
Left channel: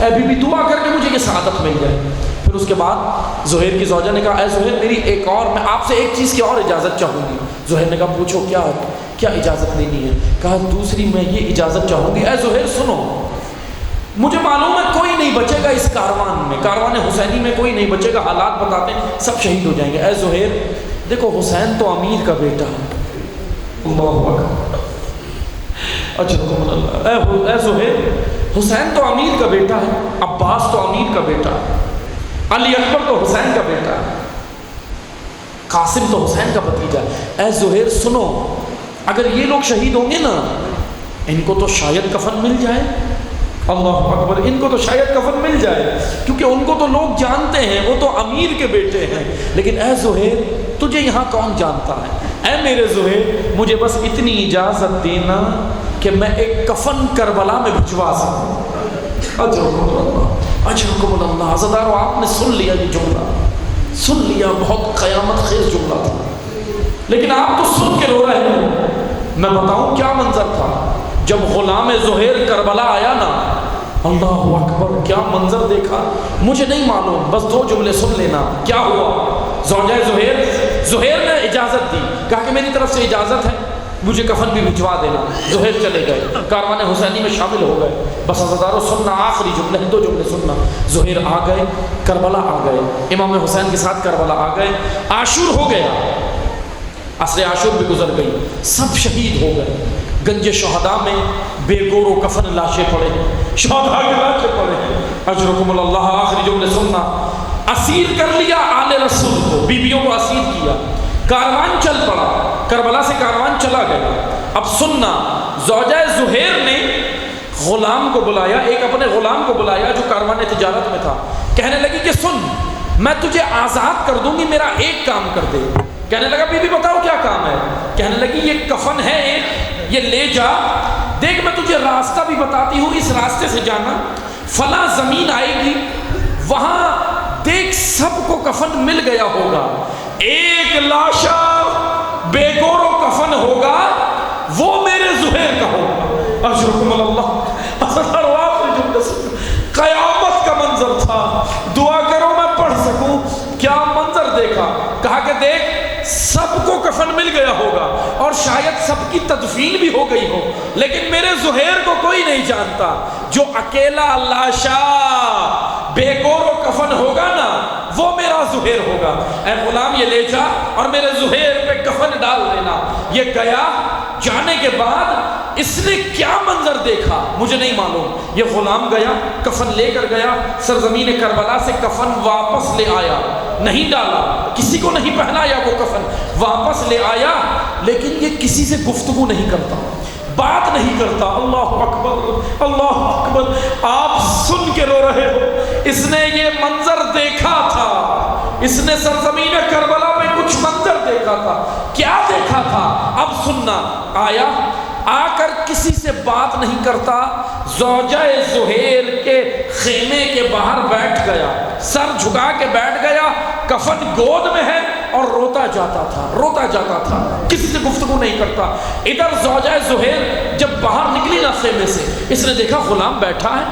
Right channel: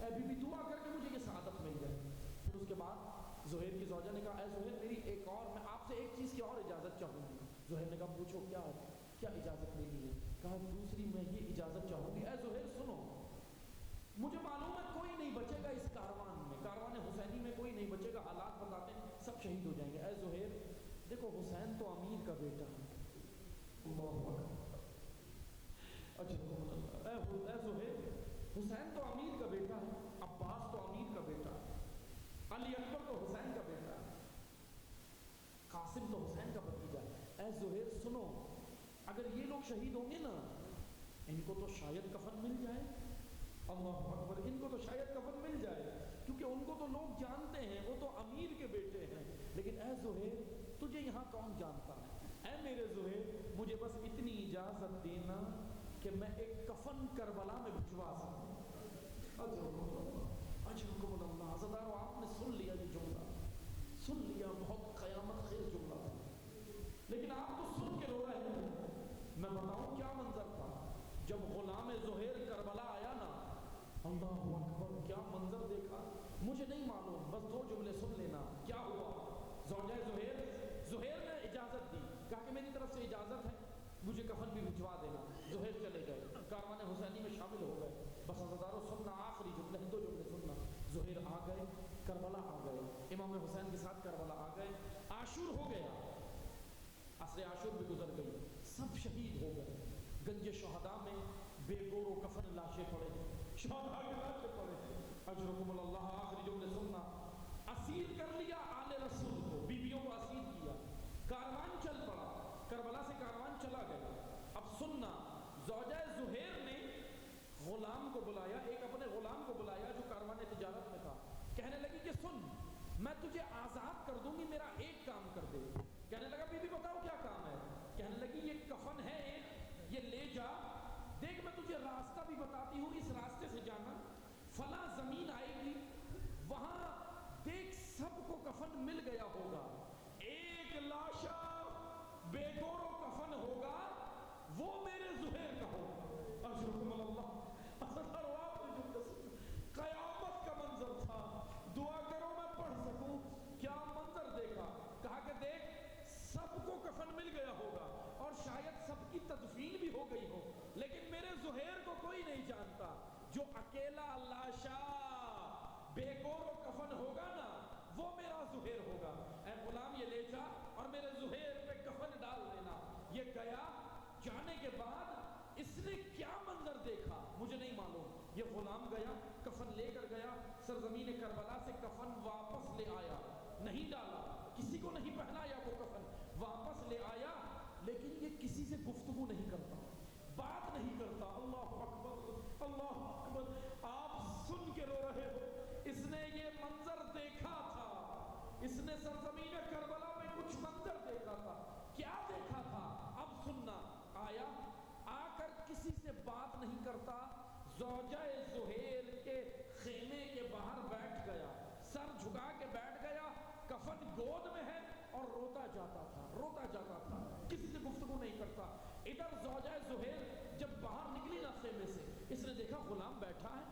اے بی بی دعا کر کے مجھے یہ سعادت مل جائے. پھر اس کے بعد زہیر کی زوجہ نے کہا اے زہیر میری ایک اور، میں آپ سے ایک چیز کی اور اجازت چاہوں گی. زہیر نے کہا پوچھو کیا اجازت لینی ہے؟ کہا دوسری میں یہ اجازت چاہوں گی، اے زہیر سنو، مجھے معلوم ہے کوئی نہیں بچے گا اس کاروان میں، کاروان حسینی میں کوئی نہیں بچے گا، حالات بتاتے ہیں سب شہید ہو جائیں گے. اے زہیر دیکھو حسین تو امیر کا بیٹا ہے. اللہ اکبر. اچھا اے زہیر حسین تو امیر کا بیٹا ہے، عباس تو امیر کا بیٹا ہے، علی اکبر تو حسین کا بیٹا ہے، قاسم تو حسین کا بھتیجا ہے. اے زہیر سنو، اگر یہ لوگ شہید ہوں گے نا ان کو تو شاید کفن مل جائے. اللہ اکبر. ان کو تو شاید کفن مل جائے کیونکہ ان کو تو لوگ جانتے ہیں، وہ تو امیر کے بیٹے ہیں. لیکن اے زہیر تجھے یہاں کون جانتا ہے؟ اے میرے زہیر مجھے بس اتنی اجازت دینا کہ میں ایک کفن کربلا میں بھجوا سکوں. اجرکم اللہ. عزادارو آپ نے سن لیا یہ جملہ، سن لیا، بہت قیامت خیز جملہ تھا، لیکن آپ تو سن کے رو رہے ہیں. میں بتاؤں کیا منظر تھا جب غلام زہیر کربلا آیا نا. اللہ اکبر، کیا منظر دیکھا مجھے نہیں معلوم، بس 2 جملے سن لینا کیا ہوا. زوجہ زہیر نے اجازت دی، کہا کہ میری طرف سے اجازت ہے، مجھے کفن بھی بھجوا دینا. زہیر چلے گئے، کاروان حسینی میں شامل ہو گئے. بس عزادارو سننا، آخری جملے 2 جملے سننا. زہیر آ گئے، کربلا آ گئے، امام حسین کے ساتھ کربلا آ گئے. عاشور ہو گیا، عصر عاشور بھی گزر گئی، سب شہید ہو گئے. گنج شہداء میں بے گور و کفن لاشیں پڑے، شہداء کے لاشیں پڑے. اجرکم اللہ. آخری جملے سننا. اسیر کر لیا آل رسول کو، بیویوں کو اسیر کیا، کاروان چل پڑا، کربلا سے کاروان چلا گیا. اب سننا، زوجہ زہیر نے غلام کو بلایا، ایک اپنے غلام کو بلایا جو کاروان تجارت میں تھا. کہنے لگی کہ سن، میں تجھے آزاد کر دوں گی، میرا ایک کام کر دے. کہنے لگا بی بی بتاؤ کیا کام ہے؟ کہنے لگی یہ کفن ہے ایک، یہ لے جا، دیکھ میں تجھے راستہ بھی بتاتی ہوں، اس راستے سے جانا، فلاں زمین آئے گی، وہاں دیکھ سب کو کفن مل گیا ہوگا، ایک لاشا بے گور و کفن ہوگا، وہ میرے زہیر کا ہوگا. اشرکم اللہ. قیامت کا منظر تھا، دعا کرو میں پڑھ سکوں. کیا منظر دیکھا؟ کہا کہ دیکھ سب کو کفن مل گیا ہوگا اور شاید سب کی تدفین بھی ہو گئی ہو، لیکن میرے زہیر کو کوئی نہیں جانتا. جو اکیلا لاشا بے گور و کفن ہوگا نا وہ میرا زہیر ہوگا. اے غلام یہ لے جا اور میرے زہیر پہ کفن ڈال دینا. یہ گیا، جانے کے بعد اس نے کیا منظر دیکھا مجھے نہیں معلوم. یہ غلام گیا، کفن لے کر گیا، سرزمین کربلا سے کفن واپس لے آیا، نہیں ڈالا، کسی کو نہیں پہنایا، وہ کفن واپس لے آیا، لیکن یہ کسی سے گفتگو نہیں کرتا، بات نہیں کرتا. اللہ اکبر، اللہ اکبر. آپ سن کے رو رہے ہو، اس نے یہ منظر دیکھا تھا، اس نے سرزمین کربلا میں کچھ منظر دیکھا تھا. کیا دیکھا تھا؟ اب سننا. آیا، آ کر کسی سے بات نہیں کرتا، زوجہ زہیر کے خیمے کے باہر بیٹھ گیا، سر جھکا کے بیٹھ گیا، کفن گود میں ہے اور روتا جاتا تھا، کسی سے گفتگو نہیں کرتا. ادھر زوجہ زہیر جب باہر نکلی نا خیمے سے، اس نے دیکھا غلام بیٹھا ہے،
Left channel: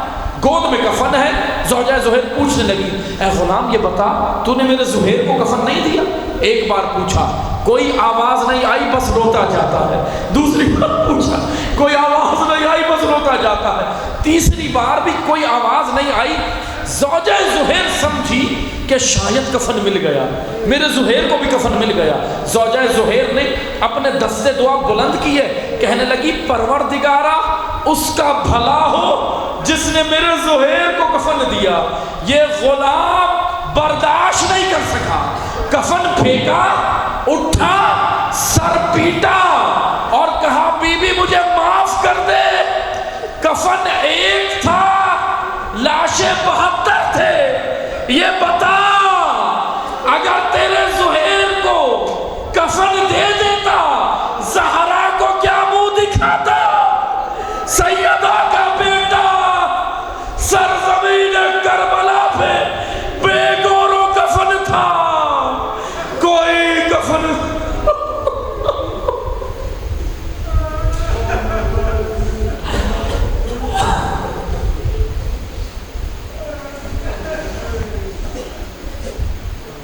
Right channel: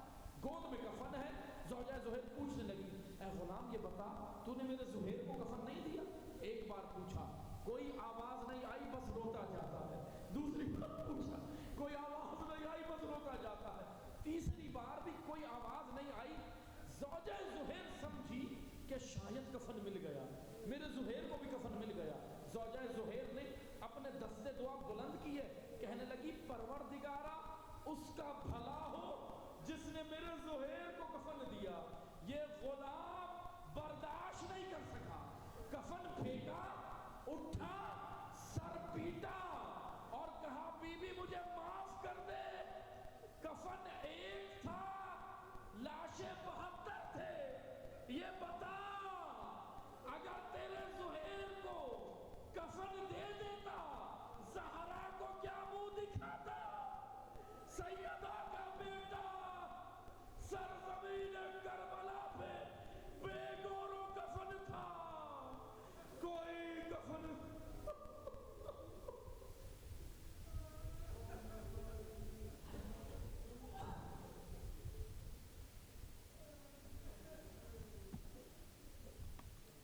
گود میں کفن ہے. زوجہ زہیر پوچھنے لگی اے غلام یہ بتا تو نے میرے زہیر کو کفن نہیں دیا؟ ایک بار پوچھا، کوئی آواز نہیں آئی، بس روتا جاتا ہے. دوسری بار پوچھا، کوئی آواز نہیں آئی، بس روتا جاتا ہے. تیسری بار بھی کوئی آواز نہیں آئی. زوجہ زہیر سمجھی کہ شاید کفن مل گیا، میرے زہیر کو بھی کفن مل گیا۔ زوجہ زہیر نے اپنے دستے دعا بلند کیے، کہنے لگی پروردگارا اس کا بھلا ہو جس نے میرے زہیر کو کفن دیا۔ یہ غلام برداشت نہیں کر سکا، کفن پھینکا، اٹھا، سر پیٹا اور کہا بی بی مجھے معاف کر دے، کفن ایک تھا، لاشیں 72 تھے، یہ بتا اگر تیرے زہیر کو کفن دے دے